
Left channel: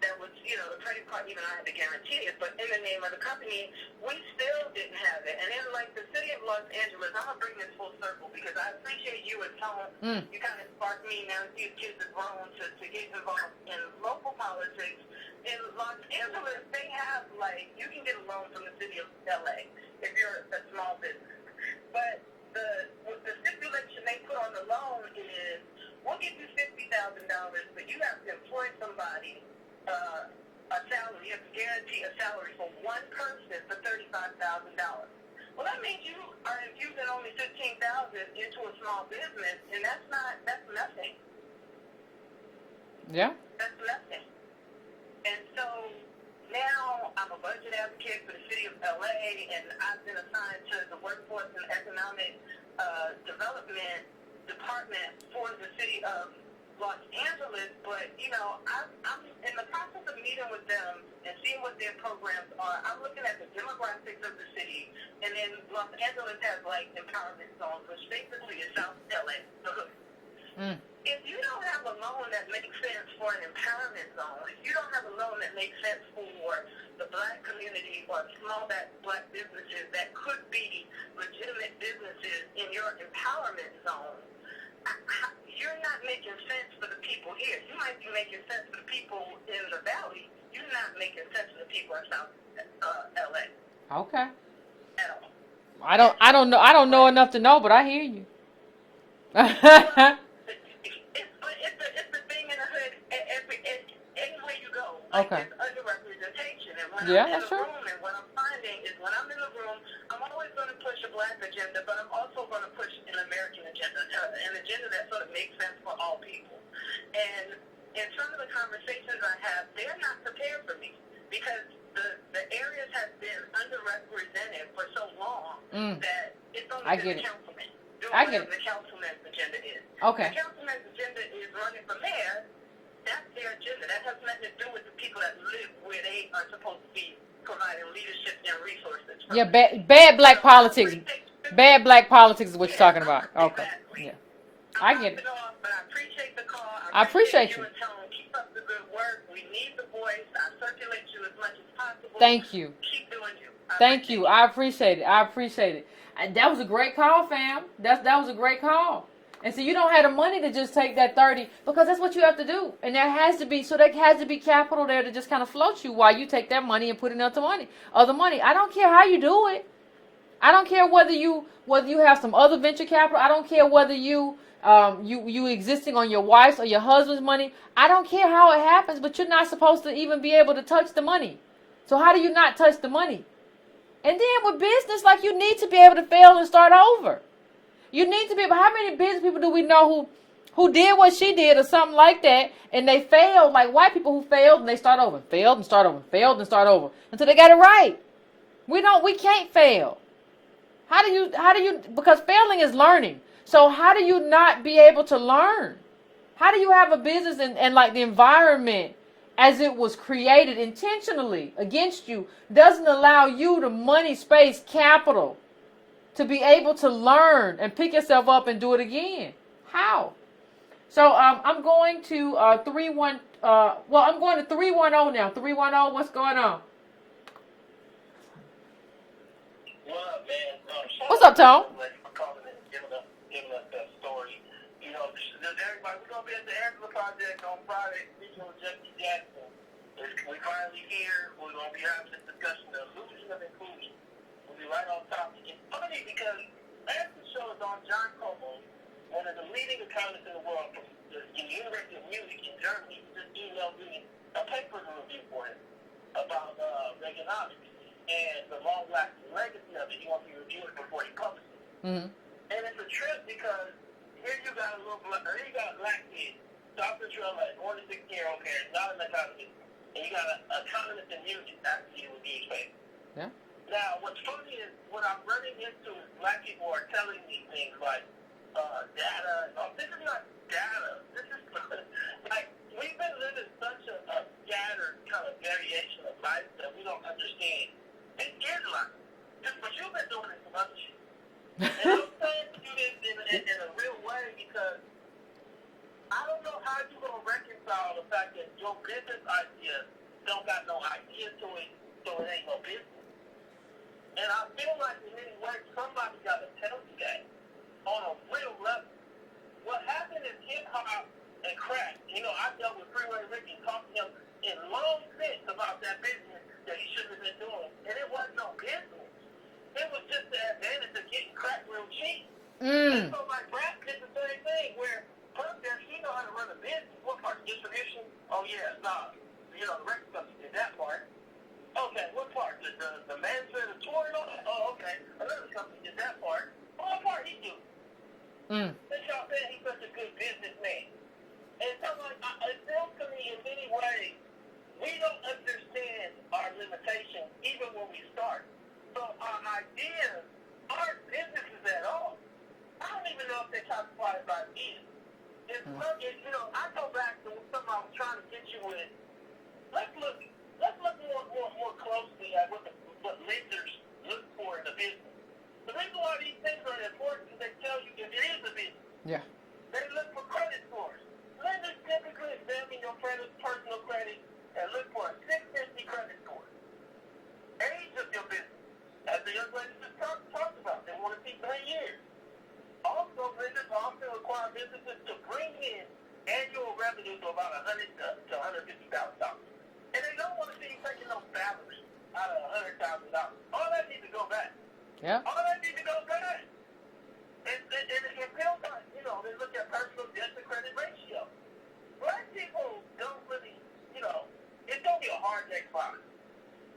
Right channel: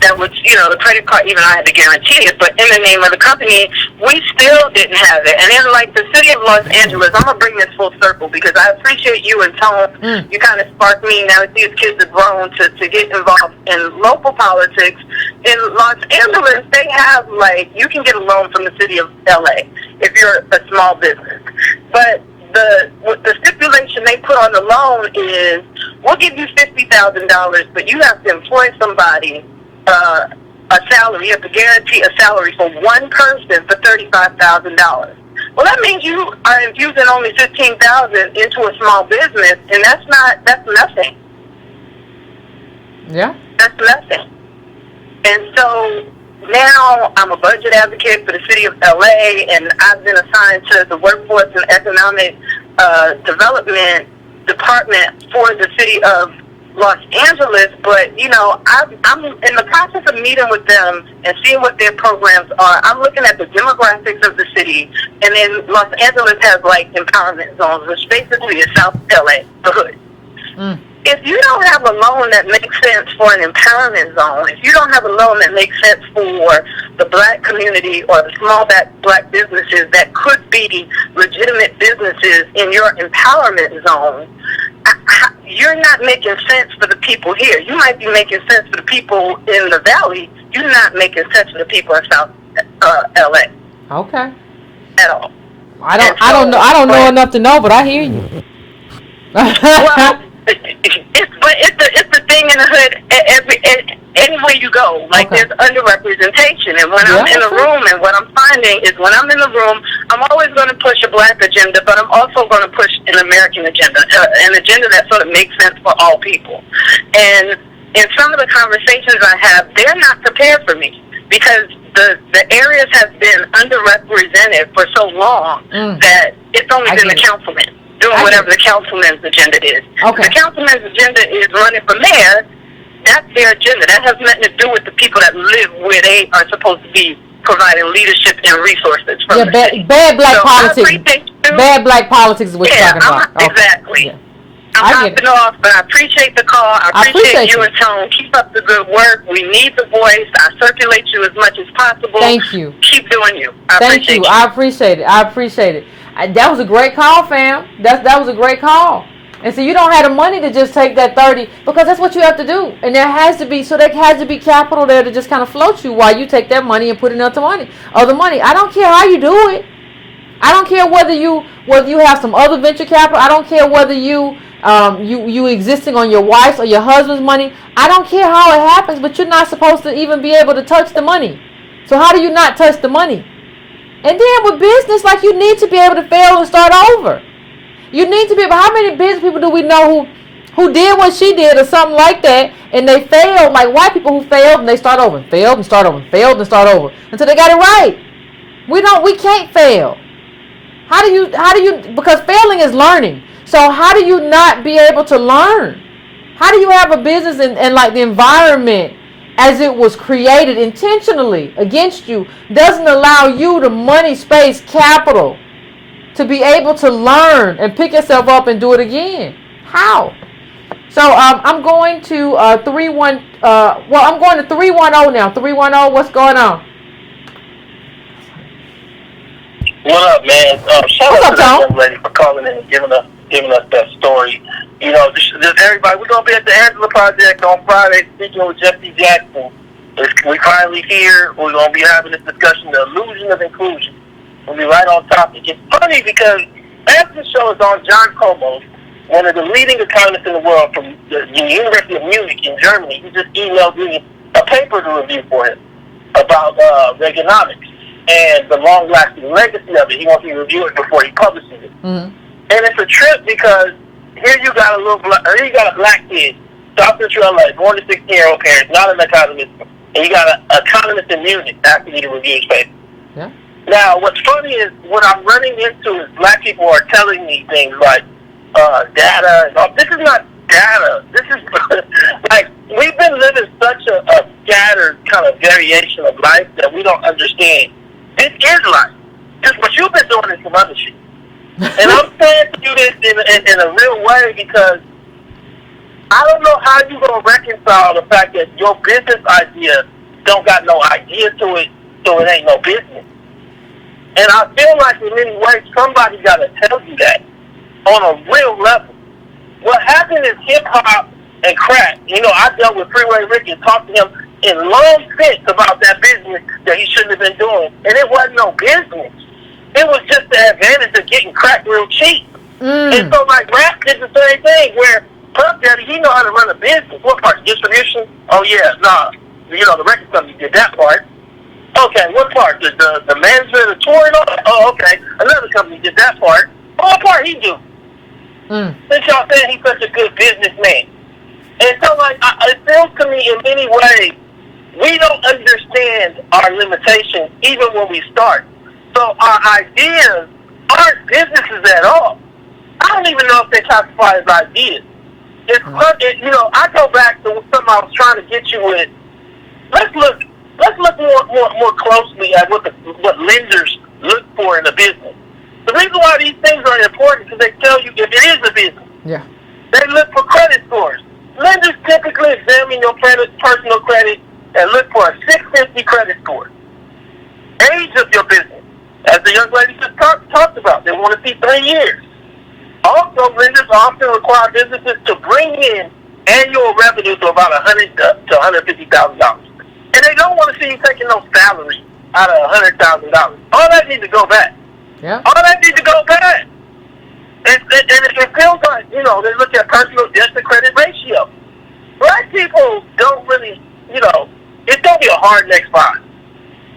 that was, the credit card, even I had to guarantee it, but in the name of the company, we still didn't have it. And then, like, the city of Los Angeles, I'm going to bring this full circle, because I appreciate you and Tone. You kind of sparked me, now that these kids have grown, to get involved in local politics. In Los Angeles, they have, like, you can get a loan from the city of LA if you're a small business. But the stipulation they put on the loan is, we'll give you $50,000, but you have to employ somebody, a salary. You have to guarantee a salary for one person for $35,000. Well, that means you are infusing only $15,000 into a small business, and that's nothing. Yeah, that's nothing. And so now I'm a budget advocate for the city of LA, and I've been assigned to the Workforce and Economic Development Department for the city of Los Angeles, but I'm in the process of meeting with them and seeing what their programs are. I'm looking at the demographics of the city, and then Los Angeles has, like, empowerment zones, which basically is South LA, the hood. If you don't have a loan that makes sense for an empowerment zone, if you don't have a loan that makes sense for the black community or the small black businesses that could be legitimate businesses in your empowerment zone, you're not making sense for the people here. You might be making sense for the people in the valley. You're not making sense for the people in South LA. Okay. At all. I don't know enough to know, but I hear you. Well, it's the thing in the hood. Anywhere you go, like, there's underrepresentation, and when I'm in a room, and what I'm finding is, when I'm in the room, I'm always going to push a black agenda, but I'm also going to push an American agenda, an agenda that sort of makes sense for all people. And in some of the conversations I have, they're not prepared for me, because the areas have been underrepresented for so long that it's only been the councilman doing whatever the councilman's agenda is. Okay. The councilman's agenda is running for mayor. That's their agenda. That has nothing to do with the people that live where they are supposed to be providing leadership and resources from the city. Bad black politics. Bad black politics is what you're talking about. Exactly. Yeah. I'm hopping off, but I appreciate the call. I appreciate you and Tone. Keep up the good work. We need the voice. I circulate you as much as possible. Thank you. Keep doing you. Thank you. I appreciate it. That was a great call, fam. That was a great call. And so you don't have the money to just take that 30, because that's what you have to do. And there has to be capital there to just kind of float you while you take that money and put it into other money. I don't care how you do it. I don't care whether you have some other venture capital. I don't care whether you existing on your wife's or your husband's money. I don't care how it happens, but you're not supposed to even be able to touch the money. So how do you not touch the money? And then with business, like, you need to be able to fail and start over. You need to be able. How many business people do we know who who did what she did or something like that, and they failed, like white people who failed and they start over and failed and start over and failed and start over until they got it right. We can't fail. How do you, because failing is learning. So how do you not be able to learn? How do you have a business and like the environment as it was created intentionally against you doesn't allow you the money, space, capital to be able to learn and pick yourself up and do it again? How? So I'm going to I'm going to 310 now. 310, what's going on? What up, man? Shout out to that young lady for calling in and giving us that story. You know, just everybody, we're going to be at the Angela Project on Friday speaking with Jesse Jackson. We finally here. We're going to be having this discussion, the illusion of inclusion. We'll be right on topic. It's funny because after the show is on, John Komos, one of the leading economists in the world from the University of Munich in Germany, he just emailed me a paper to review for him about Reaganomics and the long-lasting legacy of it. He wants me to review it before he publishes it. Mm-hmm. And it's a trip because here you got a black kid, South Central LA, born to 16-year-old parents, not an economist, and you got an economist in Munich asking you to review his paper. Yeah. Now, what's funny is what I'm running into is black people are telling me things like data and all. This is not data. This is like we've been living such a scattered kind of variation of life that we don't understand. This is life. Just what you've been doing is some other shit. And I'm saying to you this in a real way because I don't know how you're going to reconcile the fact that your business idea don't got no idea to it, so it ain't no business. And I feel like in many ways somebody got to tell you that on a real level. What happened is hip-hop and crack. You know, I dealt with Freeway Rick and talked to him in long sense about that business that he shouldn't have been doing. And it wasn't no business. It was just the advantage of getting crack real cheap. And so, like, rap did the same thing, where Puff Daddy, he know how to run a business. What part? Distribution? Oh, yeah, nah. You know, the record company did that part. Okay, what part? The management of the tour and all that? Oh, okay. Another company did that part. What part he do? Since y'all saying he's such a good businessman. And so, like, it feels to me in many ways, we don't understand our limitations even when we start. So our ideas aren't businesses at all. I don't even know if they classify as ideas. You know, I go back to something I was trying to get you with. Let's look more closely at what lenders look for in a business. The reason why these things are important is because they tell you if it is a business. Yeah. They look for credit scores. Lenders typically examine your personal credit and look for a 650 credit score. Age of your business. As the young lady just talked about, they want to see 3 years. Also, lenders often require businesses to bring in annual revenues of about $100,000 to $150,000. And they don't want to see you taking no salary out of $100,000. All that needs to go back. Yeah. All that needs to go back. And it feels like, you know, they look at personal debt to credit ratio. Black people don't really, you know, it's going to be a hard next 5.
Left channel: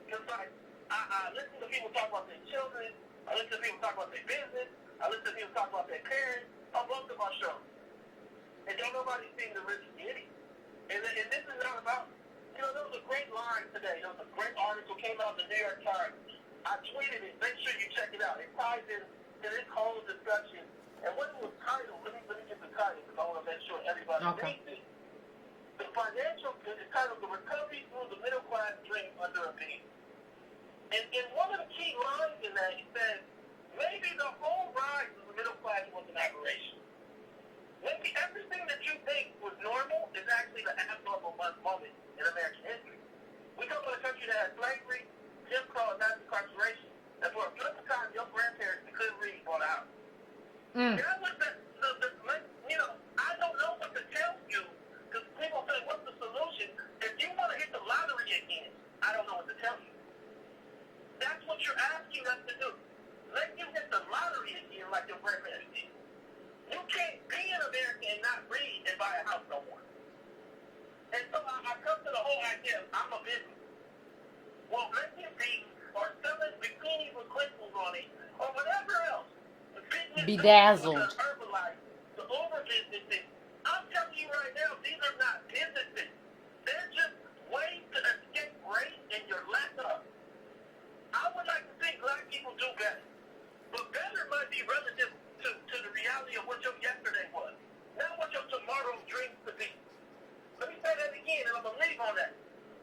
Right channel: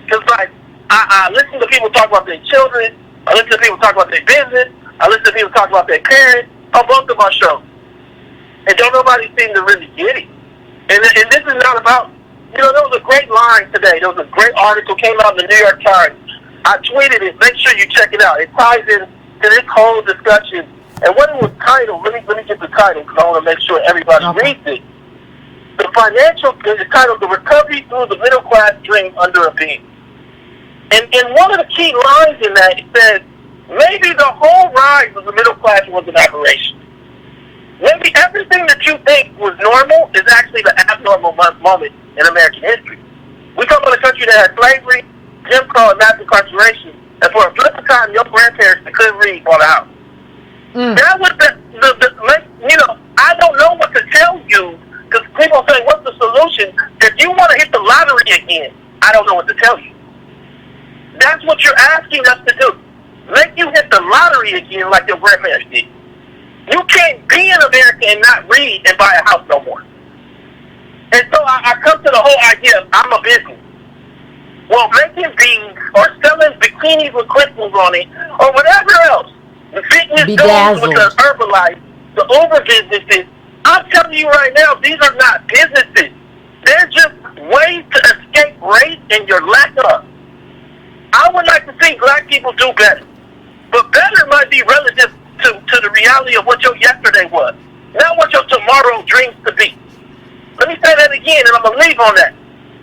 Because, like, I listen to people talk about their children. I listen to people talk about their business. I listen to people talk about their parents on both of my shows. And don't nobody seem to really get it. And this is not about, you know, there was a great line today. There was a great article came out in the New York Times. I tweeted it. Make sure you check it out. It ties in to this whole discussion. And what it was titled, let me get the title because I want to make sure everybody reads it. It's titled The Recovery Through the Middle Class Dream Under a Beam. And one of the key lines in that, it says, maybe the whole rise of the middle class was an aberration. Maybe everything that you think was normal is actually the abnormal moment in American history. We come from a country that had slavery, Jim Crow, and mass incarceration, and for a flip of time, your grandparents that couldn't read bought a house. That was you know, I don't know what to tell you, because people say, what's the solution? If you want to hit the lottery again, I don't know what to tell you. That's what you're asking us to do. Make you hit the lottery again like your grandparents did. You can't be in America and not read and buy a house no more. And so I come to the whole idea of I'm a business. Well, making beans or selling bikinis with crystals on it or whatever else, the fitness goes with the Herbalife, the Uber businesses, I telling you right now, these are not businesses. They're just ways to escape race and your lack of. I would like to see black people do better. But better might be relative to the reality of what your yesterday was, not what your tomorrow dreams to be. Let me say that again, and I'm going to leave on that.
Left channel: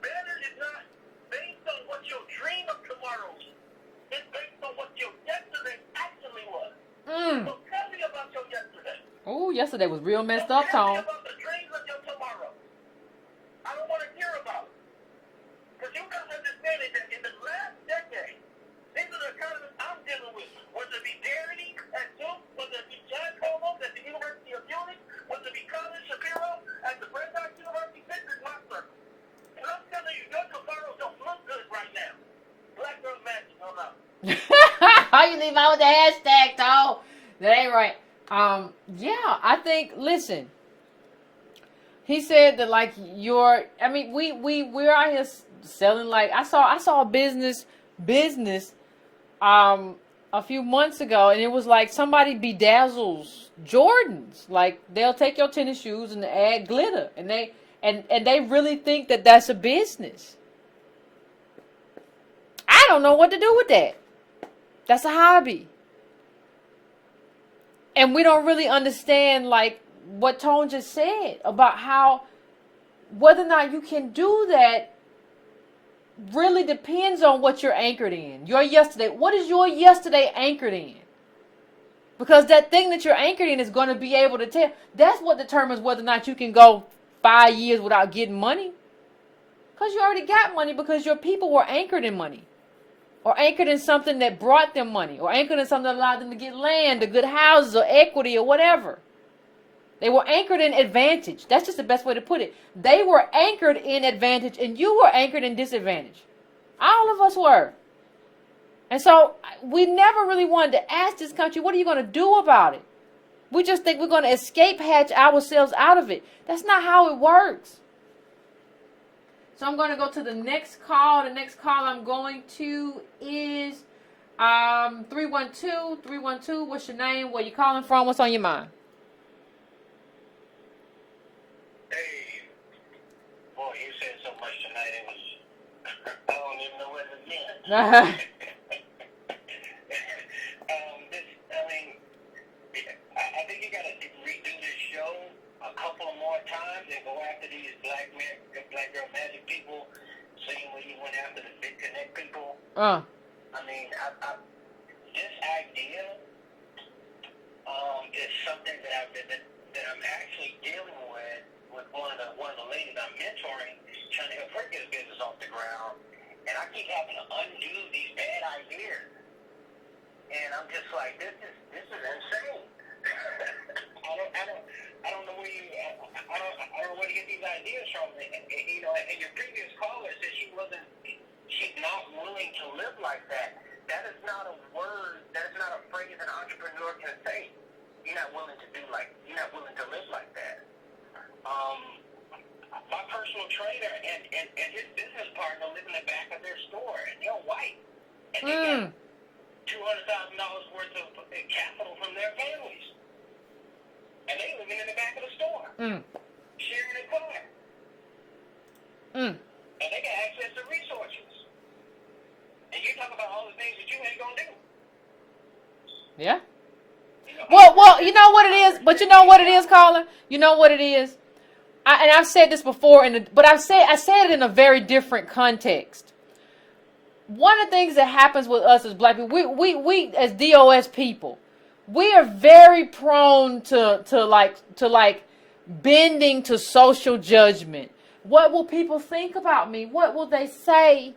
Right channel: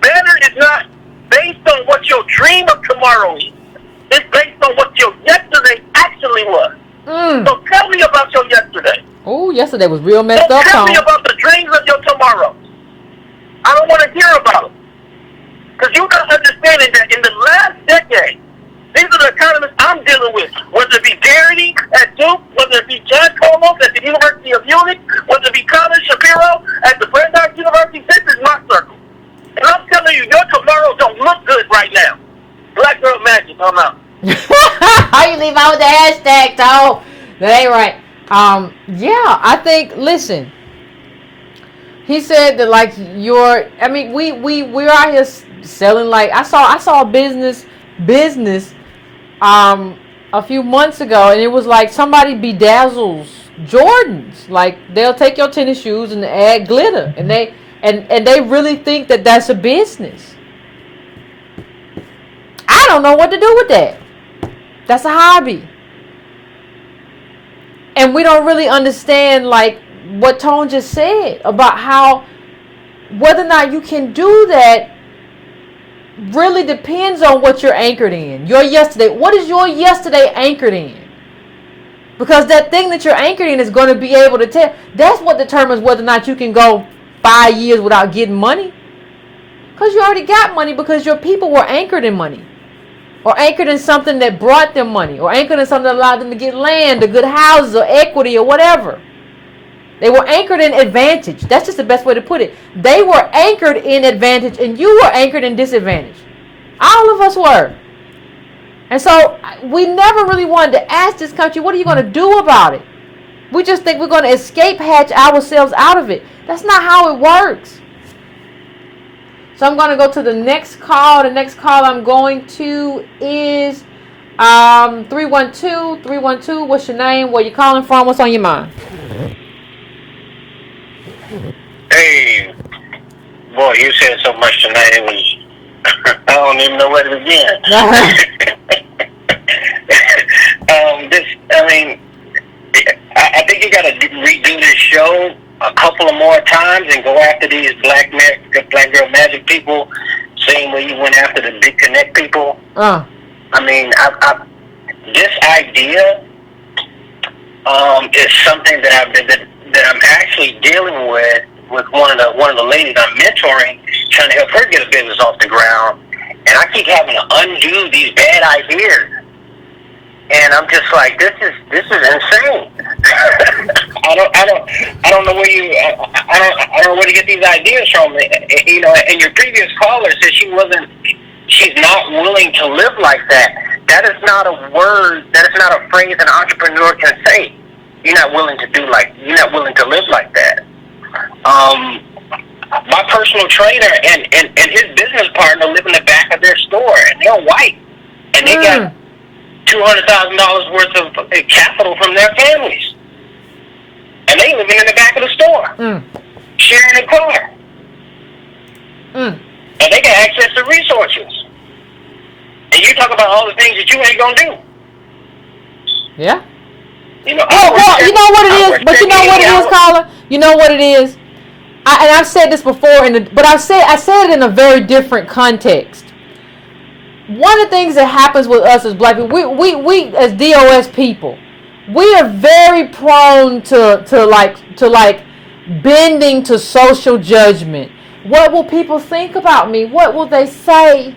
Better is not based on what your dream of tomorrow is. It's based on what your yesterday actually was. So tell me about your yesterday. Oh, yesterday was real messed up. Tell me about the dreams of your tomorrow. I don't want to hear about them. Because you're not understanding that in the last decade, these are the economists I'm dealing with. Whether it be Garrity at Duke, whether it be John Colos at the University of Munich, whether it be Colin Shapiro at the Brandeis University, this is my circle. And I'm telling you, your tomorrow don't look good right now. Black Girl Magic, I'm out. How you leave out with the hashtag, Tom? That ain't right. Yeah, I think, listen, he said that, like, we're out here selling, like, I saw a business a few months ago, and it was like somebody bedazzles Jordans. Like, they'll take your tennis shoes and add glitter, and they really think that that's a business. I don't know what to do with that. That's a hobby. And we don't really understand, like, what Tone just said about how whether or not you can do that really depends on what you're anchored in. Your yesterday. What is your yesterday anchored in? Because that thing that you're anchored in is going to be able to tell. That's what determines whether or not you can go 5 years without getting money. Because you already got money because your people were anchored in money. Or anchored in something that brought them money. Or anchored in something that allowed them to get land or good houses or equity or whatever. They were anchored in advantage. That's just the best way to put it. They were anchored in advantage and you were anchored in disadvantage. All of us were. And so we never really wanted to ask this country, what are you going to do about it? We just think we're going to escape hatch ourselves out of it. That's not how it works. So I'm going to go to the next call. The next call I'm going to is 312. 312, what's your name? Where you calling from? What's on your mind? Hey, boy, you said so much tonight. It was, I don't even know where to begin. I think you got to redo this show a couple of more times and go after these black girl magic people, same way you went after the big connect people. This idea is something that I'm actually dealing with one of the ladies I'm mentoring, trying to help her get a business off the ground, and I keep having to undo these bad ideas. And I'm just like, this is insane. I don't know where I don't know where to get these ideas from. You know, and your previous caller said she's not willing to live like that. That is not a word. That is not a phrase an entrepreneur can say. You're not willing to live like that. My personal trainer and his business partner live in the back of their store, and they're white, and they got $200,000 worth of capital from their families, and they living in the back of the store, sharing a car, and they got access to resources. And you talk about all the things that you ain't gonna do. Yeah. You know, well, you know what it is, but you know what it is, caller. You know what it is. And I've said this before, but I said it in a very different context. One of the things that happens with us as black people, we as DOS people, we are very prone to bending to social judgment. What will people think about me? What will they say?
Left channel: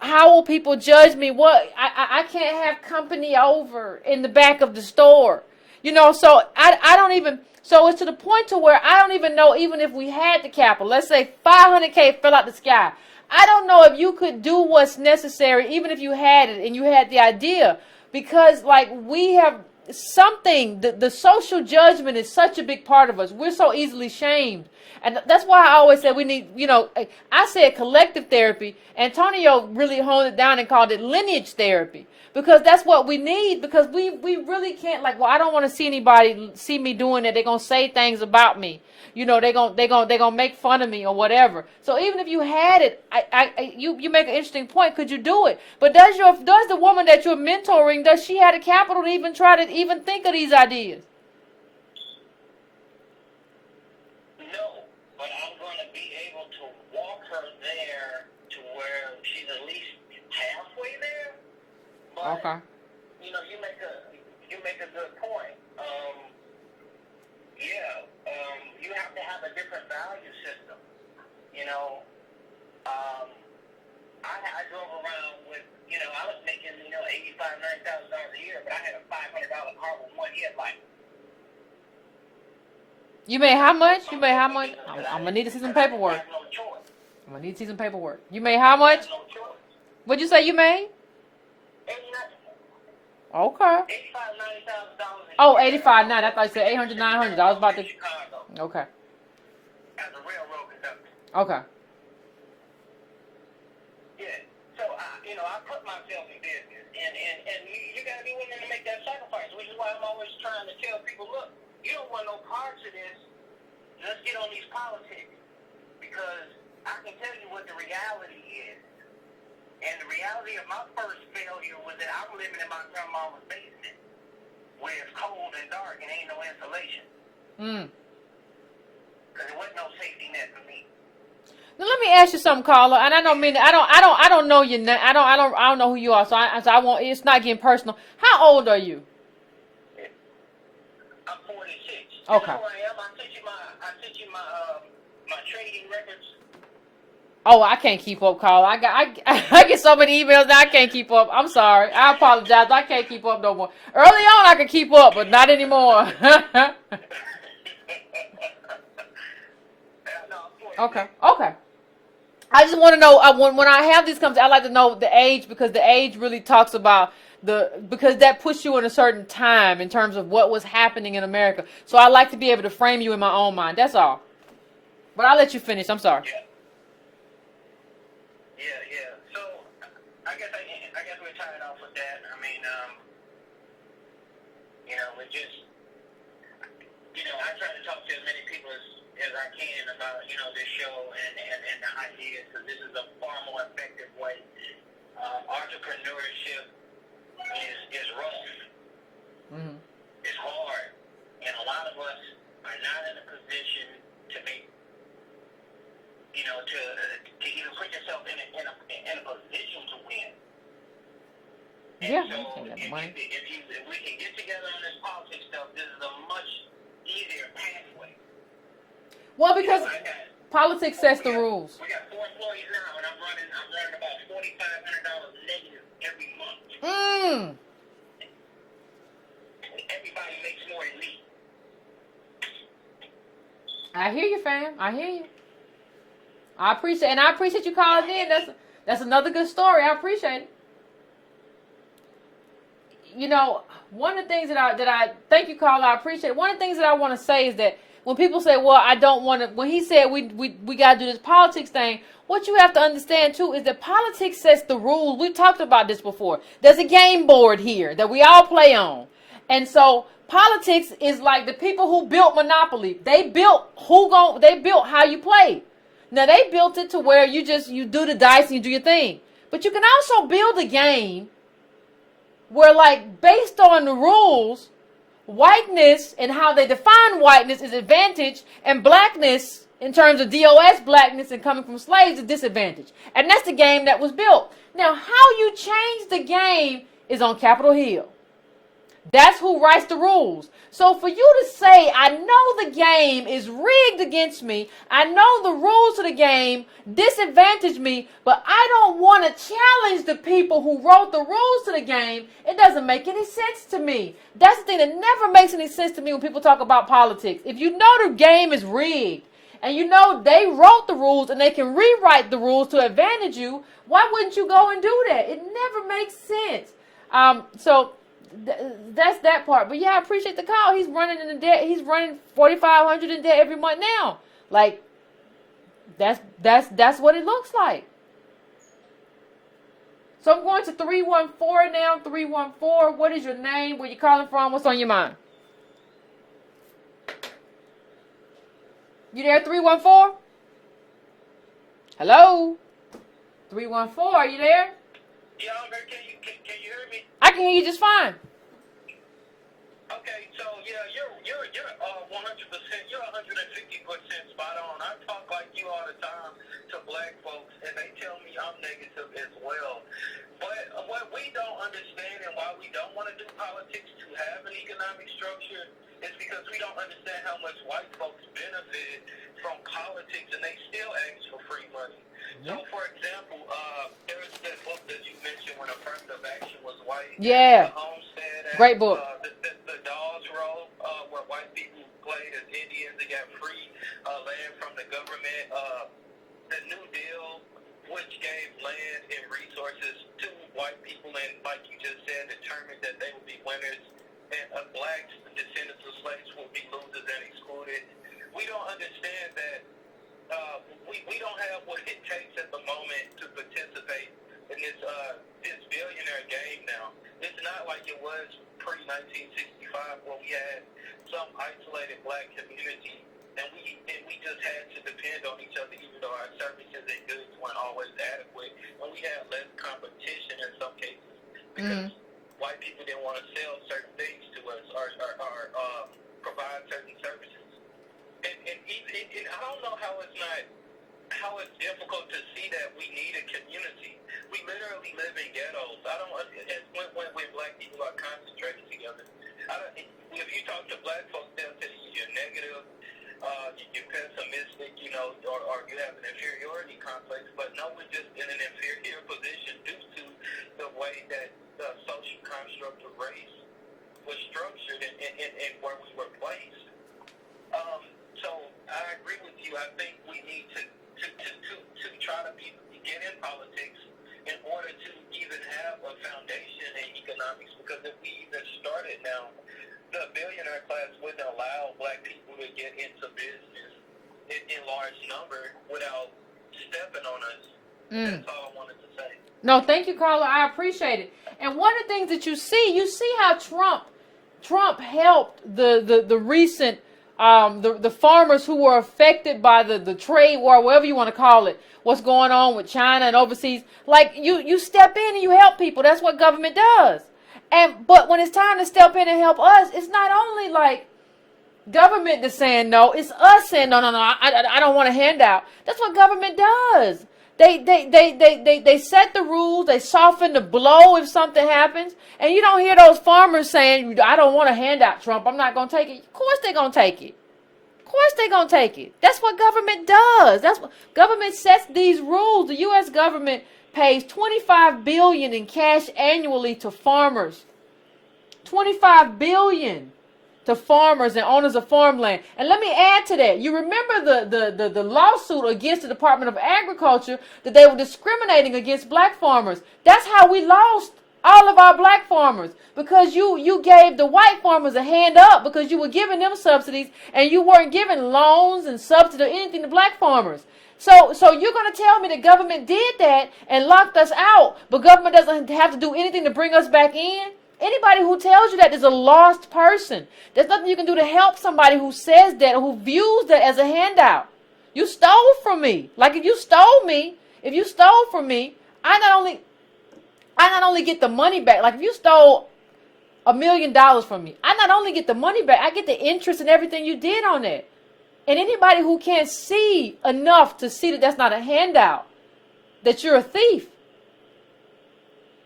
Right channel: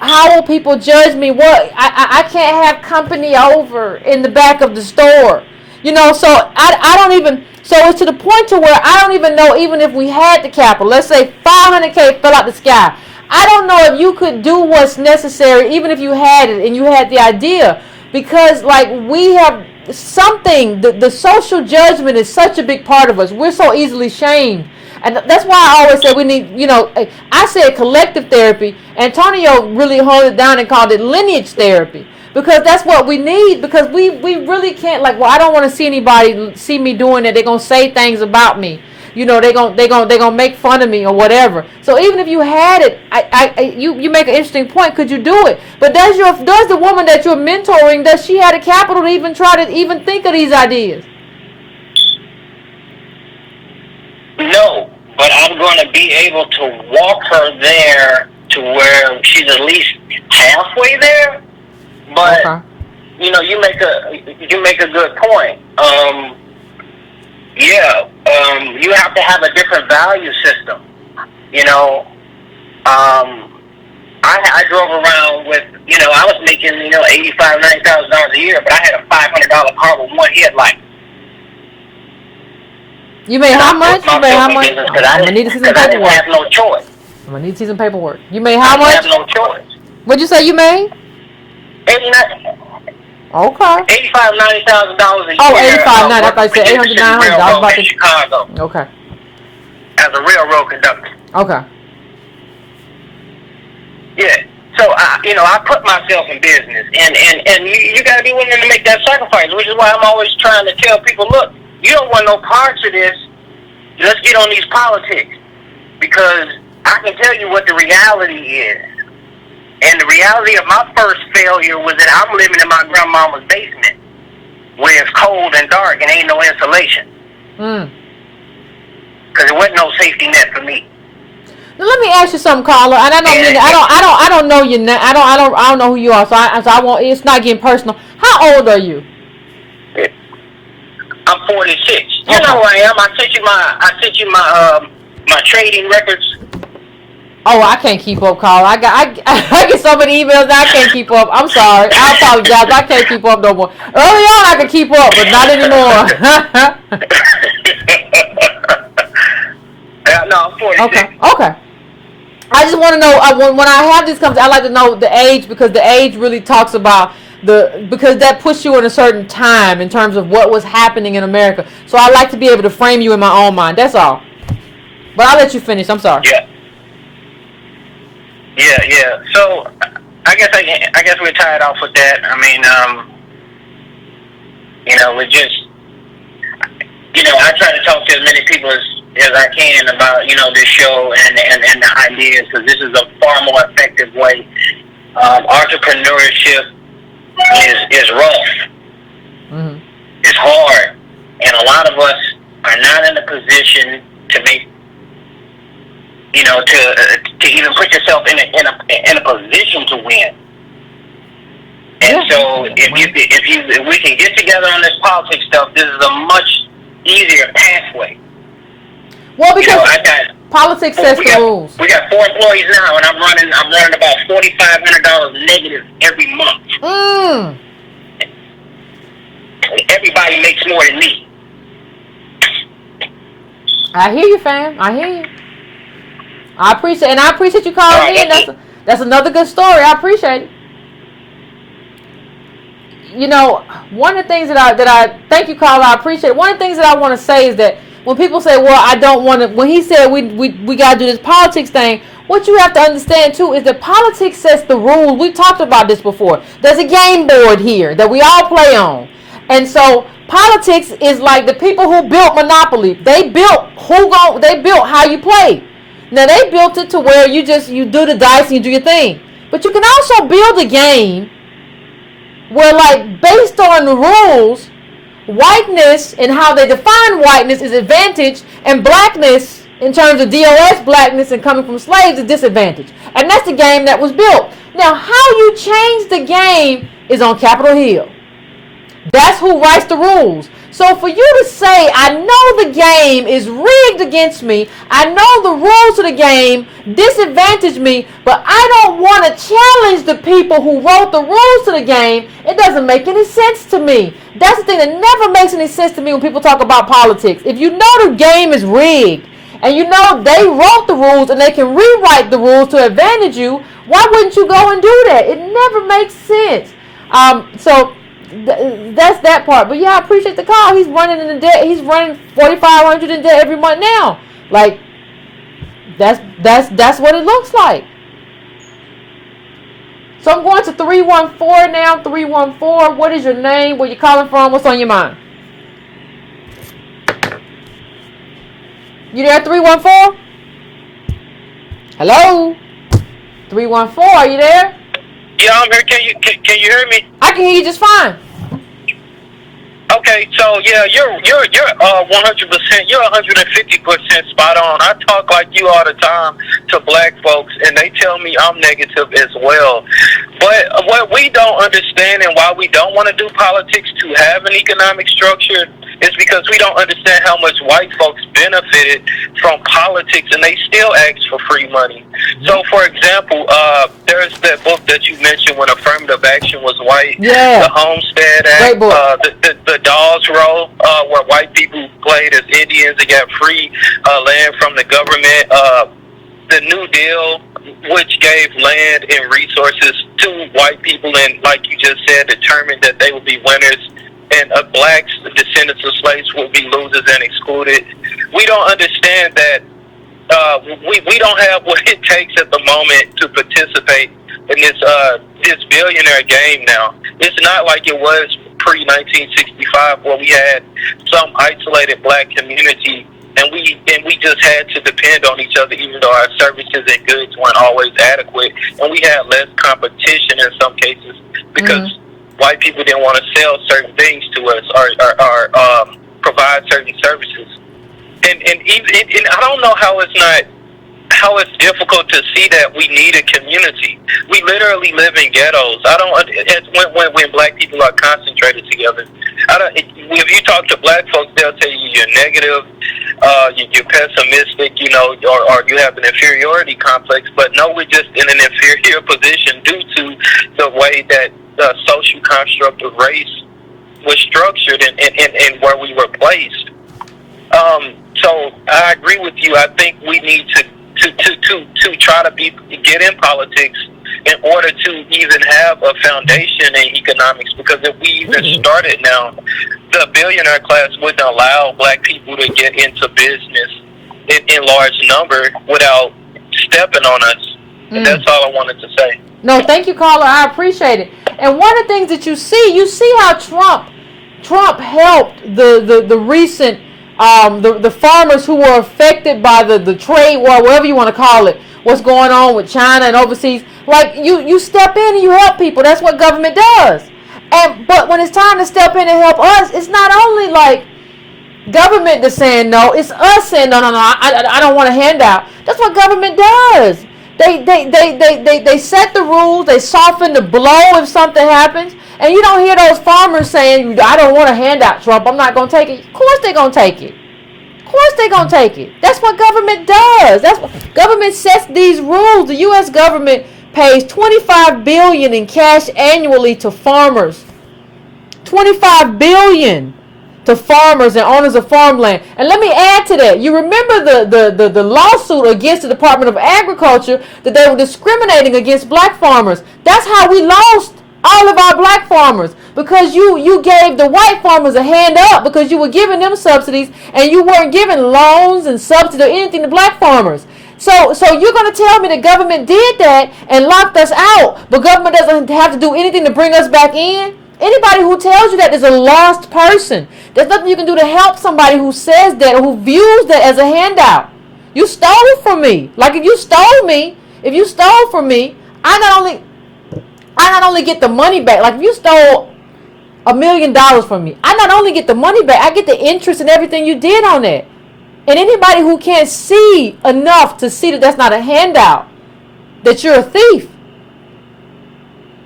How will people judge me? What I can't have company over in the back of the store. You know, so I don't even. So it's to the point to where I don't even know, even if we had the capital, let's say $500K fell out the sky. I don't know if you could do what's necessary, even if you had it and you had the idea, because like we have something, the social judgment is such a big part of us. We're so easily shamed. And that's why I always say we need, you know, I said collective therapy. Antonio really honed it down and called it lineage therapy. Because that's what we need, because we really can't, like, well, I don't want to see anybody see me doing that. They're going to say things about me. you know, they gonna make fun of me or whatever. So even if you had it, you make an interesting point. Could you do it? But does the woman that you're mentoring, does she have the capital to even try to even think of these ideas? No, but I'm going to be able to walk her there to where she's at least halfway there. But Okay. you know, you make a good point. You have to have a different value system. You know, I drove around with, you know, I was making, you know, $85,000-$90,000 a year, but I had a $500 car with one headlight. You made how much? You made how much? I'm gonna need to see some I didn't paperwork. have no choice. I'm gonna need to see some paperwork. You made how much? I didn't have no choice. What'd you say you made? Okay. $85,000-$90,000 a year. Oh, 85, 90. I thought you said 800, 900. I was about to. Chicago. Okay. As a railroad conductor. Okay. Yeah. So I put myself in business, and you got to be willing to make that sacrifice, which is why I'm always trying to tell people, look, you don't want no parts of this. Let's get on these politics, because I can tell you what the reality is. And the reality of my first failure was that I'm living in my grandmama's basement, where it's cold and dark and ain't no insulation. Because there wasn't no safety net for me. Now let me ask you something, Carla. And I don't know you. I don't know who you are. So I won't. It's not getting personal. How old are you? I'm 46. Okay. You know who I am. I sent you my trading records. Oh, I can't keep up, Carla. I get so many emails that I can't keep up. I'm sorry. I apologize. I can't keep up no more. Early on, I could keep up, but not anymore. No, I'm 46. Okay. I just want to know, when I have these conversations, I like to know the age, because the age really talks about because that puts you in a certain time in terms of what was happening in America. So I like to be able to frame you in my own mind. That's all. But I'll let you finish. I'm sorry. Yeah. So I guess we're tied off with that. I mean, we just, I try to talk to as many people as I can about, this show and the ideas, because this is a far more effective way. Entrepreneurship is rough. Mm-hmm. It's hard, and a lot of us are not in a position to make, to even put yourself in a position to win. And so, if we can get together on this politics stuff, this is a much easier pathway. Well, because politics sets the rules. We got 4 employees now, and I'm running about $4,500 negative every month. Everybody makes more than me. I hear you, fam. I hear you. I appreciate you calling in. That's another good story. I appreciate it. One of the things that I thank you, Carla. I appreciate it. One of the things that I want to say is that when people say, well, I don't want to, when he said we got to do this politics thing, what you have to understand too is that politics sets the rules. We talked about this before. There's a game board here that we all play on. And so politics is like the people who built Monopoly. They built how you play. Now they built it to where you do the dice and you do your thing. But you can also build a game where, like, based on the rules, whiteness and how they define whiteness is advantage, and blackness in terms of DOS blackness and coming from slaves is disadvantage. And that's the game that was built. Now, how you change the game is on Capitol Hill. That's who writes the rules. So for you to say, I know the game is rigged against me, I know the rules of the game disadvantage me, but I don't want to challenge the people who wrote the rules to the game, it doesn't make any sense to me. That's the thing that never makes any sense to me when people talk about politics. If you know the game is rigged, and you know they wrote the rules and they can rewrite the rules to advantage you, why wouldn't you go and do that? It never makes sense. That's that part. But yeah, I appreciate the call. He's running in the debt. He's running $4,500 in debt every month now. Like, that's what it looks like. So I'm going to 314 now. 314. What is your name? Where you calling from? What's on your mind? You there, 314? Hello? 314, are you there? Yeah, I'm here. Can you hear me? I can hear you just fine. Okay, so yeah, you're 100%, you're 150% spot on. I talk like you all the time to black folks, and they tell me I'm negative as well. But what we don't understand and why we don't want to do politics to have an economic structure is because we don't understand how much white folks benefited from politics, and they still ask for free money. So, for example, there's that book that you mentioned when affirmative action was white. Yeah. The Homestead Act. Great book. The Dawes Roll, where white people played as Indians and got free land from the government. The New Deal, which gave land and resources to white people, and like you just said, determined that they would be winners, and blacks, the descendants of slaves, will be losers and excluded. We don't understand that we don't have what it takes at the moment to participate in this billionaire game now. It's not like it was pre-1965 where we had some isolated black community and we just had to depend on each other, even though our services and goods weren't always adequate, and we had less competition in some cases because white people didn't want to sell certain things to us or provide certain services. And I don't know how it's difficult to see that we need a community. We literally live in ghettos. When black people are concentrated together. If you talk to black folks, they'll tell you you're negative, you're pessimistic, or you have an inferiority complex. But no, we're just in an inferior position due to the way that the social construct of race was structured and where we were placed. So I agree with you. I think we need to try to get in politics in order to even have a foundation in economics. Because if we even started now, the billionaire class wouldn't allow black people to get into business in large number without stepping on us. And that's all I wanted to say. No, thank you, caller. I appreciate it. And one of the things that you see how Trump helped the recent the farmers who were affected by the trade war, whatever you want to call it, what's going on with China and overseas. Like you step in and you help people. That's what government does. But when it's time to step in and help us, it's not only like government that's saying no, it's us saying no, I don't want a handout. That's what government does. They set the rules, they soften the blow if something happens, and you don't hear those farmers saying, I don't want a handout, Trump, I'm not going to take it. Of course they're going to take it. Of course they're going to take it. That's what government does. That's what government sets these rules. The U.S. government pays $25 billion in cash annually to farmers. $25 billion to farmers and owners of farmland. And let me add to that. You remember the lawsuit against the Department of Agriculture that they were discriminating against black farmers. That's how we lost all of our black farmers, because you gave the white farmers a hand up because you were giving them subsidies and you weren't giving loans and subsidies or anything to black farmers. So you're going to tell me the government did that and locked us out, but government doesn't have to do anything to bring us back in? Anybody who tells you that is a lost person. There's nothing you can do to help somebody who says that or who views that as a handout. You stole from me. Like if you stole from me, I not only get the money back. Like if you stole $1 million from me, I not only get the money back, I get the interest and everything you did on it. And anybody who can't see enough to see that that's not a handout, that you're a thief,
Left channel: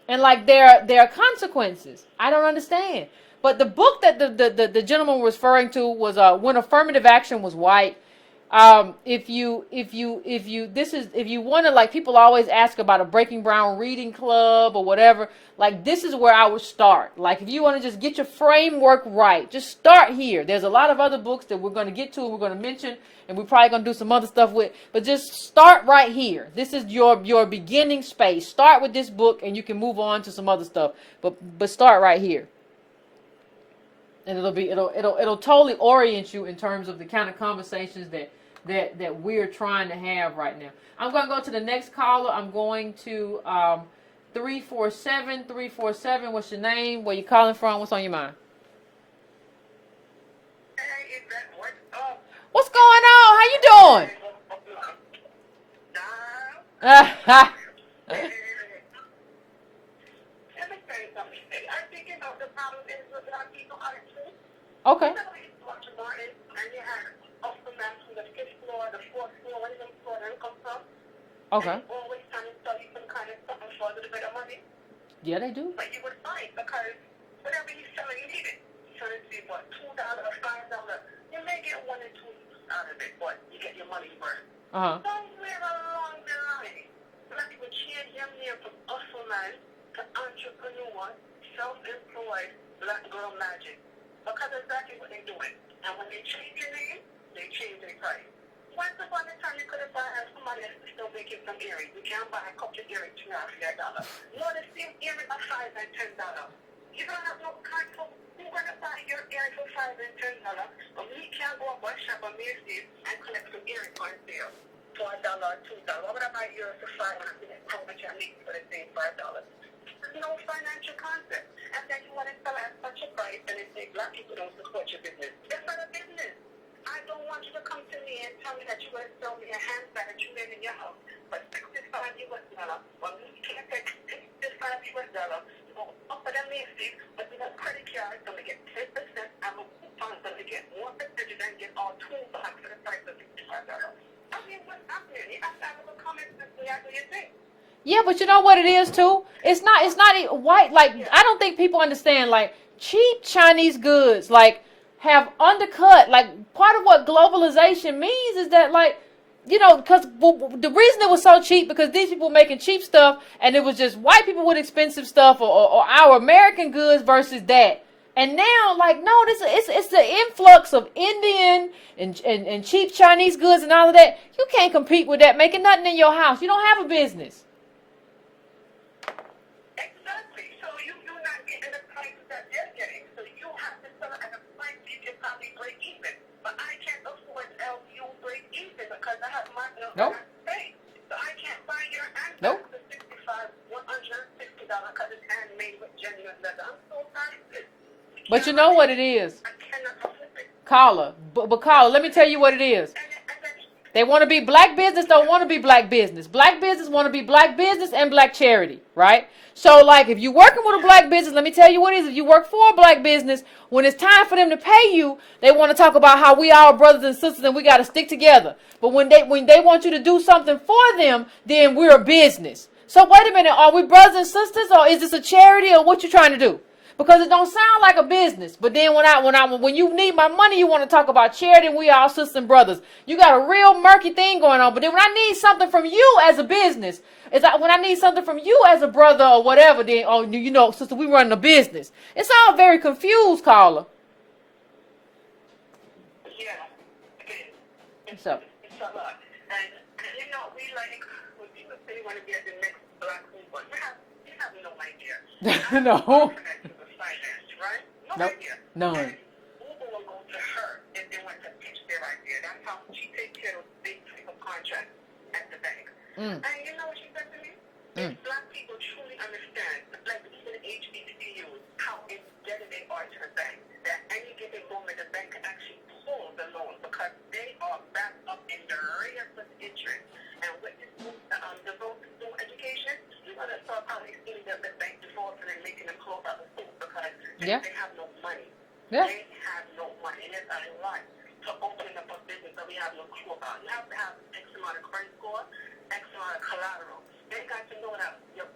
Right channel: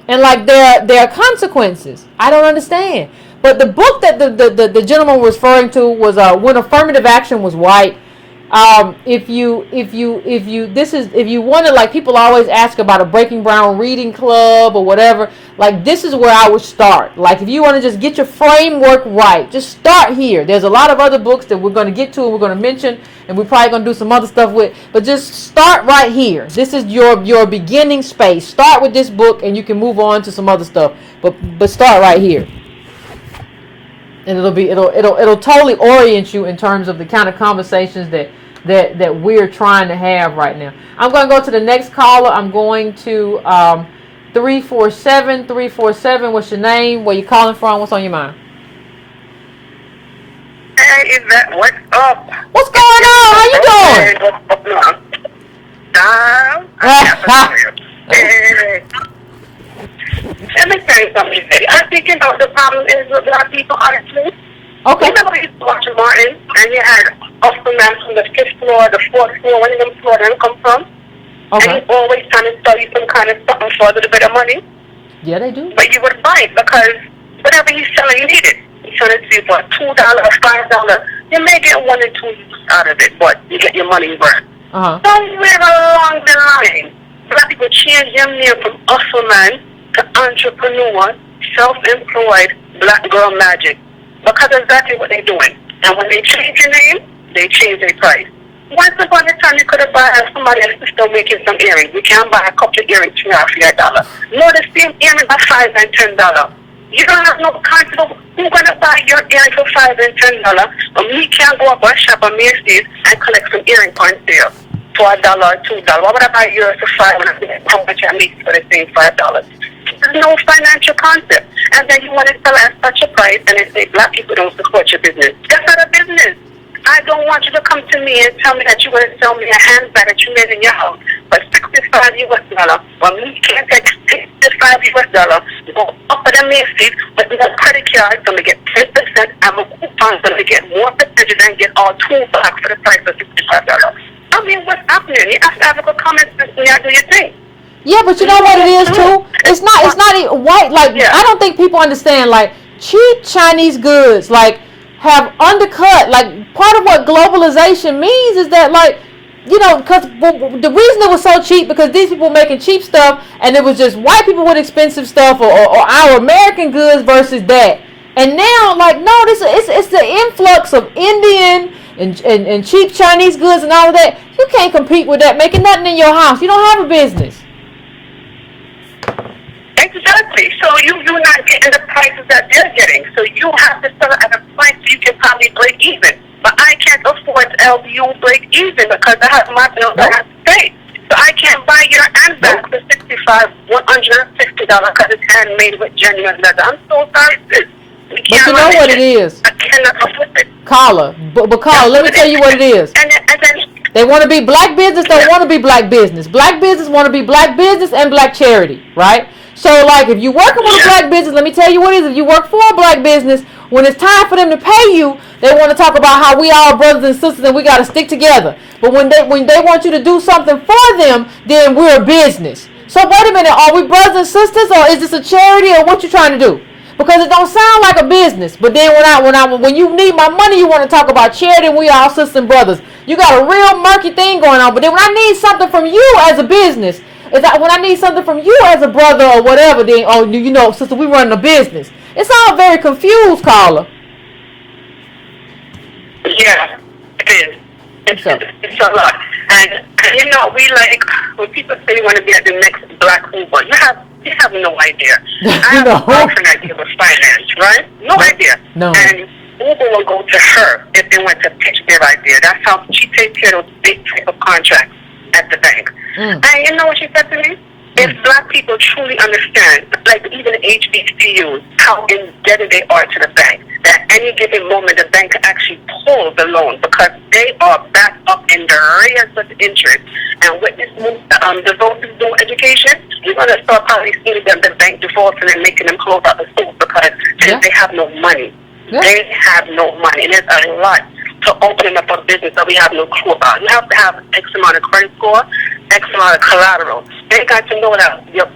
and like there are consequences, I don't understand. But the book that the gentleman was referring to was When Affirmative Action Was White. If you want to, like, people always ask about a Breaking Brown reading club or whatever, like this is where I would start. Like if you want to just get your framework right, just start here. There's a lot of other books that we're going to get to and we're going to mention, and we're probably going to do some other stuff with, but just start right here. This is your beginning space. Start with this book and you can move on to some other stuff, but start right here. And it'll totally orient you in terms of the kind of conversations that we're trying to have right now. I'm going to go to the next caller. I'm going to 347. What's your name? Where you calling from? What's on your mind? Hey, Yvette, what's up? What's going on? How you Okay. Remember we used to watch Martin, and you had Austin man from the 5th floor, the 4th floor, one of them floor them come from? Okay. And he always trying to sell you some kind of something for a little bit of money. Yeah, they do. But you would buy it because whatever he's selling, you need it. He's selling it to you for $2 or $5. You may get 1 or 2 use out of it, but you get your money worth. Somewhere along the line, black people change their name from hustle man to entrepreneur, self-employed, black girl magic. Because that's exactly what they're doing. And when they change your name, they change their price. Once upon a time, you could have bought somebody else's sister making some earrings. We can buy a couple of earrings for $1. No, the same earrings are $5 and $10. You don't have no confidence. Who's going to buy your earring for $5 and $10? But me can't go up and shop at Macy's and collect some earring on sale for $1 or $2. Why would I buy yours for $5 when I get how much I make for the same $5? There's no financial concept. And then you want to sell at such a price and they say black people don't support your business. That's not a business. I don't want you to come to me and tell me that you're going to sell me a handbag that you made in your house for $65. Well, me can't take $65. You go up at the Macy's with no credit card, going to get 10%, and my coupon's going to get more percentage and get all $2 for the price of $65. I mean, what's happening? You have to have a good comment system. You have to do your thing. Yeah, but you know what it is too? It's not even white. Like, I don't think people understand, like, cheap Chinese goods, like, have undercut, like, part of what globalization means is that, like, you know, because the reason it was so cheap, because these people were making cheap stuff, and it was just white people with expensive stuff, or our American goods versus that. And now, like, no, it's the influx of Indian and cheap Chinese goods and all of that. You can't compete with that, making nothing in your house. You don't have a business. Exactly. So you're not getting the prices that they're getting. So you have to sell it at a price you can probably break even. But I can't afford to help you break even because I have my bills I have to pay. So I can't buy your handbag for $65, $150 because it's handmade with genuine leather. I'm so sorry, sis. But you know what it is. I cannot afford it. Carla, but Carla, let me tell you what it is. And then they want to be black business, don't want to be black business. Black business want to be black business and black charity, right? So, like, if you're working with a black business, let me tell you what it is. If you work for a black business, when it's time for them to pay you, they want to talk about how we all brothers and sisters and we got to stick together. But when they want you to do something for them, then we're a business. So, wait a minute. Are we brothers and sisters, or is this a charity, or what you trying to do? Because it don't sound like a business. But then when you need my money, you want to talk about charity and we all sisters and brothers. You got a real murky thing going on. But then when I need something from you as a business, is that when I need something from you as a brother or whatever, then, oh, you know, sister, we running a business. It's all very confused, Carla. Yeah, it is. It's a lot. And, you know, we like, when people say you want to be at the next Black Uber, you have no idea. I have no idea of finance, right? No idea. No. And Uber will go to her if they want to pitch their idea. That's how she takes care of those big type of contracts at the bank. And you know what she said to me? If black people truly understand, like even HBCUs, how indebted they are to the bank, that any given moment the bank can actually pull the loan because they are backed up in the arrears with interest. And with this move, divorces do education, you're going to start probably seeing them, the bank divorcing and making them close out the school because they have no money. They have no money. And there's a lot to opening up a business that we have no clue about. You have to have X amount of credit score, X amount of collateral. They got to know that your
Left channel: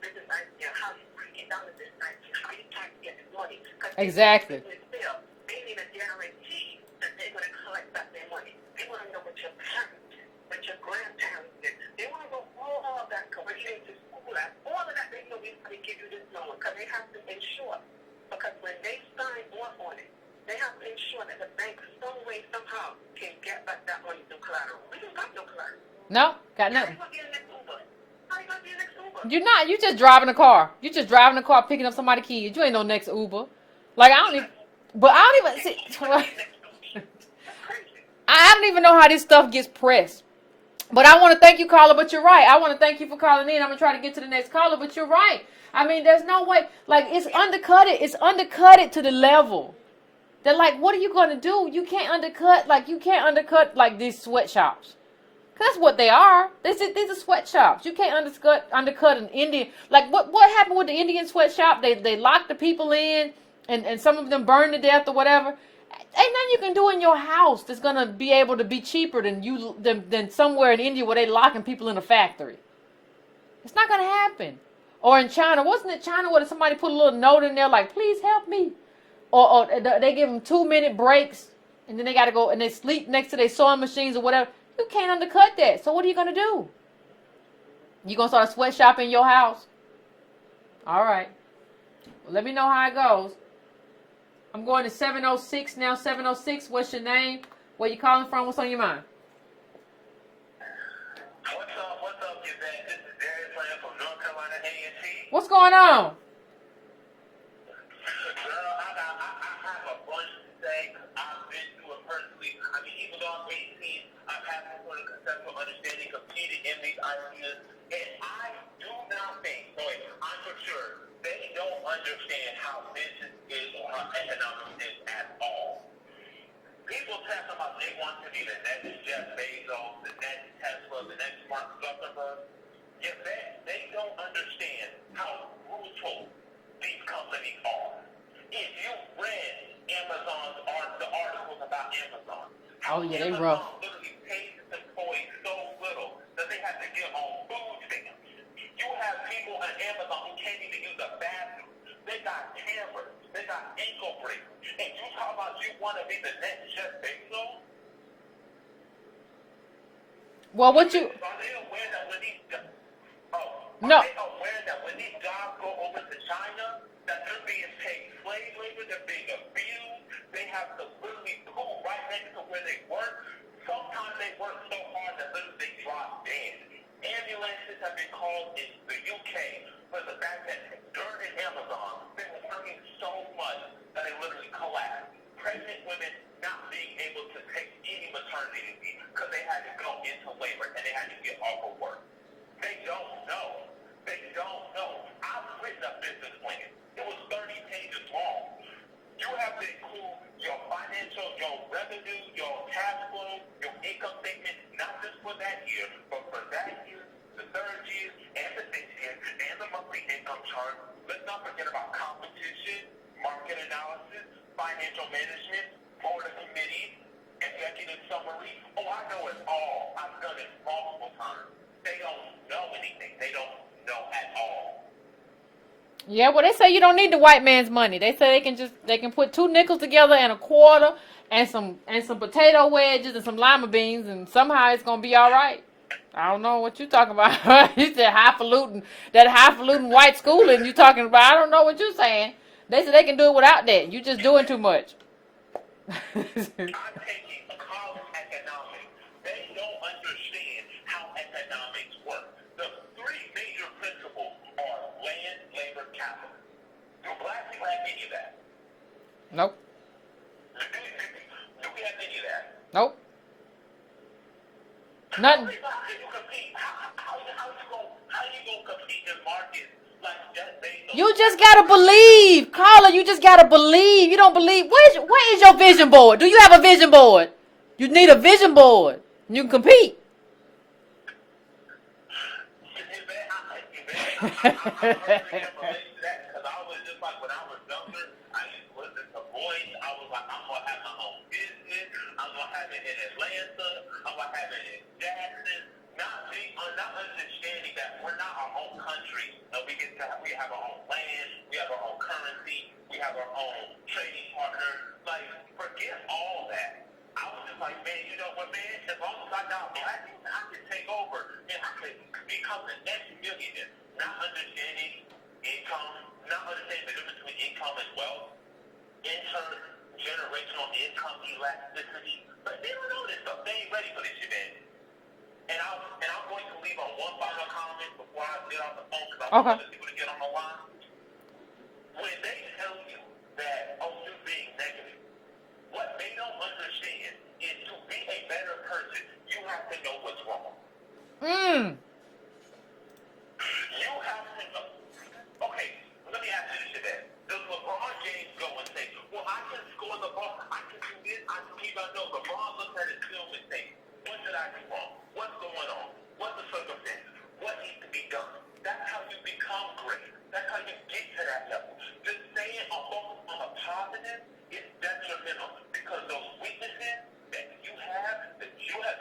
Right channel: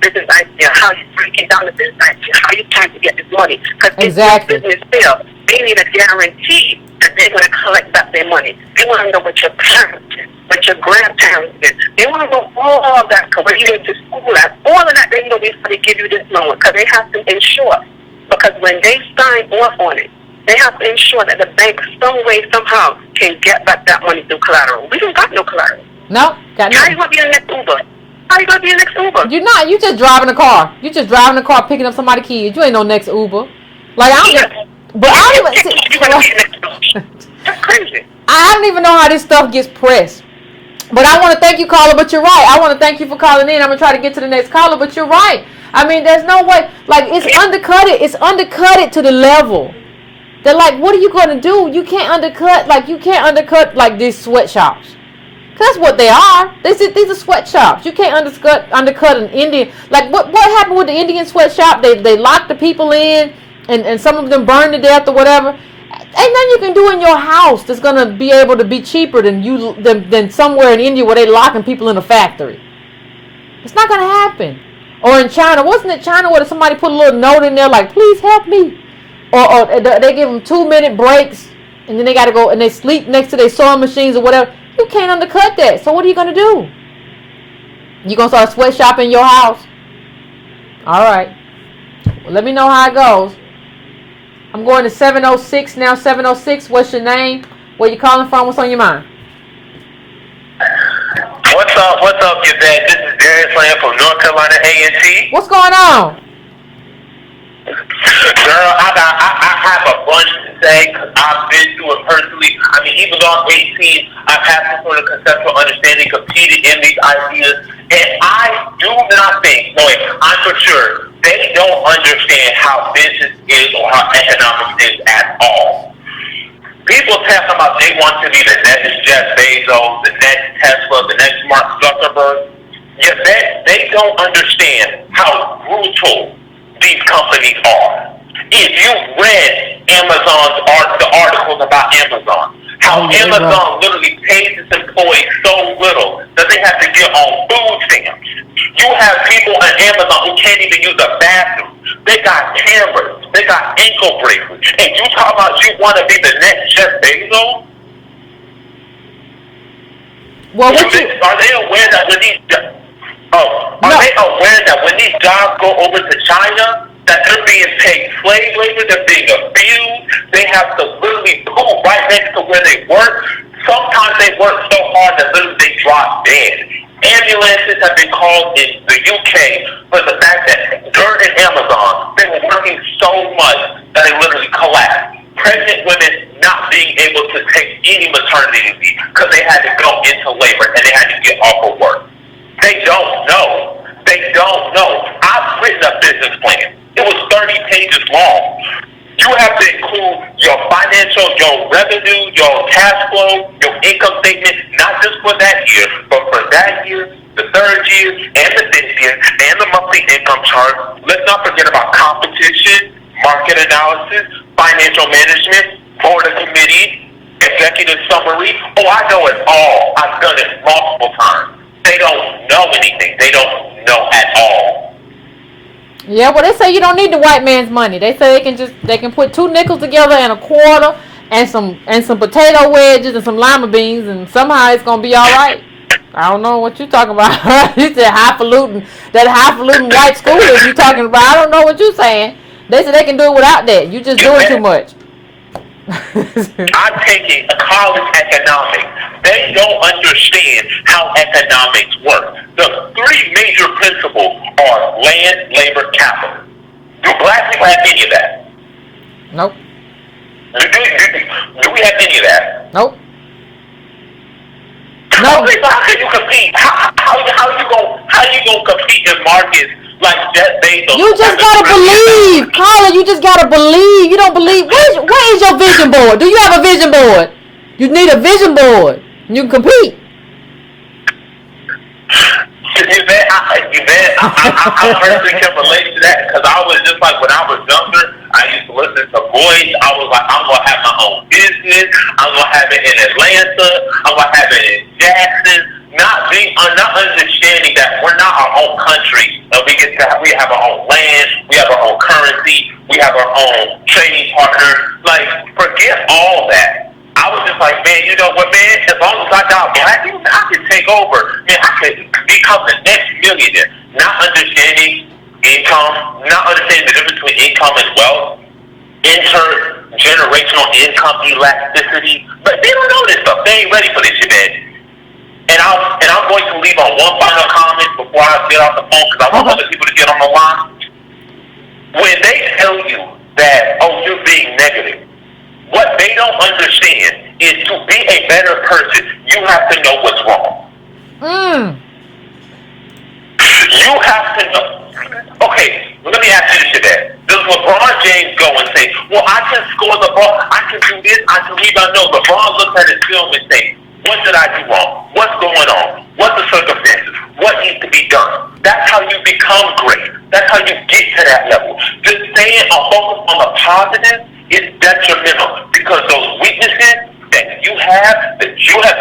business idea, how you break it down the business idea, how you trying to get this money. Because if your business fails, they need a guarantee that they're going to collect back their money. They want to know what your parents did, what your grandparents did. They want to know all of that, because when you went to school at, all of that they know before they give you this loan, because they have to insure. Because when they sign off on it, they have to ensure that the bank some way, somehow, can get back that money through collateral. We don't got no collateral. No, got no. How you going to be the next Uber? How you going to be the next Uber? You're not. You just driving a car. You just driving a car, picking up somebody's kids. You ain't no next Uber. Like, I don't even... That's crazy. I don't even know how this stuff gets pressed. But I want to thank you, caller, but you're right. I want to thank you for calling in. I'm going to try to get to the next caller, but you're right. I mean, there's no way. Like, it's undercutted. It's undercutted to the level. They're like, what are you going to do? You can't undercut, like, these sweatshops. That's what they are. These are sweatshops. You can't undercut an Indian. Like, what happened with the Indian sweatshop? They locked the people in, and some of them burn to death or whatever. Ain't nothing you can do in your house that's gonna be able to be cheaper than somewhere in India where they locking people in a factory. It's not gonna happen. Or in China, wasn't it China where somebody put a little note in there like, please help me? Or they give them 2-minute breaks and then they gotta go and they sleep next to their sewing machines or whatever. You can't undercut that. So what are you gonna do? You gonna start sweatshopping in your house? All right. Well, let me know how it goes. I'm going to 706 now. 706, what's your name? Where you calling from? What's on your mind? What's up, Yvette? This is Darius Lamb from North Carolina A&T. What's going on? Girl, I have a bunch to say because I've been through it personally. I mean, even though I'm 18, I've had some sort of conceptual understanding, competed in these ideas, and I do not think, I'm for sure, they don't understand how business is or how economics is at all. People talk about they want to be the next Jeff Bezos, the next Tesla, the next Mark Zuckerberg. Yet they don't understand how brutal these companies are. If you read the articles about Amazon, how Amazon literally pays its employees so little that they have to get on food stamps. You have people at Amazon who can't even use a bathroom. They got cameras. They got ankle bracelets. And you talk about you want to be the next Jeff Bezos? Well, are they aware that when these jobs go over to China, that they're being paid slave labor, they're being abused, they have to literally poop right next to where they work. Sometimes they work so hard that literally they drop dead. Ambulances have been called in the UK for the fact that during Amazon, they were working so much that they literally collapsed. Pregnant women not being able to take any maternity leave because they had to go into labor and they had to get off of work. They don't know. I've written a business plan. It was 30 pages long. You have to include your financial, your revenue, your cash flow, your income statement, not just for that year, but for that year, the third year, and the fifth year, and the monthly income chart. Let's not forget about competition, market analysis, financial management, board of committee, executive summary. Oh, I know it all. I've done it multiple times. They don't know anything. They don't know at all. Yeah, well, they say you don't need the white man's money. They say they can put 2 nickels together and a quarter and some potato wedges and some lima beans and somehow it's gonna be all right. I don't know what you're talking about. You said highfalutin white schoolers you talking about. I don't know what you're saying. They said they can do it without that. You just doing too much. I'm taking college economics. They don't understand how economics work. The 3 major principles are land, labor, capital. Do black people have any of that? Nope. Do we have any of that? Nope. No. How can you compete? How you gonna compete in markets like Jeff Bezos? You just gotta believe, Carla. You just gotta believe. You don't believe. Where is your vision board? Do you have a vision board? You need a vision board. You can compete. Yvette, I personally can relate to that because I was just like when I was younger, I used to listen to boys. I was like, I'm gonna have my own business. I'm gonna have it in Atlanta. I'm gonna have it in Jackson. Not understanding that we're not our own country. We have our own land. We have our own currency. We have our own trading partner. Like, forget all that. I was just like, man, you know what, man? As long as I got black people, I can take over. Man, I could become the next millionaire. Not understanding income, not understanding the difference between income and wealth, intergenerational income elasticity. But they don't know this stuff. They ain't ready for this shit, man. And I'm going to leave on one final comment before I get off the phone because I want other people to get on the line. When they tell you that, oh, you're being negative, what they don't understand is to be a better person, you have to know what's wrong. You have to know. Okay, let me ask you this, Yvette. Does LeBron James go and say, well, I can score the ball, I can do this, I can rebound? No, LeBron looks at his film and says, what did I do wrong? What's going on? What's the circumstances? what needs to be done. That's how you become great. That's how you get to that level. Just staying focused on the positive is detrimental, because those weaknesses that you have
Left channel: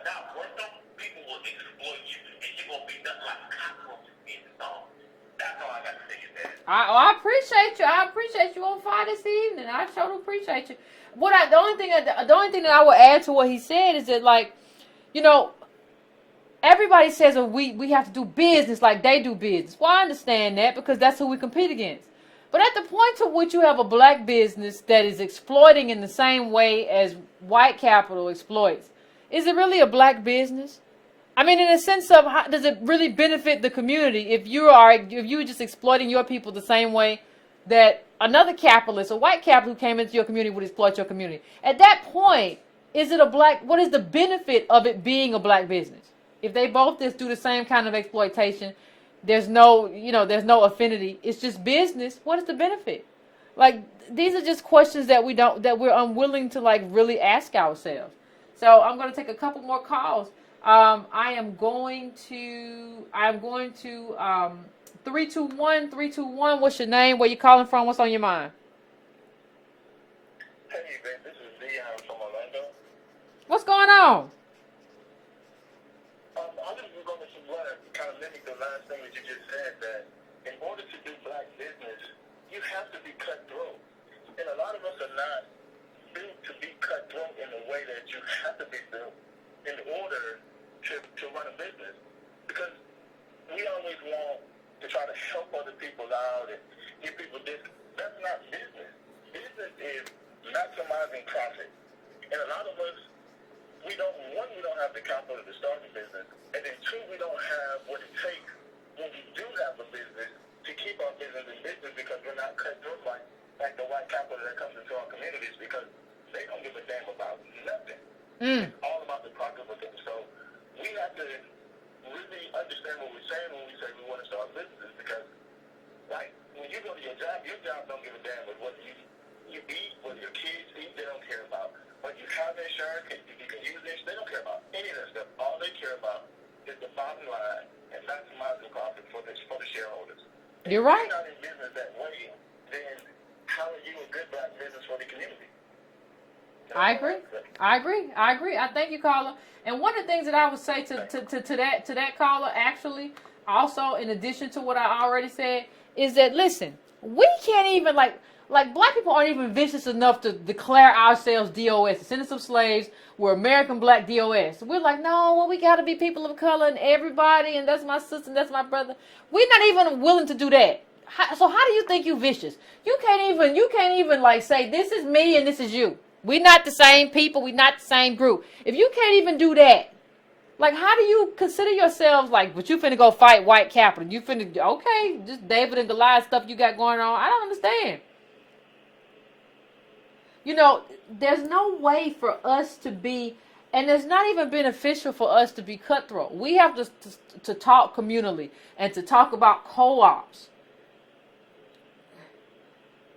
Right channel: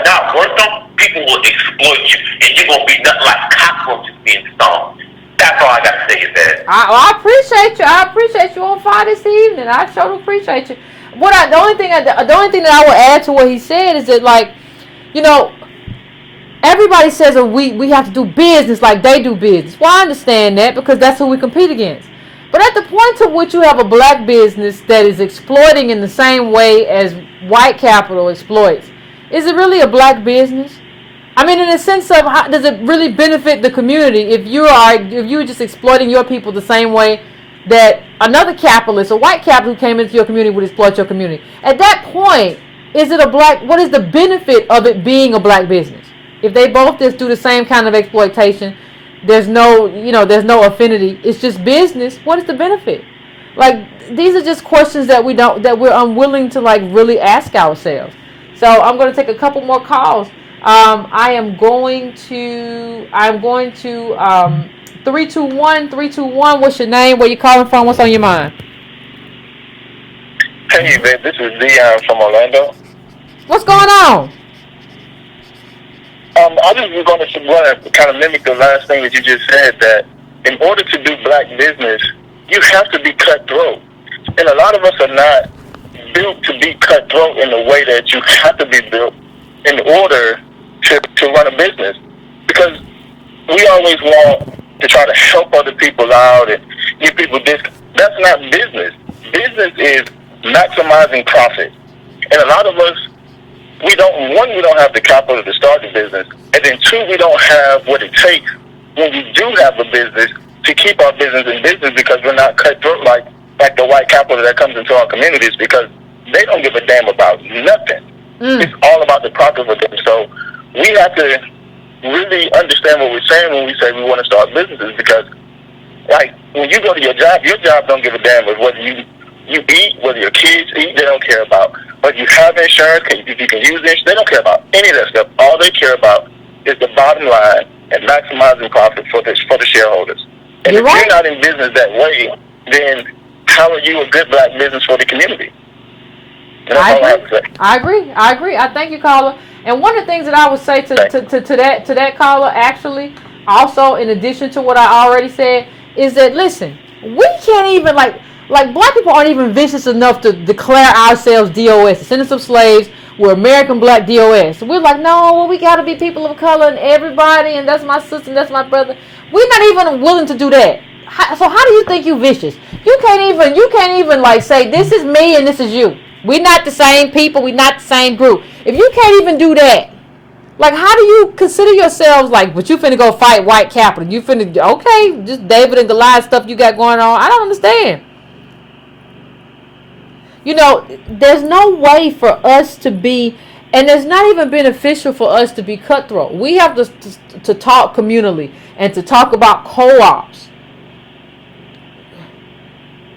not worked on, people will exploit you, and you're gonna be nothing like cockroaches being stoned. That's all I got to say is that. I appreciate you. I appreciate you on fire this evening. I sure do appreciate you. The only thing that I would add to what he said is that, like, you know, everybody says we have to do business like they do business. Well, I understand that, because that's who we compete against. But at the point to which you have a black business that is exploiting in the same way as white capital exploits, is it really a black business? I mean, in the sense of, how does it really benefit the community if you're just exploiting your people the same way that another capitalist, a white capitalist who came into your community, would exploit your community? At that point, what is the benefit of it being a black business? If they both just do the same kind of exploitation, there's no affinity. It's just business. What is the benefit? Like, these are just questions that we're unwilling to, like, really ask ourselves. So I'm going to take a couple more calls. I'm going to 321. What's your name? Where you calling from? What's on your mind? Hey, Yvette, this is Dion from Orlando. What's going on? I just was going to kind of mimic the last thing that you just said, that in order to do black business, you have to be cutthroat. And a lot of us are not built to be cutthroat in the way that you have to be built in order to run a business. Because we always want to try to help other people out and give people discounts. That's not business. Business is maximizing profit. And a lot of us, we don't have the capital to start the business, and then two, we don't have what it takes when we do have a business to keep our business in business, because we're not cutthroat like the white capital that comes into our communities, because they don't give a damn about nothing. It's all about the profit for them. So we have to really understand what we're saying when we say we want to start businesses, because, like, when you go to your job don't give a damn with whether you eat, whether your kids eat. They don't care about whether you have insurance, if you can use insurance. They don't care about any of that stuff. All they care about is the bottom line and maximizing profit for the shareholders. And if you're not in business that way, then how are you a good black business for the community? And that's all I have to say. I agree. I thank you, caller. And one of the things that I would say to that caller, actually, also in addition to what I already said, is that, listen, we can't even, like black people aren't even vicious enough to declare ourselves DOS, descendants of slaves. We're American Black DOS. We're like, no, well, we got to be people of color and everybody, and that's my sister and that's my brother. We're not even willing to do that. So how do you think you vicious? You can't even like say, this is me and this is you. We're not the same people. We're not the same group. If you can't even do that, like, how do you consider yourselves like, but you finna go fight white capital? You finna, okay, just David and Goliath stuff you got going on. I don't understand. You know, there's no way for us to be, and it's not even beneficial for us to be cutthroat. We have to talk communally and to talk about co-ops.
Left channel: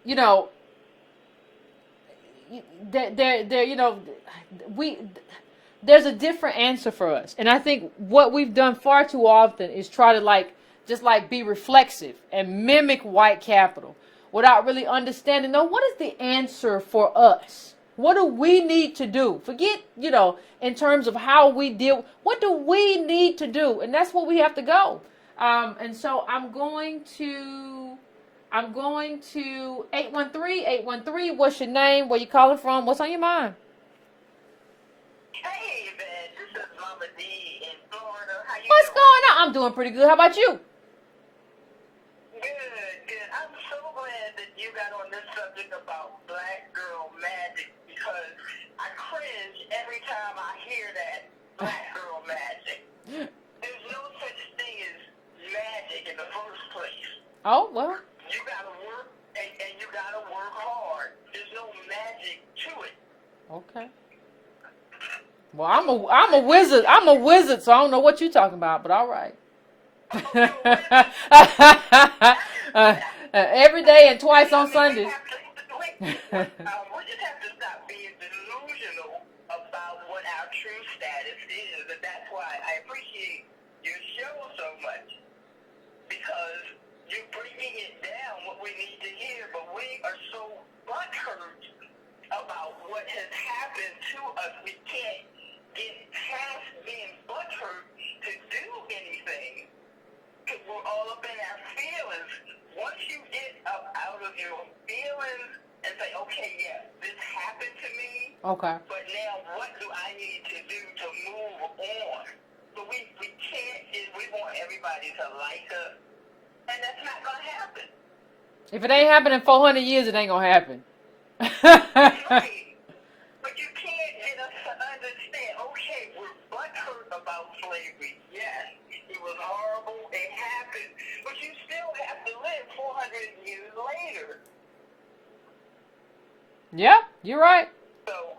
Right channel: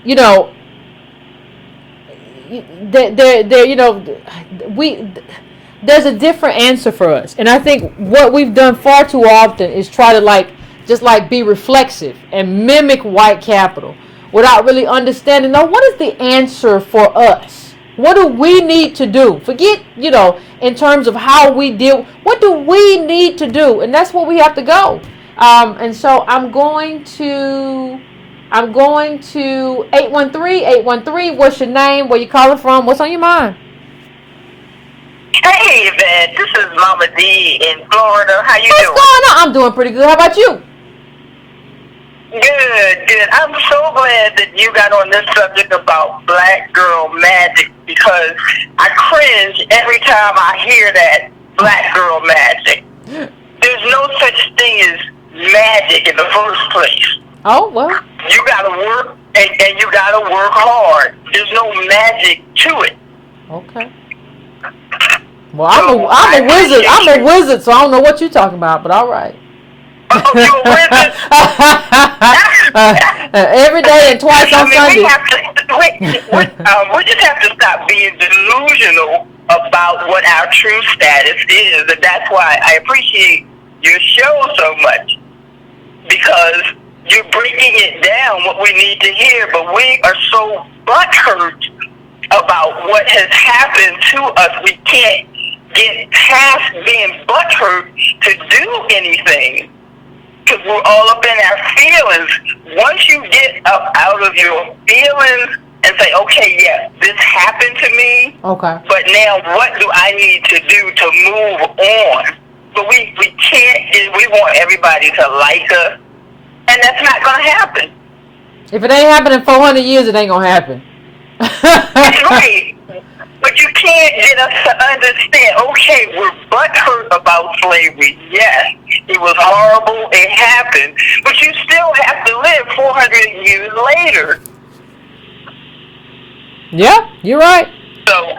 You know, there's a different answer for us. And I think what we've done far too often is try to just be reflexive and mimic white capital, without really understanding, no, what is the answer for us? What do we need to do? Forget, in terms of how we deal, what do we need to do? And that's where we have to go. And so I'm going to 813. What's your name? Where you calling from? What's on your mind? Hey, Yvette, this is Mama D in Florida. How you doing? What's going on? I'm doing pretty good. How about you? Good. I'm so glad that you got on this subject about black girl magic, because I cringe every time I hear that black girl magic. There's no such thing as magic in the first place. Oh, well. You gotta work, and you gotta work hard. There's no magic to it. Okay. Well, I'm a wizard. I'm a wizard, so I don't know what you're talking about, but all right. Oh, you're a wizard? Every day and twice on Sunday. We just have to stop being delusional about what our true status is. And that's why I appreciate your show so much because you're breaking it down what we need to hear, but we are so butthurt about what has happened to us. We can't get past being butthurt to do anything because we're all up in our feelings. Once you get up out of your feelings and say, okay, yes, this happened to me, okay, but now what do I need to do to move on? But we can't, we want everybody to like us, and that's not going to happen. If it ain't happened in 400 years, it ain't going to happen. That's right. But you can't get us to understand, okay, we're butthurt about slavery. Yes, it was horrible, it happened, but you still have to live 400 years later. Yeah, you're right. So,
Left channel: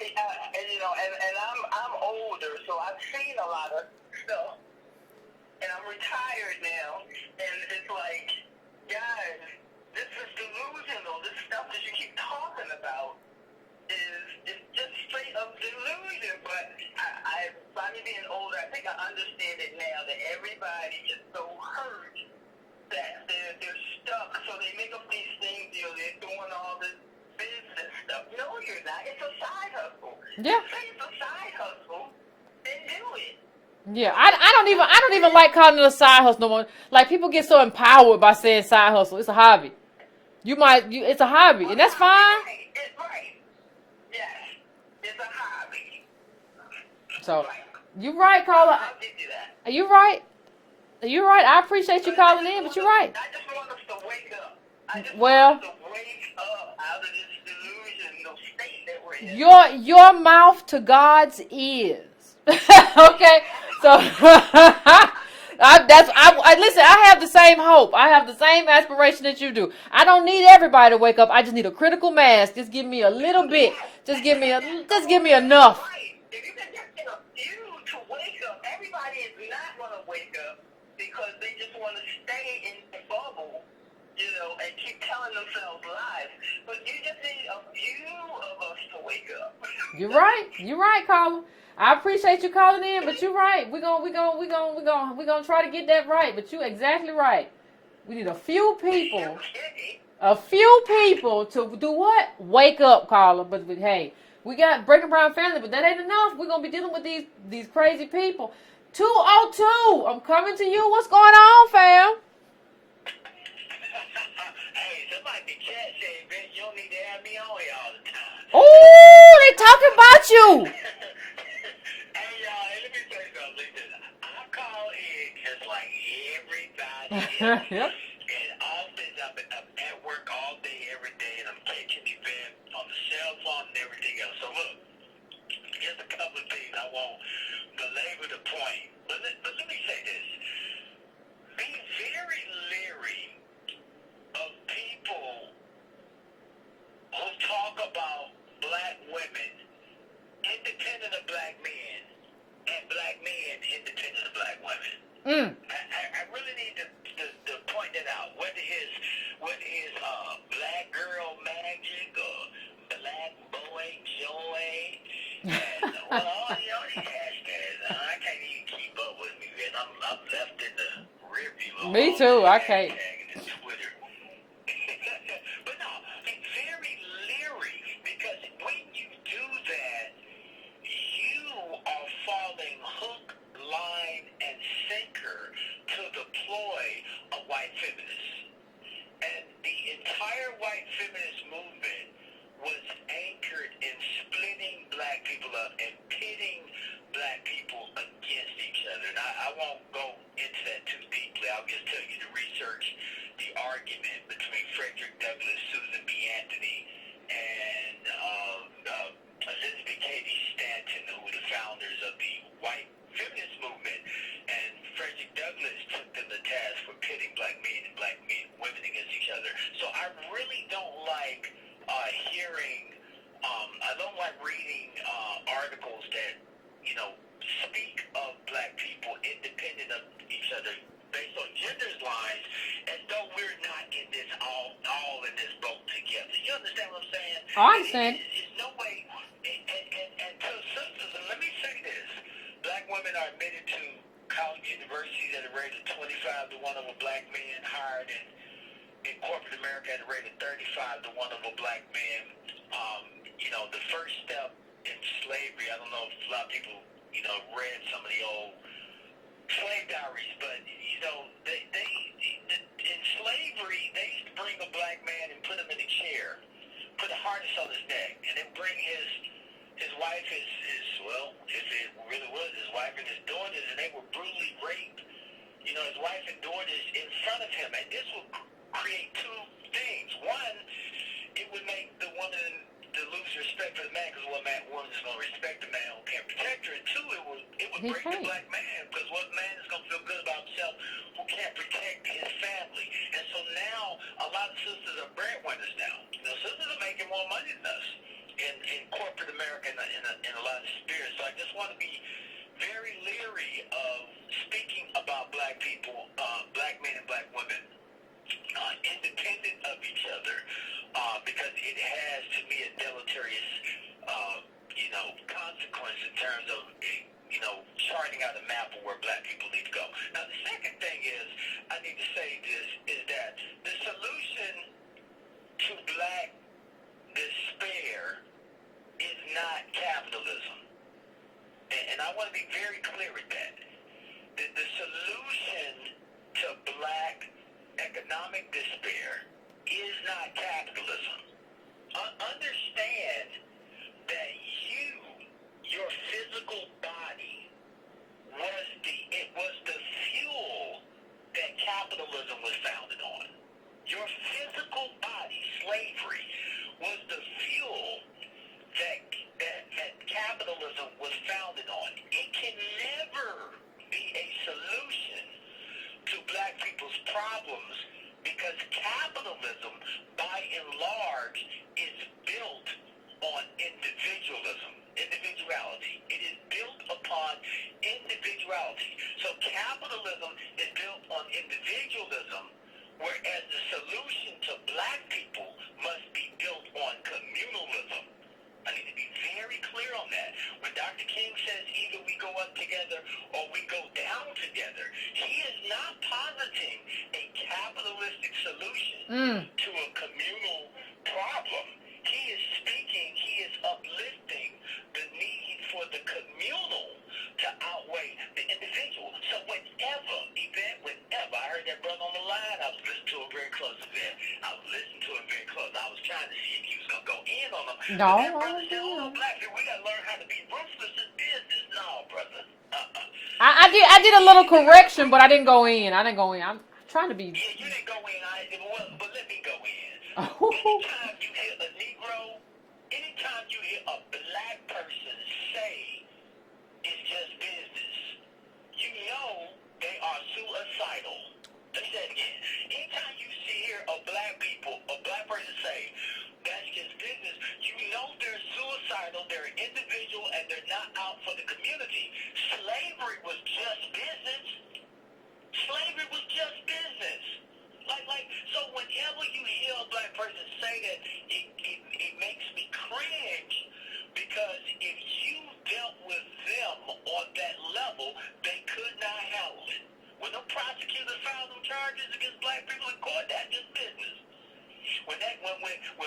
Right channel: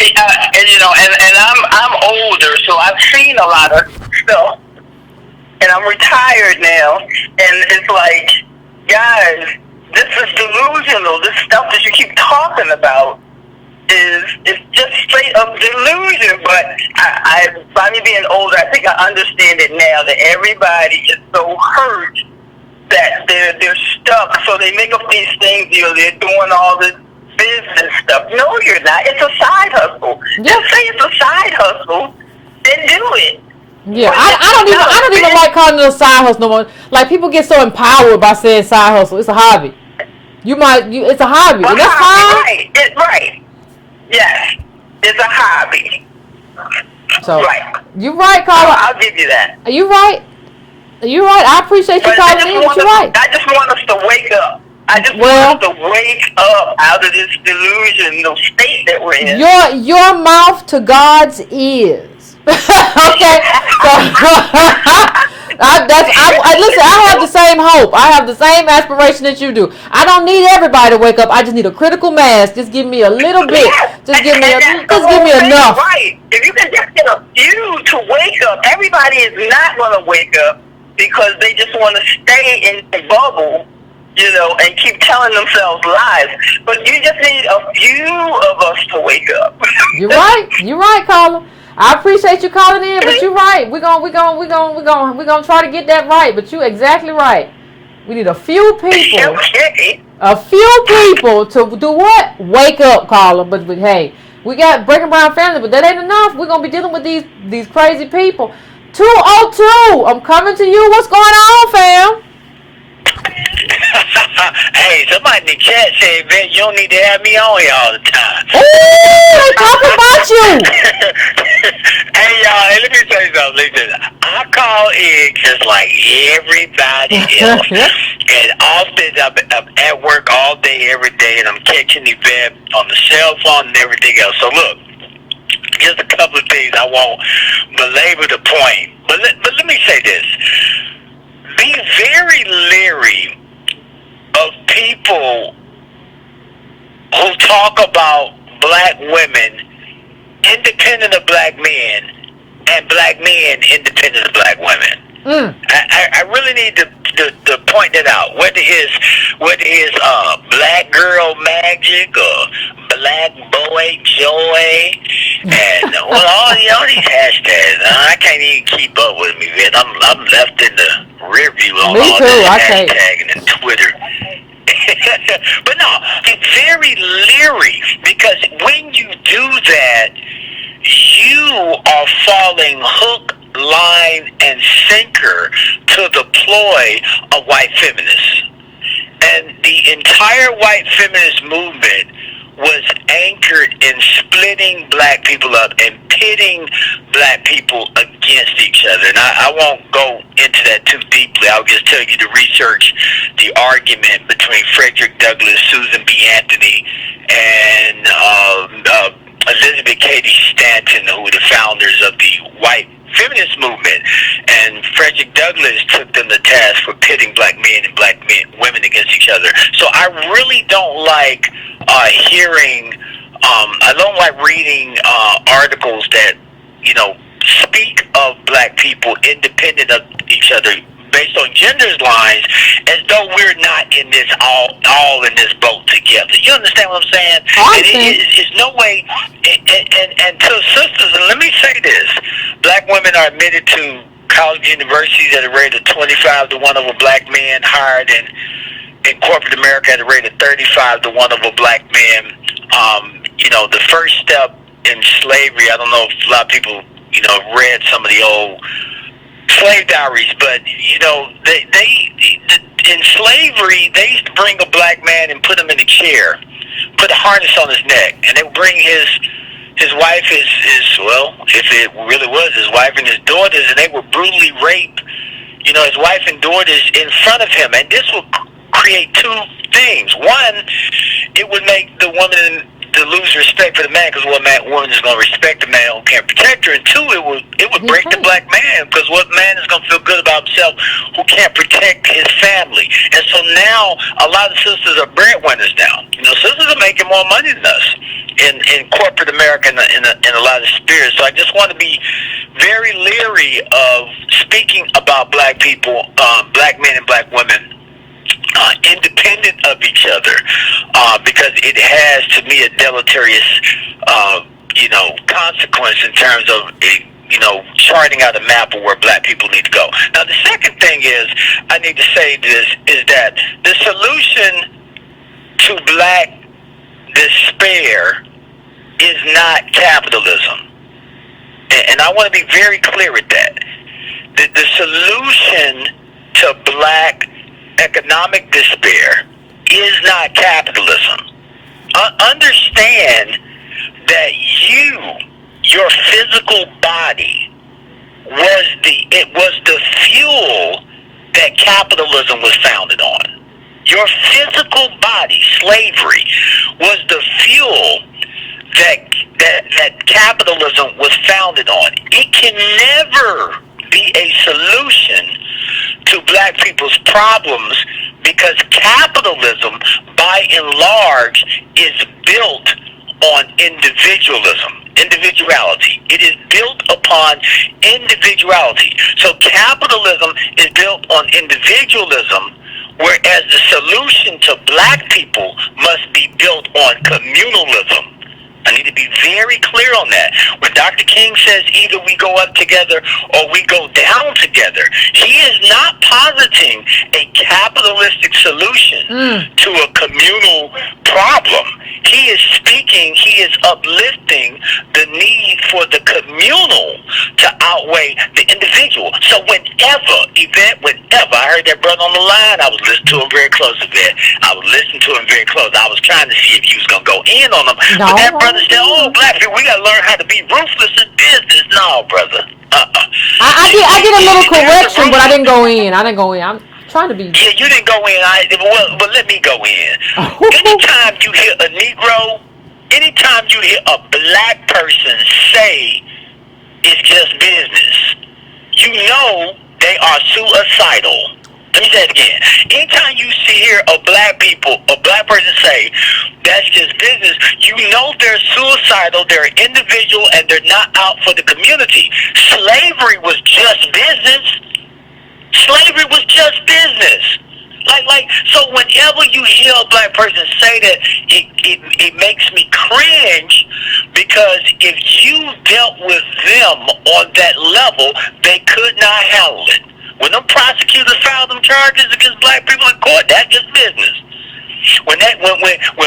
and you know, and I'm older, so I've seen a lot of stuff, and I'm retired now, and it's like, guys, this is delusional. This stuff that you keep talking about is just straight up delusion. But I by me being older, I think I understand it now that everybody is so hurt that they're stuck. So they make up these things. You know, they're doing all this business stuff. No, you're not. It's a side hustle. Yep. Just say it's a side hustle, then do it. Yeah, I don't even like calling it a side hustle no more. Like, people get so empowered by saying side hustle. It's a hobby. It's a hobby, and that's fine. Right. It's right. Yes, it's a hobby. So, right. You're right, Carla. I'll give you that. You're right. You're right. I appreciate you calling in, but you're right. I just want us to wake up. I just want us to wake up out of this delusional state that we're in. Your mouth to God's ears. Okay. Listen, I have the same hope. I have the same aspiration that you do. I don't need everybody to wake up. I just need a critical mass. Just give me a little bit. Just give me enough. Right. If you can just get a few to wake up, everybody is not going to wake up because they just want to stay in the bubble, you know, and keep telling themselves lies. But you just need a few of us to wake up. You're right. You're right, Carla. I appreciate you calling in, but you're right. We're gonna try to get that right. But you're exactly right. We need a few people. A few people to do what? Wake up, Carla. But hey, we got Breaking Brown Family, but that ain't enough. We're gonna be dealing with these crazy people. 202. I'm coming to you. What's going on, fam? Hey, somebody in the chat said, Yvette, you don't need to have me on here all the time. Ooh, they talking about you. Hey, y'all, let me tell you something. Listen, I call in just like everybody else. And often I'm at work all day, every day, and I'm catching Yvette on the cell phone and everything else. So, look, just a couple of things. I won't belabor the point. But let me say this. Be very leery of people who talk about black women independent of black men and black men independent of black women. I really need to point that out. Whether it's black girl magic or black boy joy and all these hashtags. I can't even keep up with me, man. I'm left in the rear view on me all too, that hashtagging and Twitter. But no, it's very leery because when you do that, you are falling hook, line, and sinker to the ploy of white feminists. And the entire white feminist movement was anchored in splitting black people up and pitting black people against each other. And I won't go into that too deeply. I'll just tell you to research the argument between Frederick Douglass, Susan B. Anthony, and Elizabeth Cady Stanton, who were the founders of the white feminist movement. And Frederick Douglass took them to task for pitting black men and black women against each other. So I really don't like hearing, I don't like reading articles that, speak of black people independent of each other based on gender's lines, as though we're not in this all in this boat together. You understand what I'm saying? It's no way. And to sisters, and let me say this: black women are admitted to college universities at a rate of 25 to 1 over black men hired in corporate America at a rate of 35 to 1 over black men. The first step in slavery, I don't know if a lot of people, read some of the old slave diaries, but, in slavery, they used to bring a black man and put him in a chair, put a harness on his neck, and they would bring his wife, if it really was his wife and his daughters, and they would brutally rape, his wife and daughters in front of him. And this would create two things. One, it would make the woman to lose respect for the man, because what woman is going to respect the man who can't protect her? And two, it would break the black man, because what man is going to feel good about himself who can't protect his family? And so now a lot of sisters are breadwinners now. Sisters are making more money than us in corporate America in a lot of spheres. So I just want to be very leery of speaking about black people, black men and black women, independent of each other, because it has, to me, a deleterious, consequence in terms of, charting out a map of where black people need to go. Now, the second thing is, I need to say this, is that the solution to black despair is not capitalism. And I want to be very clear with that. The solution to black economic despair is not capitalism. Understand that your physical body was the fuel that capitalism was founded on. Your physical body, slavery, was the fuel that capitalism was founded on. It can never be a solution to black people's problems, because capitalism, by and large, is built on individuality. It is built upon individuality. So capitalism is built on individualism, whereas the solution to black people must be built on communalism. I need to be very clear on that. When Dr. King says either we go up together or we go down together, he is not positing a capitalistic solution to a communal problem. He is uplifting the need for the communal to outweigh the individual. So Yvette, I heard that brother on the line, I was listening to him very close, Yvette. I was listening to him very close. I was trying to see if he was going to go in on him. No, but that brother said, black people, we got to learn how to be ruthless in business. No, brother. I did a little correction, but I didn't go in. I'm trying to be. Yeah, you didn't go in. But let me go in. Anytime you hear a Negro, anytime you hear a black person say it's just business, you know they are suicidal. Let me say it again. Anytime you hear a black person say that's just business, you know they're suicidal, they're individual, and they're not out for the community. Slavery was just business. Slavery was just business. So whenever you hear a black person say that, it makes me cringe, because if you dealt with them on that level, they could not handle it. When them prosecutors filed them charges against black people in court, that's just business. When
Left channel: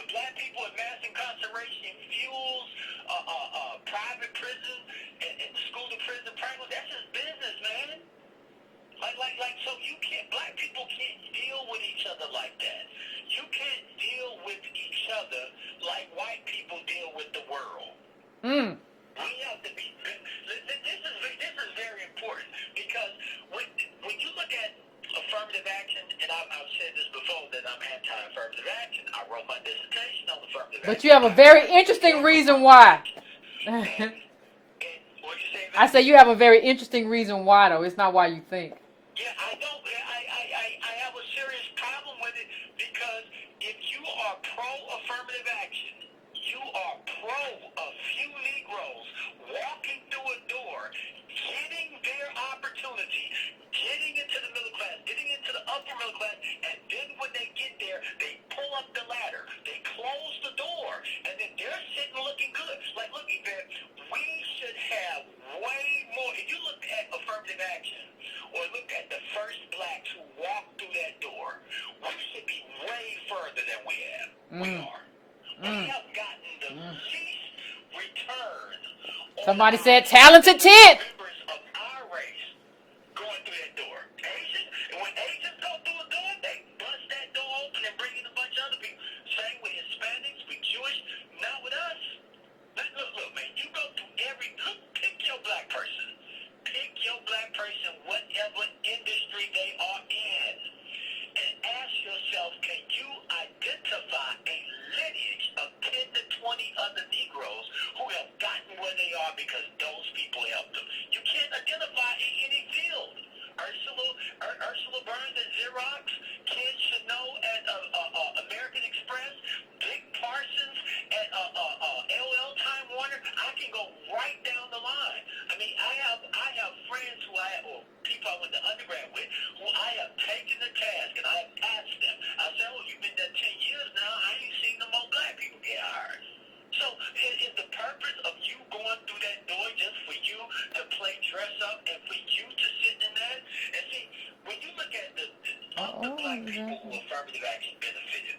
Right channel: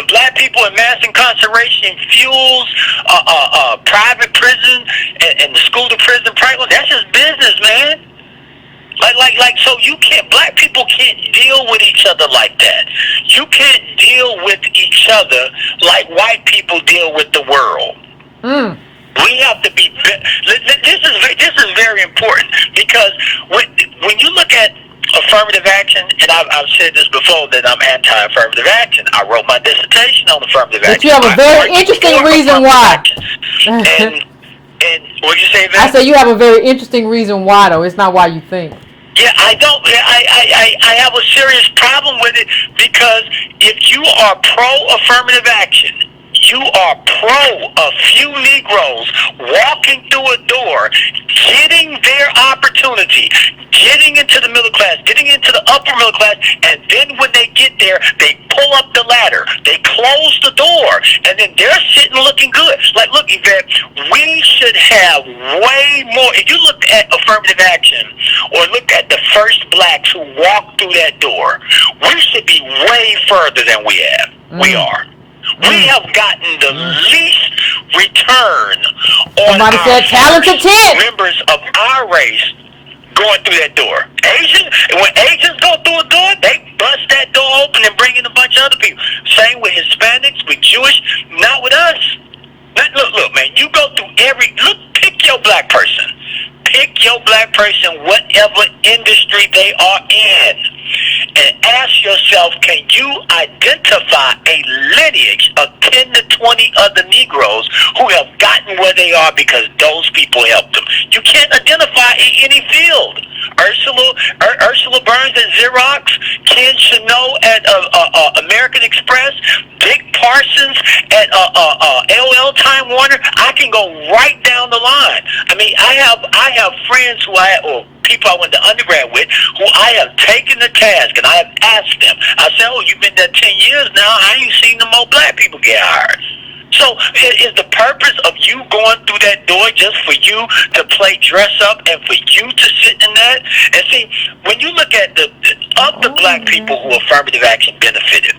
black people in mass incarceration fuels private prison and the school to prison pipeline, that's just business, man. So black people can't deal with each other like that. You can't deal with each other like white people deal with the world. We have to be. This is very important, because when you look at affirmative action, and I've said this before that I'm anti-affirmative action. I wrote my dissertation on affirmative action. But you have a very interesting reason why. And what did you say, Yvette? I said you have a very interesting reason why, though. It's not why you think. Yeah, I don't. I have a serious problem with it, because if you are pro-affirmative action, you are pro a few Negroes walking through a door, getting their opportunity, getting into the middle class, getting into the upper middle class, and then when they get there, they pull up the ladder, they climb close the door, and then they're sitting looking good. Like, look, Yvette, we should have way more. If you look at affirmative action or look at the first blacks who walked through that door, we should be way further than we have. We are. We have gotten the least return on Somebody said talented members of our race going through that door. When Asians go through a door, they bust that door open and bring in a bunch of other people. Same with Hispanics, with Jewish, not with us. Look, man, you go through pick your black person. Pick your black person, whatever industry they are in, and ask yourself, can you identify a lineage of 10 to 20 other Negroes who have gotten where they are because those people helped them? You can't identify in any field. Ursula Burns at Xerox, Ken Chenault at American Express, Dick Parsons at LL Time Warner. I can go right down the line. I mean, I have friends or people I went to undergrad with who I have taken the task and I have asked them. I said, "Oh, you've been there 10 years now. I ain't seen no more black people get hired." So is the purpose of you going through that door just for you to play dress up and for you to sit in that? And see, when you look at the black people who affirmative action benefited,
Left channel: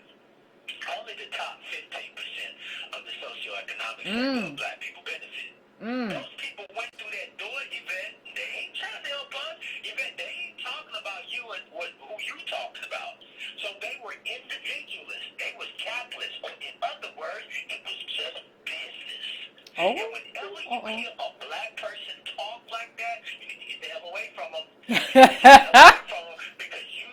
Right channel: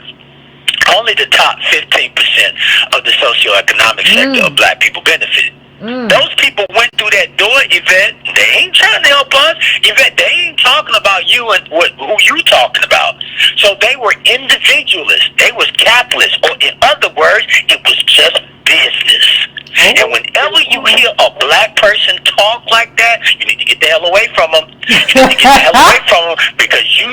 only the top 15% of the socioeconomic sector of black people benefited. Those people went through that door, Yvette. They ain't trying to help us. Yvette, they ain't talking about you and who you talking about. So they were individualists. They was capitalists. Or in other words, it was just business. And whenever you hear a black person talk like that, you need to get the hell away from them. You need to get the hell away from them because you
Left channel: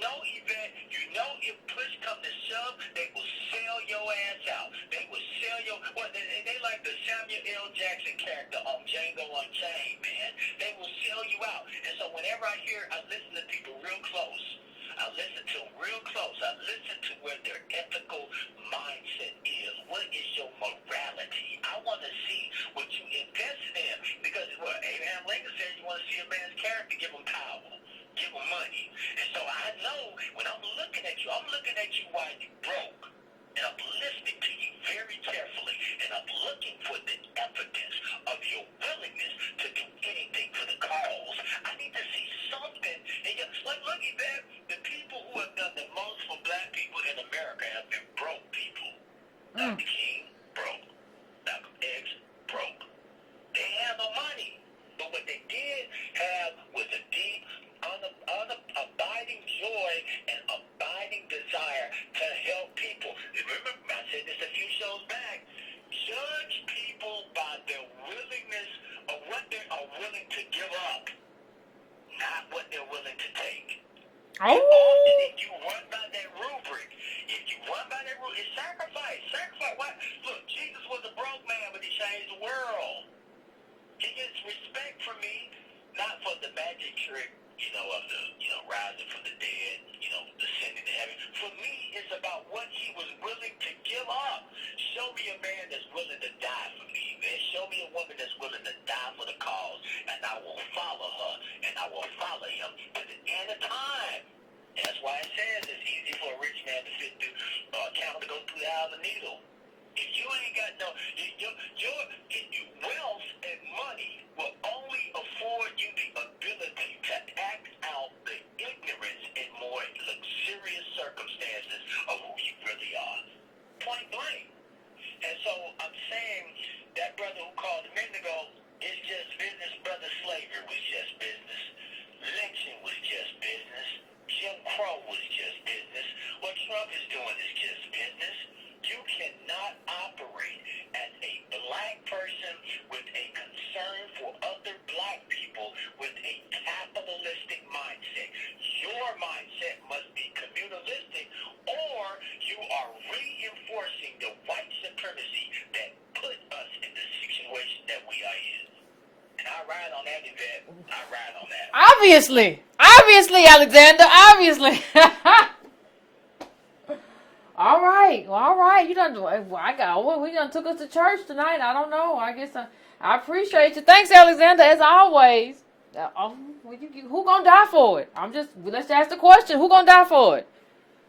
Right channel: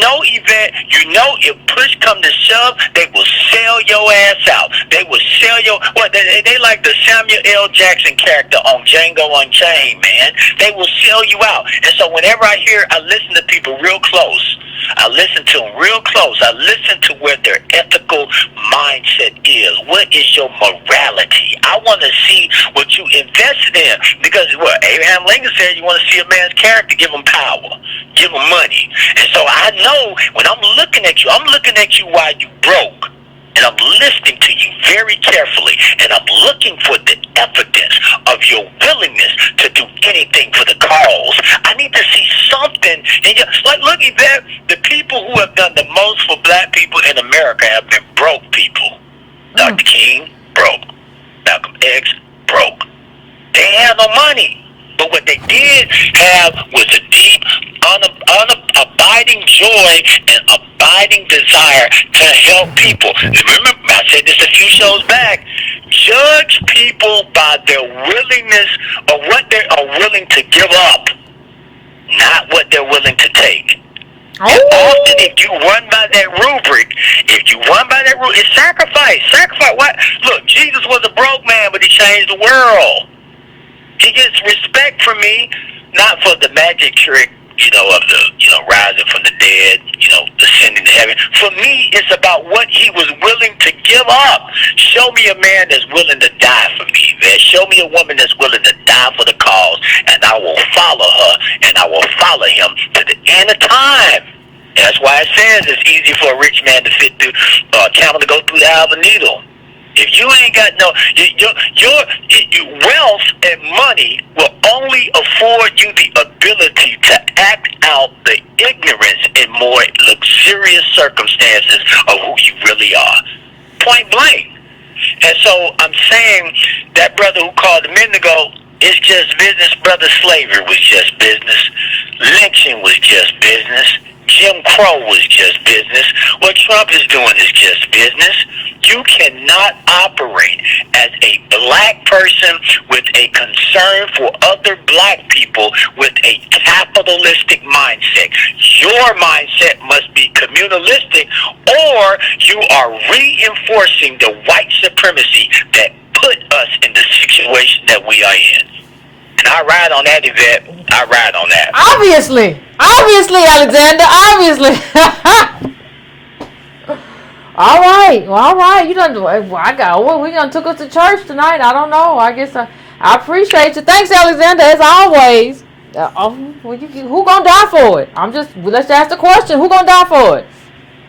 know, Yvette, if push come to shove, they will sell your ass out. They will sell your, they like the Samuel L. Jackson character on Django Unchained, man. They will sell you out. And so whenever I listen to people real close. I listen to them real close. I listen to where their ethical mindset is. What is your morality? I want to see what you invested in. Because Abraham Lincoln said, you want to see a man's character, give him power, give him money. And so I know when I'm looking at you while you broke. And I'm listening to you very carefully, and I'm looking for the evidence of your willingness to do anything for the cause. I need to see something. Like, look, Yvette, the people who have done the most for black people in America have been broke people. Dr. King, broke. Malcolm X, broke. They had no money. But what they did have was a deep, abiding joy and abiding desire to help people. Remember, I said this a few shows back. Judge people by their willingness or what they are willing to give up, not what they're willing to take. And often, if you run by that rubric, it's sacrifice. Sacrifice what? Look, Jesus was a broke man, but he changed the world. He gets respect from me, not for the magic trick, of the, rising from the dead, ascending to heaven. For me, it's about what he was willing to give up. Show me a man that's willing to die for me, man. Show me a woman that's willing to die for the cause, and I will follow her, and I will follow him to the end of time. And that's why it says it's easy for a rich man to fit through, a camel to go through the eye of a needle. If you ain't got your wealth and money will only afford you the ability to act out the ignorance in more luxurious circumstances of who you really are. Point blank. And so I'm saying that brother who called a minute ago, it's just business. Brother, slavery was just business. Lynching was just business. Jim Crow was just business. What Trump is doing is just business. You cannot operate as a black person with a concern for other black people with a capitalistic mindset. Your mindset must be communalistic, or you are reinforcing the white supremacy that put us in the situation that we are in. And I ride on that, Yvette. I ride on that. Obviously, Alexander. Obviously. All right. You done. We done took us to church tonight. I don't know. I guess I appreciate you. Thanks, Alexander, as always. Who gonna die for it? Let's ask the question. Who gonna die for it?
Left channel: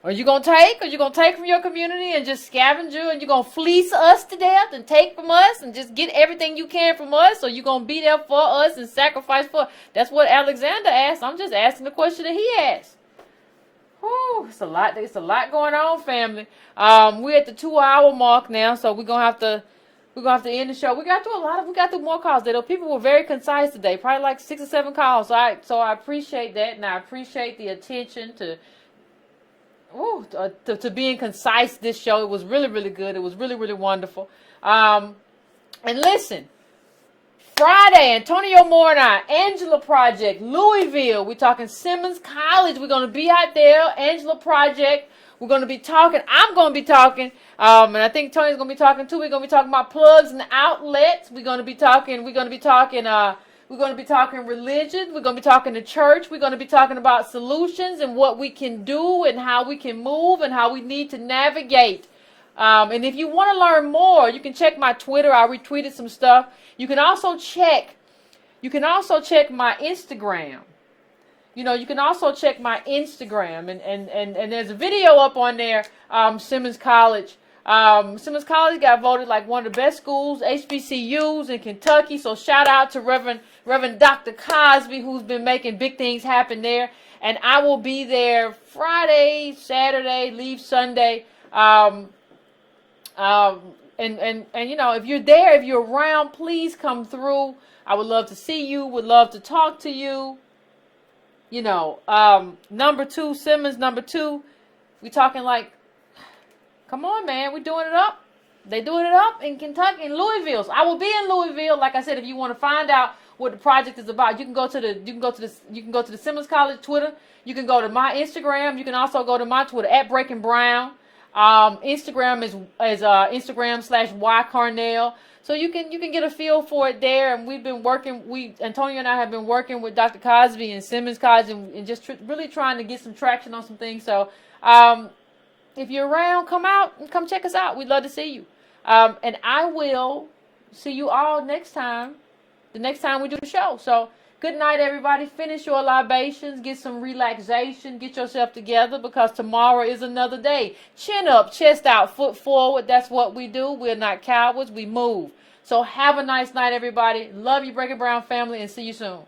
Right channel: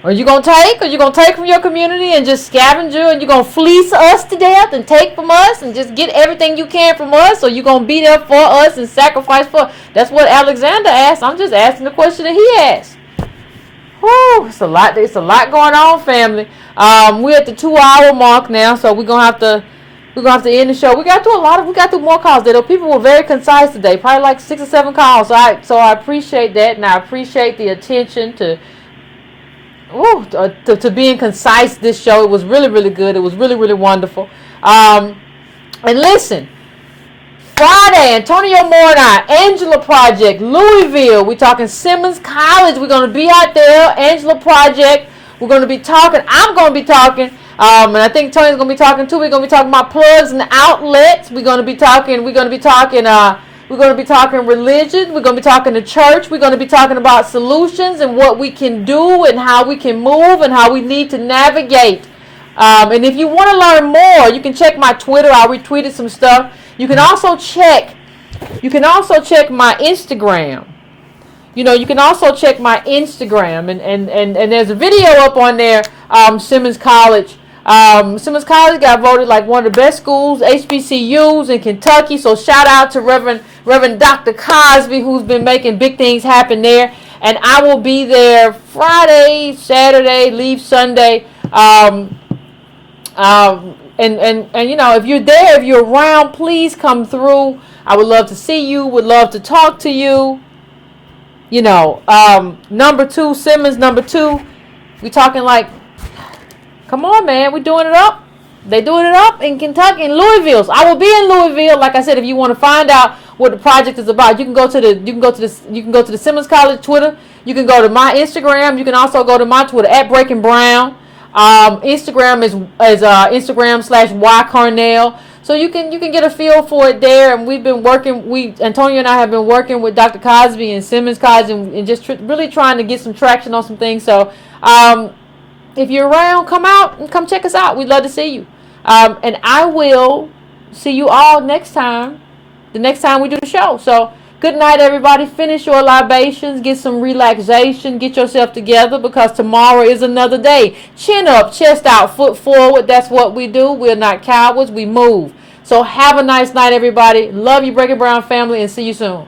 Are you going to take? Are you going to take from your community and just scavenger, and you going to fleece us to death and take from us and just get everything you can from us? Or you going to be there for us and sacrifice for us? That's what Alexander asked. I'm just asking the question that he asked. Whew, it's a lot going on, family. We're at the 2-hour mark now, so we're gonna have to end the show. We got through more calls today. People were very concise today, probably like 6 or 7 calls. So I appreciate that, and I appreciate the attention to being concise. This show, it was really, really good. It was really, really wonderful. And listen, Friday, Antonio Moore and I, Angela Project, Louisville. We're talking Simmons College. We're going to be out there. Angela Project. We're going to be talking. I'm going to be talking. And I think Tony's going to be talking too. We're going to be talking about plugs and outlets. We're going to be talking religion. We're going to be talking the church. We're going to be talking about solutions and what we can do and how we can move and how we need to navigate. And if you want to learn more, you can check my Twitter. I retweeted some stuff. You can also check my Instagram. You can also check my Instagram, and there's a video up on there. Simmons College. Simmons College got voted like one of the best schools, HBCUs in Kentucky. So shout out to Reverend Dr. Cosby, who's been making big things happen there. And I will be there Friday, Saturday, leave Sunday. And if you're there, if you're around, please come through. I would love to see you. Would love to talk to you. Number 2, Simmons, number 2. We talking like, come on, man. We doing it up. They doing it up in Kentucky, in Louisville. So I will be in Louisville. Like I said, if you want to find out what the project is about, you can go to the Simmons College Twitter. You can go to my Instagram. You can also go to my Twitter at Breaking Brown. Instagram is Instagram/YCarnell. So you can get a feel for it there. And we've been working. Antonio and I have been working with Dr. Cosby and Simmons College and just really trying to get some traction on some things. So if you're around, come out and come check us out. We'd love to see you. And I will see you all next time. The next time we do the show. So good night, everybody. Finish your libations. Get some relaxation. Get yourself together because tomorrow is another day. Chin up, chest out, foot forward. That's what we do. We're not cowards. We move. So have a nice night, everybody. Love you, Breaking Brown family, and see you soon.